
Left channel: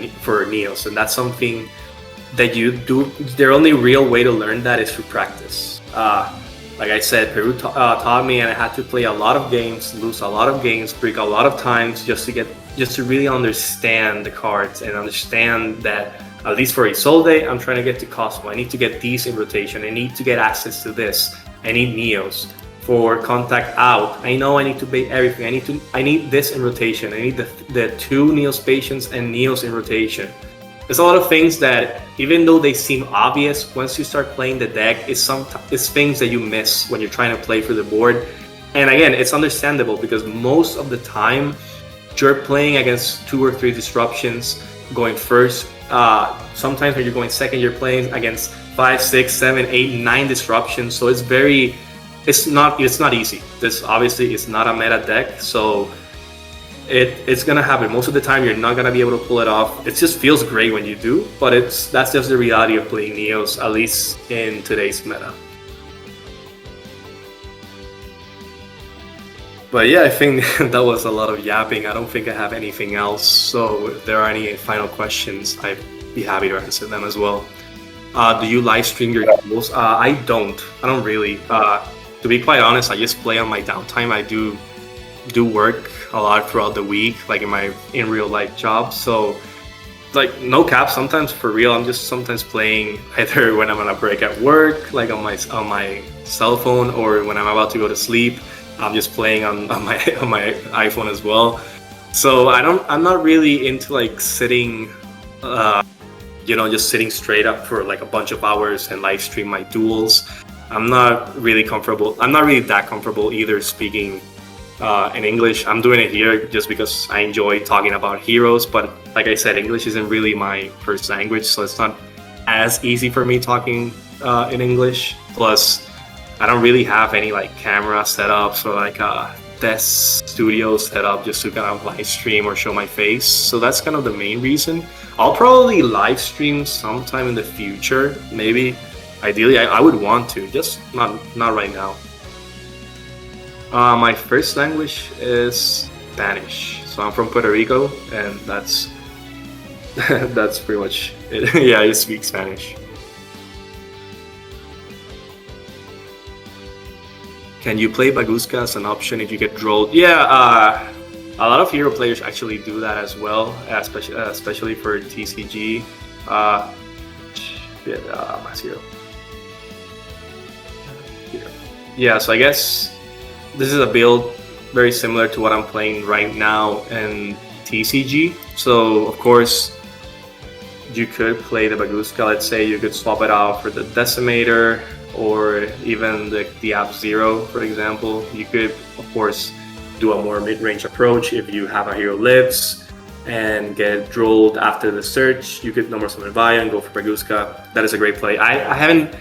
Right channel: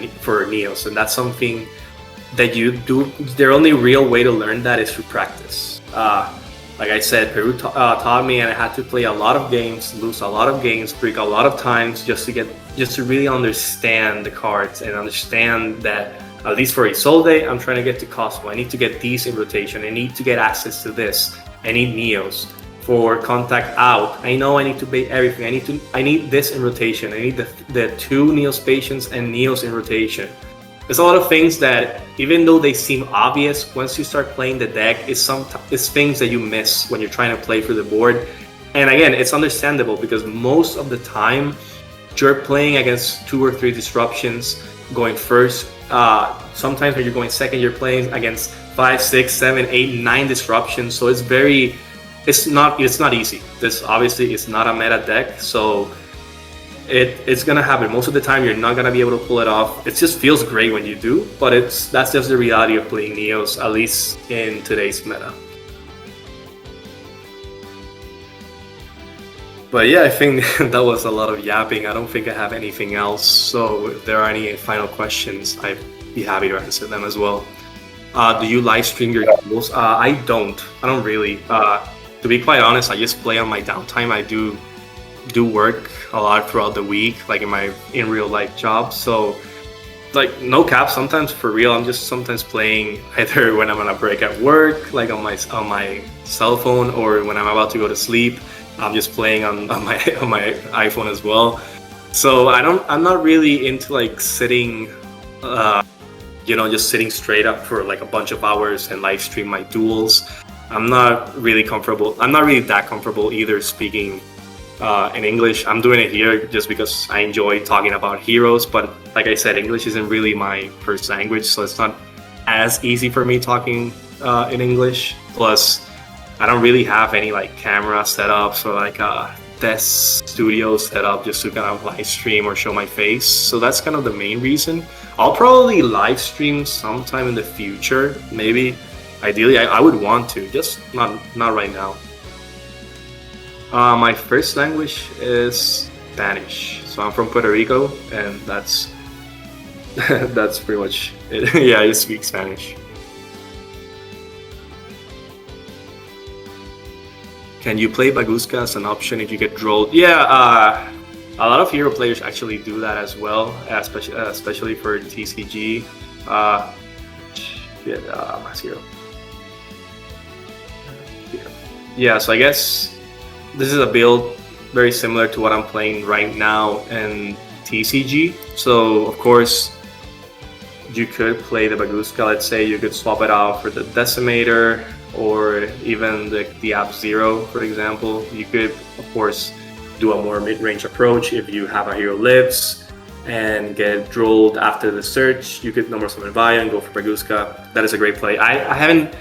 Neos, and that's something that you do. The only real way to learn that is through practice. Like I said, Peru taught me, and I had to play a lot of games, lose a lot of games, break a lot of times just to really understand the cards and understand that, at least for Isolde, I'm trying to get to Cosmo. I need to get these in rotation. I need to get access to this. I need Neos. For Contact Out, I know I need to bait everything. I need this in rotation. I need the 2 Neospatians and Neos in rotation. There's a lot of things that, even though they seem obvious, once you start playing the deck, it's things that you miss when you're trying to play through the board. And again, it's understandable because most of the time, you're playing against 2 or 3 disruptions going first. Sometimes when you're going second, you're playing against 5, 6, 7, 8, 9 disruptions. So it's not easy. This obviously is not a meta deck, so it's gonna happen. Most of the time, you're not gonna be able to pull it off. It just feels great when you do, but that's just the reality of playing Neos, at least in today's meta. But yeah, I think that was a lot of yapping. I don't think I have anything else. So if there are any final questions, I'd be happy to answer them as well. Do you live stream your duels? I don't really. To be quite honest, I just play on my downtime. I do work a lot throughout the week, like in my real life job. So, like, no cap. Sometimes for real, I'm just sometimes playing either when I'm on a break at work, like on my cell phone, or when I'm about to go to sleep. I'm just playing on my iPhone as well. So I'm not really into like sitting, just sitting straight up for like a bunch of hours and live stream my duels. I'm not really that comfortable either speaking in English. I'm doing it here just because I enjoy talking about heroes, but like I said, English isn't really my first language, so it's not as easy for me talking in English. Plus, I don't really have any like camera setups or like a desk studio setup just to kind of live stream or show my face. So that's kind of the main reason. I'll probably live stream sometime in the future, maybe. Ideally, I would want to, just not right now. My first language is Spanish. So I'm from Puerto Rico, and that's pretty much it. Yeah, I speak Spanish. Can you play Baguska as an option if you get drolled? Yeah, a lot of hero players actually do that as well, especially for TCG. Yeah, so I guess this is a build very similar to what I'm playing right now in TCG. So, of course, you could play the Baguska. Let's say you could swap it out for the Decimator, or even the App Zero, for example. You could, of course, do a more mid-range approach. If you have a hero lives and get drolled after the search, you could number summon Vaya and go for Baguska. That is a great play. I haven't,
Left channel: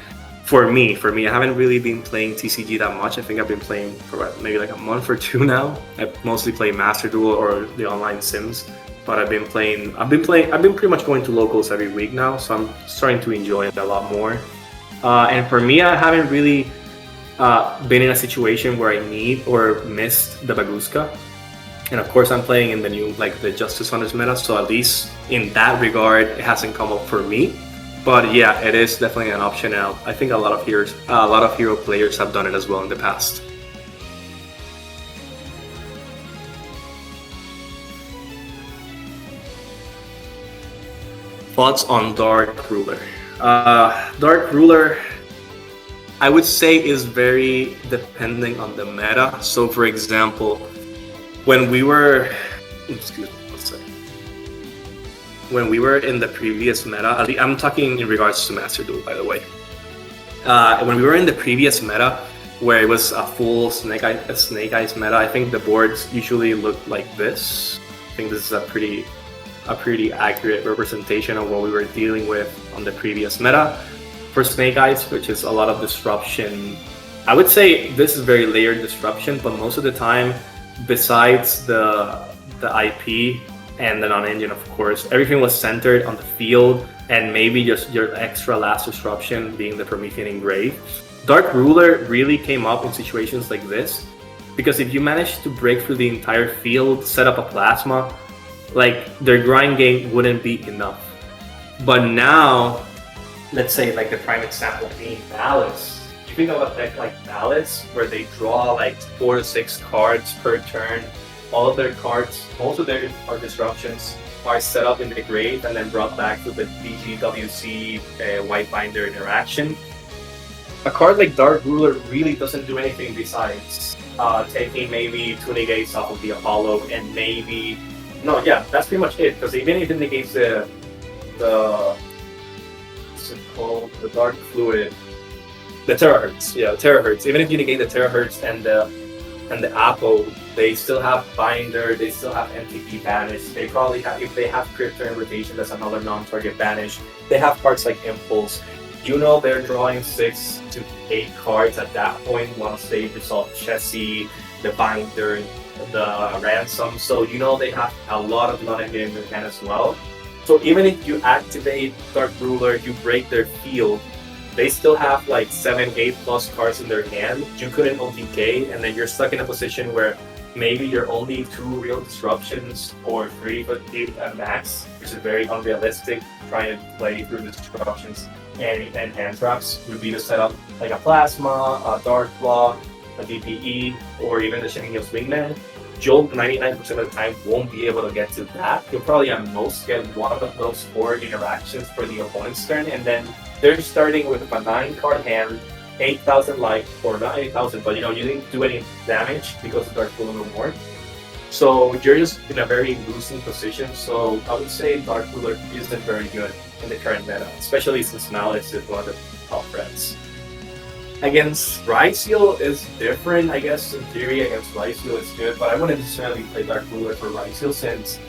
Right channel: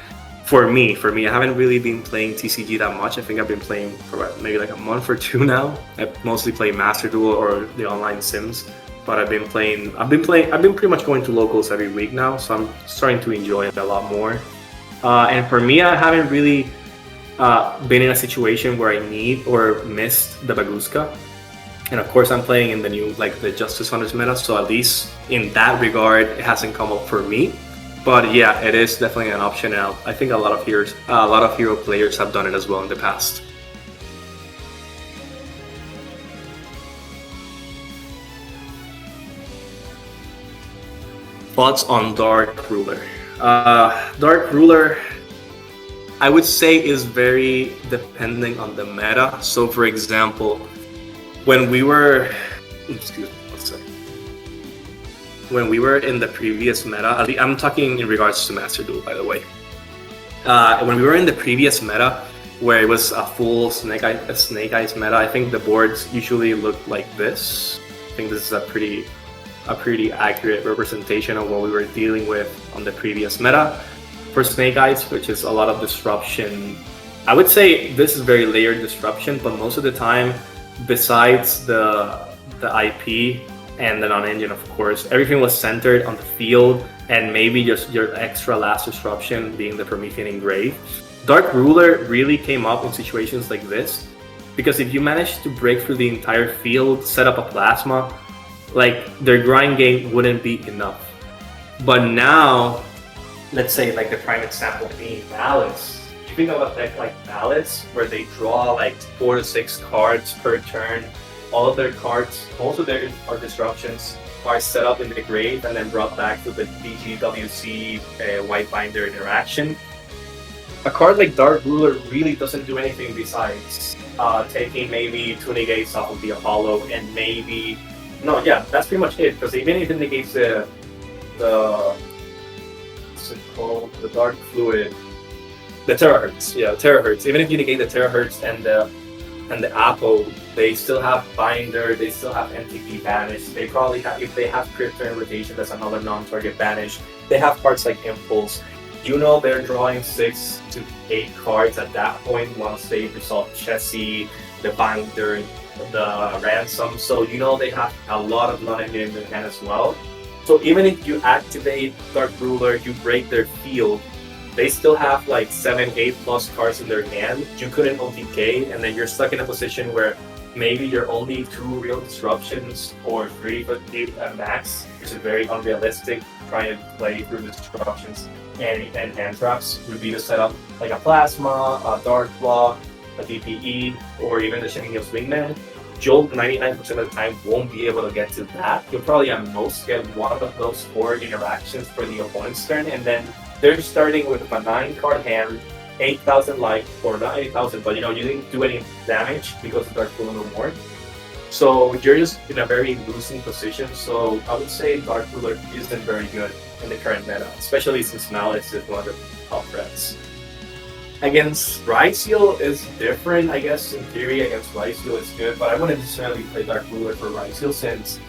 for me, I haven't really been playing TCG that much. I think I've been playing for maybe like a month or 2 now. I mostly play Master Duel or the online Sims, but I've been pretty much going to locals every week now, so I'm starting to enjoy it a lot more. And for me, I haven't really been in a situation where I need or missed the Baguska. And of course, I'm playing in the new, like the Justice Hunters meta, so at least in that regard, it hasn't come up for me. But yeah, it is definitely an option now. I think a lot of hero players have done it as well in the past. Thoughts on Dark Ruler? Dark Ruler, I would say, is very dependent on the meta. So, for example, when we were in the previous meta, I'm talking in regards to Master Duel, by the way. When we were in the previous meta, where it was a full Snake Eyes meta, I think the boards usually looked like this. think this is a pretty accurate representation of what we were dealing with on the previous meta. For Snake Eyes, which is a lot of disruption, I would say this is very layered disruption, but most of the time, besides the IP and the non-engine, of course, everything was centered on the field and maybe just your extra last disruption being the Promethean Engrave. Dark Ruler really came up in situations like this, because if you manage to break through the entire field, set up a plasma, like their grind game wouldn't be enough. But now, let's say like the prime example being Balance. If you know a deck like Balance, where they draw like 4 to 6 cards per turn, all of their cards, most of their disruptions are set up in the grave and then brought back to the BGWC White Binder interaction. A card like Dark Ruler really doesn't do anything besides taking maybe 2 negates off of the Apollo and maybe... No, yeah, that's pretty much it. Because even if it negates the what's it called? The Dark Fluid, the Terahertz. Yeah, Terahertz. Even if you negate the Terahertz and the Apple, they still have Binder, they still have MTP Banish. They probably have, if they have Crypto and Rotation, that's another non-target Banish. They have cards like Impulse. You know they're drawing 6 to 8 cards at that point once they resolve Chessie, the Binder, the Ransom. So you know they have a lot of non-engagement in their hand as well. So even if you activate Dark Ruler, you break their field, they still have like 7, 8 plus cards in their hand. You couldn't OTK, and then you're stuck in a position where maybe you're only 2 real disruptions or 3 but 8 at max, which is very unrealistic trying to play through the disruptions and hand traps. Would be to set up like a Plasma, a Dark Block, a DPE, or even the Shining Hills Wingman. Jolt 99% of the time won't be able to get to that. You'll probably at most get one of those 4 interactions for the opponent's turn, and then they're starting with a 9-card hand, 8,000 life, or not 8,000, but you know, you didn't do any damage because of Dark Ruler no more. So you're just in a very losing position. So I would say Dark Ruler isn't very good in the current meta, especially since Malice is one of the top threats. Against Ryseal is different, I guess. In theory, against Ryseal is good, but I wouldn't necessarily play Dark Ruler for Ryseal since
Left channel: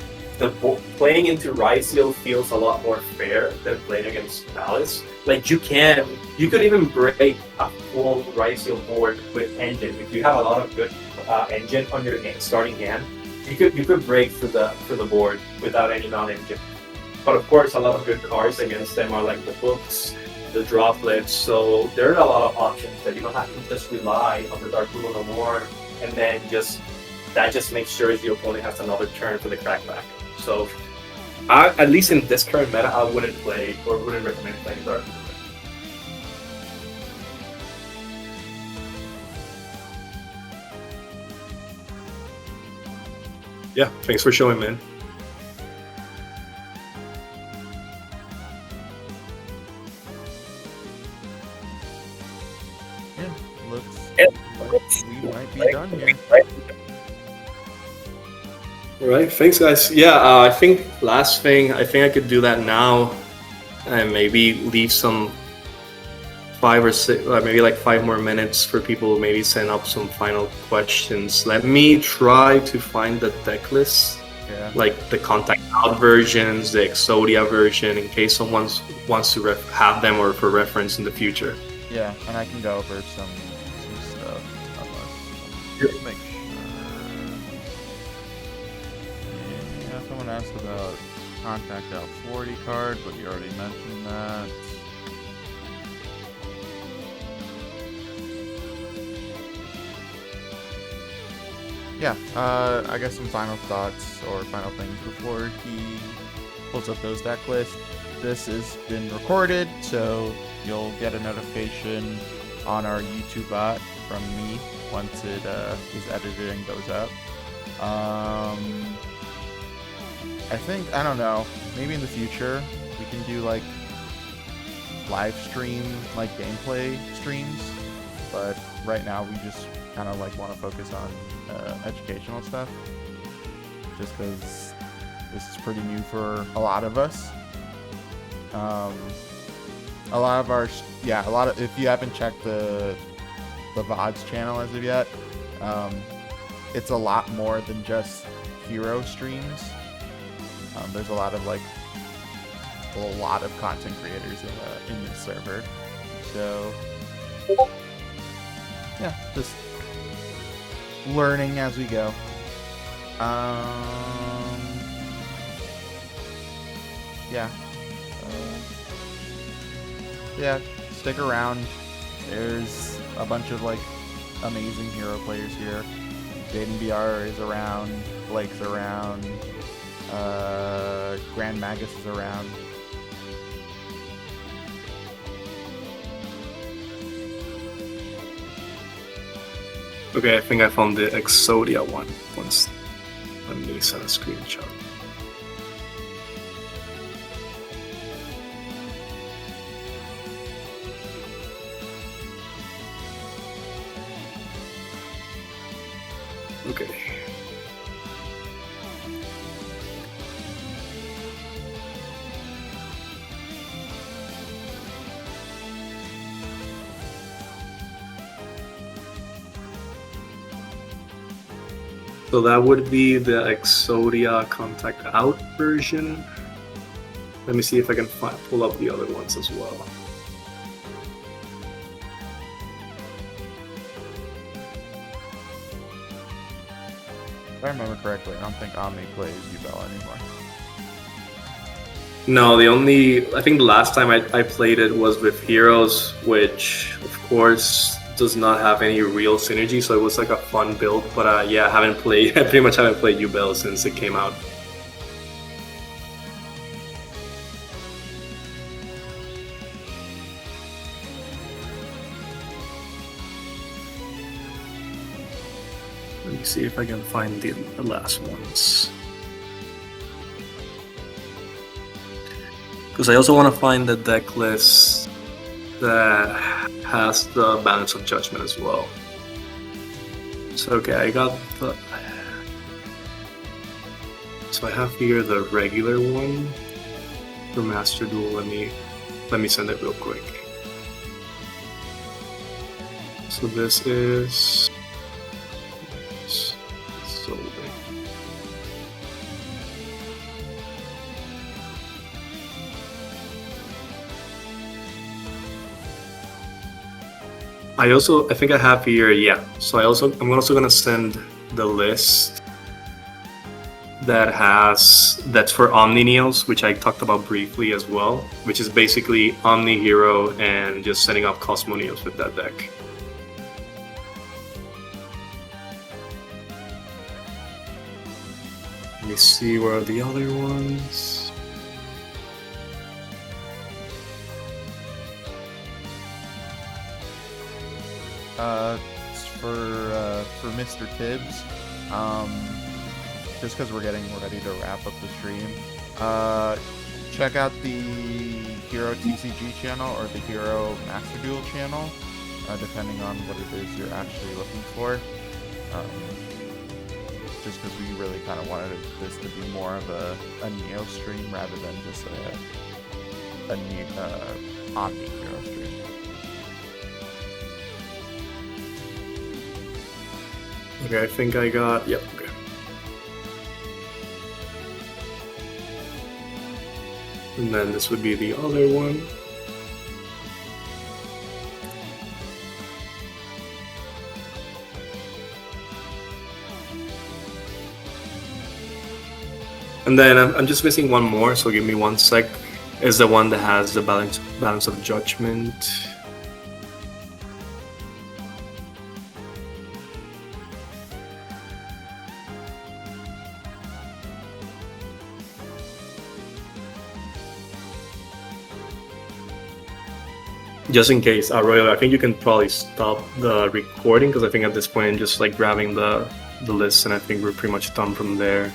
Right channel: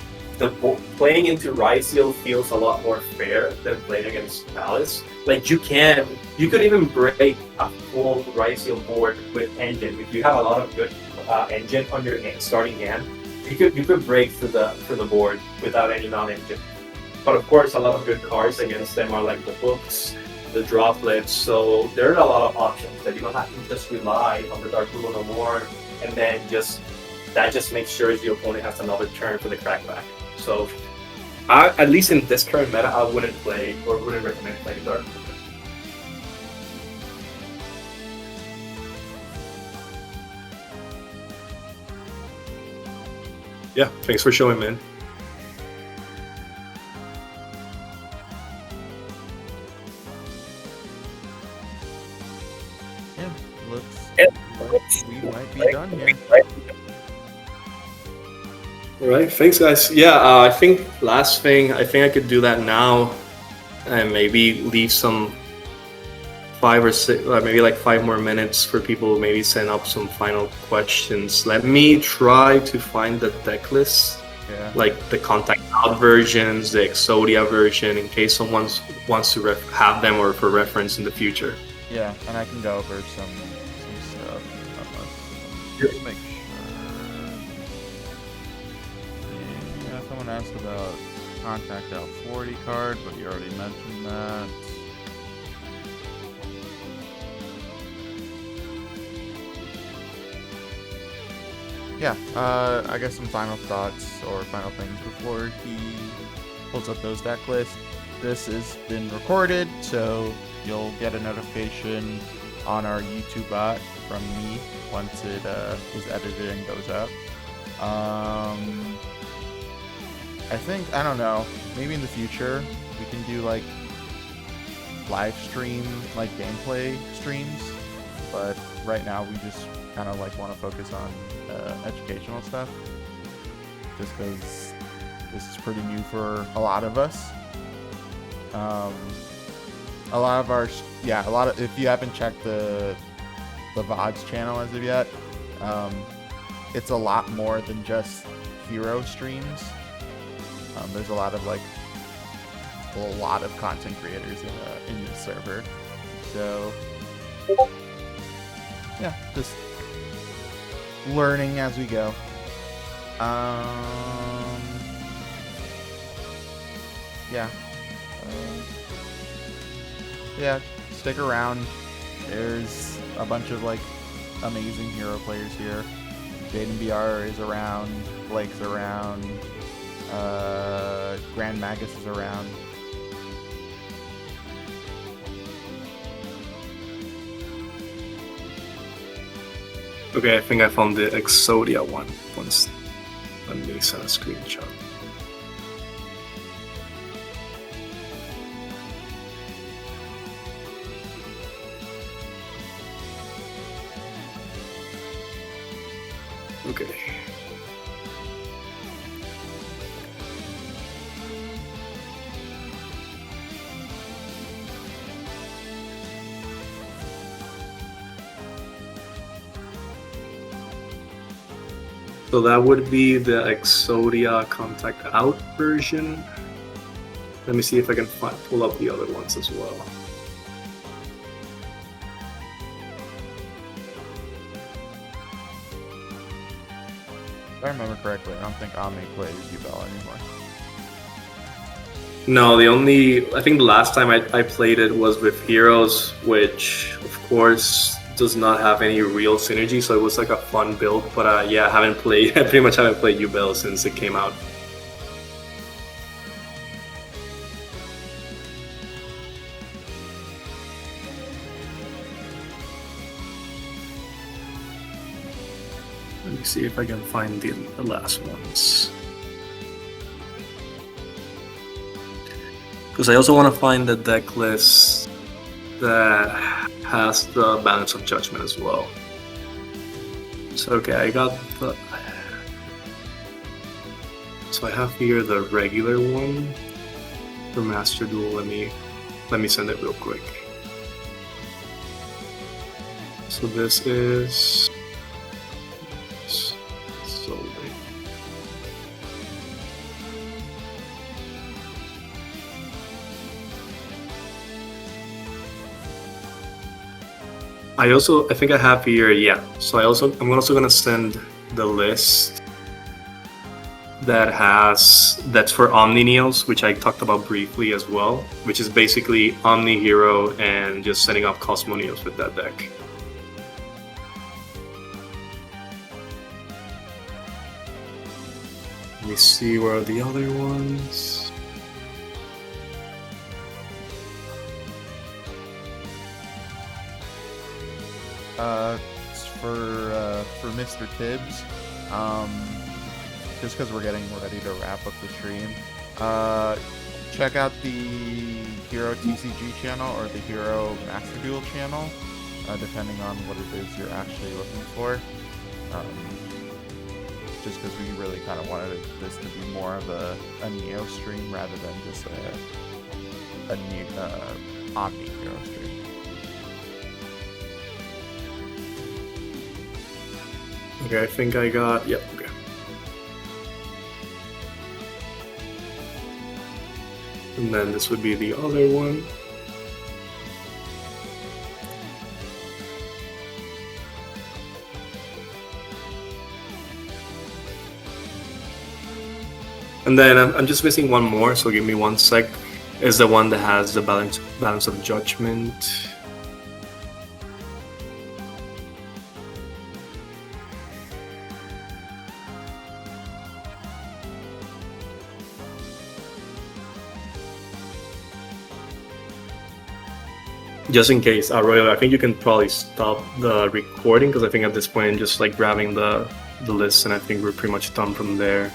playing into Ryseal feels a lot more fair than playing against Malice. Like you could even break a full Ryseal board with Engine. If you have a lot of good Engine on your starting hand, you could break through the board without Engine on Engine. But of course, a lot of good cards against them are like the books, the droplets, so there are a lot of options that you don't have to just rely on the Dark Ruler no more, and then that just makes sure the opponent has another turn for the crackback. So at least in this current meta, I wouldn't play or wouldn't recommend playing Dark Ruler. Yeah, thanks for showing, man. Yeah, looks like we might be done here. Right, thanks guys. Yeah, I think last thing, I think I could do that now and maybe leave some 5 or 6, maybe like 5 more minutes for people to maybe send up some final questions. Let me try to find the deck list, like the Contact Out versions, the Exodia version, in case someone wants to have them or for reference in the future. Yeah, and I can go over some stuff. Just make sure. Yeah, someone asked about Contact Out 40 card, but you already mentioned that. Yeah, I guess some final thoughts or final things before he pulls up those deck lists. This has been recorded, so you'll get a notification on our YouTube bot from me once it is edited and goes up. I think, I don't know, maybe in the future we can do like live stream, like gameplay streams, but right now we just kind of like want to focus on educational stuff, just because this is pretty new for a lot of us. If you haven't checked the VODs channel as of yet, it's a lot more than just hero streams. There's a lot of content creators in this server, so yeah, just learning as we go. Yeah. Yeah, stick around. There's a bunch of amazing hero players here. Jaden BR is around, Blake's around, Grand Magus is around. Okay, I think I found the Exodia one. Let me send a screenshot. Okay. So that would be the Exodia Contact Out version. Let me see if I can pull up the other ones as well. If I remember correctly, I don't think Omni plays Ubel anymore. No, I think the last time I played it was with Heroes, which of course does not have any real synergy, so it was like a fun build, but yeah, I pretty much haven't played Ubel since it came out. Let me see if I can find the last ones. Because I also want to find the deck list that has the Balance of Judgment as well. So okay, I got the... So I have here the regular one for Master Duel. Let me send it real quick. So this is... I think I have here, yeah. So I'm also gonna send the list that's for Omni Neos, which I talked about briefly as well, which is basically Omni Hero and just setting up Cosmo Neos with that deck. Let me see where are the other ones. For Mr. Tibbs, just because we're getting ready to wrap up the stream, check out the Hero TCG channel or the Hero Master Duel channel, depending on what it is you're actually looking for. Just because we really kind of wanted this to be more of a Neo stream rather than just a Omni Hero stream. Okay, I think I got... Yep, okay. And then this would be the other one. And then I'm just missing one more, so give me 1 sec. Is the one that has the balance of judgment. Just in case, Royal, I think you can probably stop the recording because I think at this point I'm just grabbing the list and I think we're pretty much done from there.